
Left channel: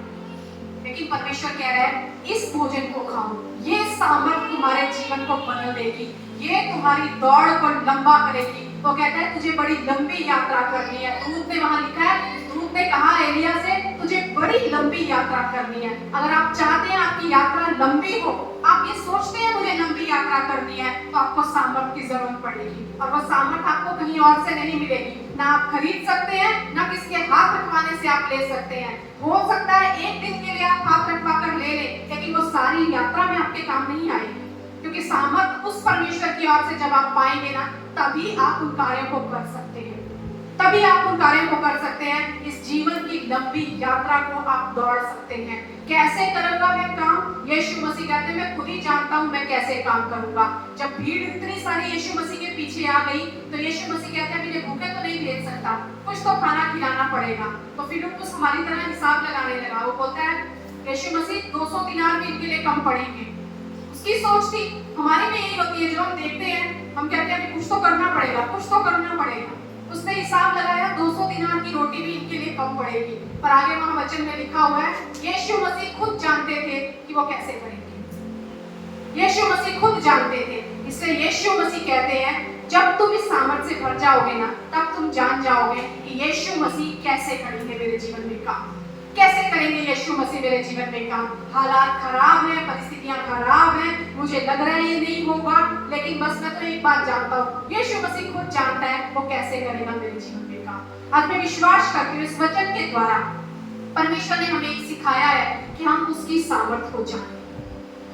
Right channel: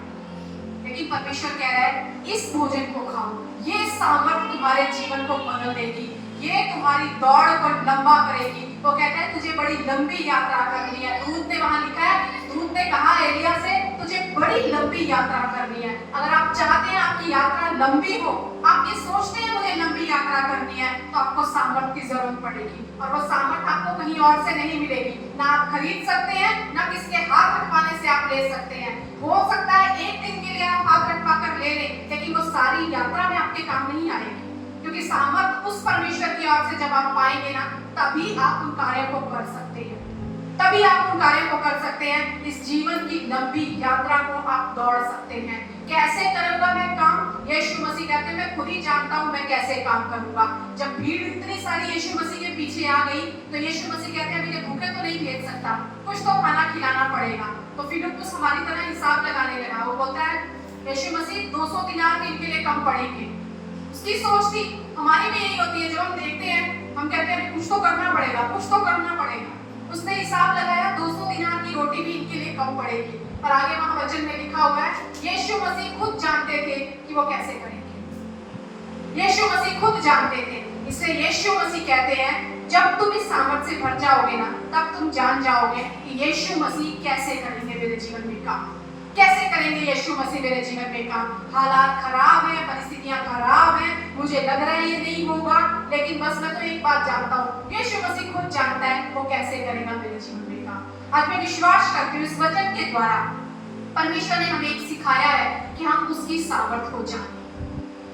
लेकिन परमेश्वर कह रहा है इस भोजन को खाओ, ये सामर्थ तुम्हारे जीवन को बदल देगी, ये तुम्हारी दौड़ को लंबा करेगी। वो कहता है तुझे बड़ी लंबी यात्रा करनी है। दूत ने वहां लिखा है, दूत ने कहा एलिया से तुझे बड़ी लंबी यात्रा करनी है। अगर आप चाहते हैं आपकी यात्रा लंबी हो, आप ये सोचते हैं मुझे लंबी यात्रा करनी है, तो आपको सामर्थ की जरूरत पड़ेगी, और वो सामर्थ आपको कहीं और से नहीं मिलेगी। ना आप खरीद सकते हैं, ना किसी के हाथ रखवाने से आप ले सकते हैं। हो सकता है 1 दिन के लिए आप हाथ रखवा कर ले ले, लेकिन वो सारी यात्रा में आपके काम नहीं आएगी, क्योंकि सामर्थ उस परमेश्वर की ओर से जब आप पाएंगे ना, तभी आप उन कार्यों को कर सकते हैं, तभी आप उन कार्यों को कर सकते हैं। इस जीवन की लंबी यात्रा को आप दौड़ सकते हैं। कैसे करूंगा मैं काम? यीशु मसीह कहते हैं मैं खुद ही जानता हूं मैं कैसे काम करूंगा। जब भीड़ इतनी सारी यीशु मसीह के पीछे आ गई, तो यीशु मसीह कहते हैं मुझे भूखे तो नहीं भेज सकता, कुछ तो खाना खिलाना पड़ेगा। तो फिलिप्पुस हमारी तरह हिसाब लगाने लगा। वो बोलता है यीशु मसीह 200 दिनार भी इनके लिए कम पड़ेंगे। उसकी सोच थी, हमारी भी यही होती है, जब हम देखते हैं हम कहते हैं कुछ तो करना पड़ेगा, कुछ तो करना पड़ेगा। उसने हिसाब लगाया 200 दिनार की रोटी भी इनके लिए कम पड़ेगी। पर आगे वहां वचन में लिखा हुआ है यीशु मसीह खुद जानते थे कि वो कैसे करेंगे। यीशु मसीह खुद जानते थे, इसलिए यीशु मसीह कहते हैं जब तुम इस सामर्थ से भर जाओगे ना, तब तुम जान जाओगे कि यीशु मसीह कैसे करेंगे मेरे जीवन में काम, कैसे करेंगे यीशु मसीह मेरे जीवन में काम। हालात खराब है, परिस्थितियां खराब है, मुझे लग रहा है ये नहीं होगा, लेकिन बस मैं तो एक बात जानता हूँ, यीशु मसीह खुद जानता है वो कैसे करेगा मेरे जीवन में काम। आज मैं विश्वास करती हूँ इस वचन के द्वारा परमेश्वर ने हमें सिखाया है कि हम उसकी सामर्थ हो जाएं।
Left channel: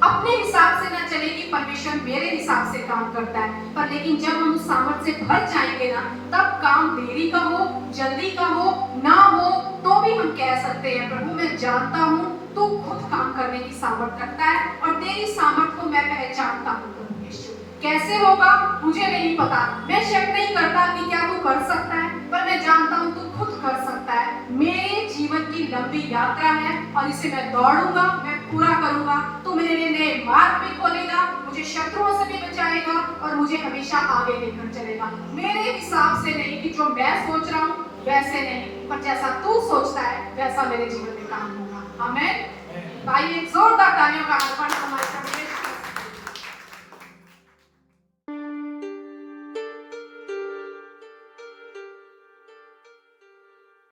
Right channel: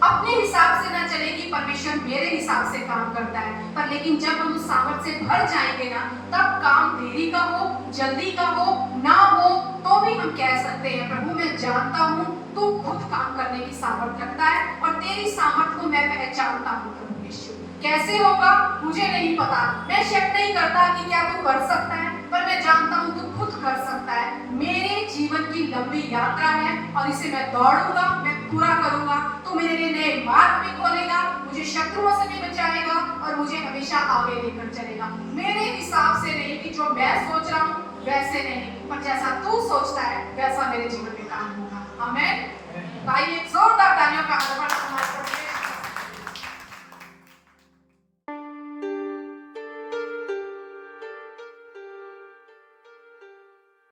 अपने हिसाब से ना चले कि परमेश्वर मेरे हिसाब से काम करता है, पर लेकिन जब हम उस सामर्थ से भर जाएंगे ना, तब काम देरी का हो, जल्दी का हो, ना हो, तो भी हम कह सकते हैं प्रभु मैं जानता हूँ तू खुद काम करने की सामर्थ रखता है, और तेरी सामर्थ को मैं पहचानता हूँ। प्रभु यीशु कैसे होगा मुझे नहीं पता, मैं शक नहीं करता कि क्या तू कर सकता है, पर मैं जानता हूँ तू खुद कर सकता है। मेरे जीवन की लंबी यात्रा है और इसे मैं दौड़ूंगा, मैं पूरा करूंगा। तू मेरे लिए नए मार्ग में खोलेगा, मुझे शत्रुओं से भी बचाएगा और मुझे हमेशा आगे लेकर चलेगा। मेरे हिसाब से नहीं कि जो मैं सोच रहा हूँ वैसे नहीं, पर जैसा तू सोचता है वैसा मेरे जीवन में काम होगा। आमीन। ताई एक जोरदार तालियों का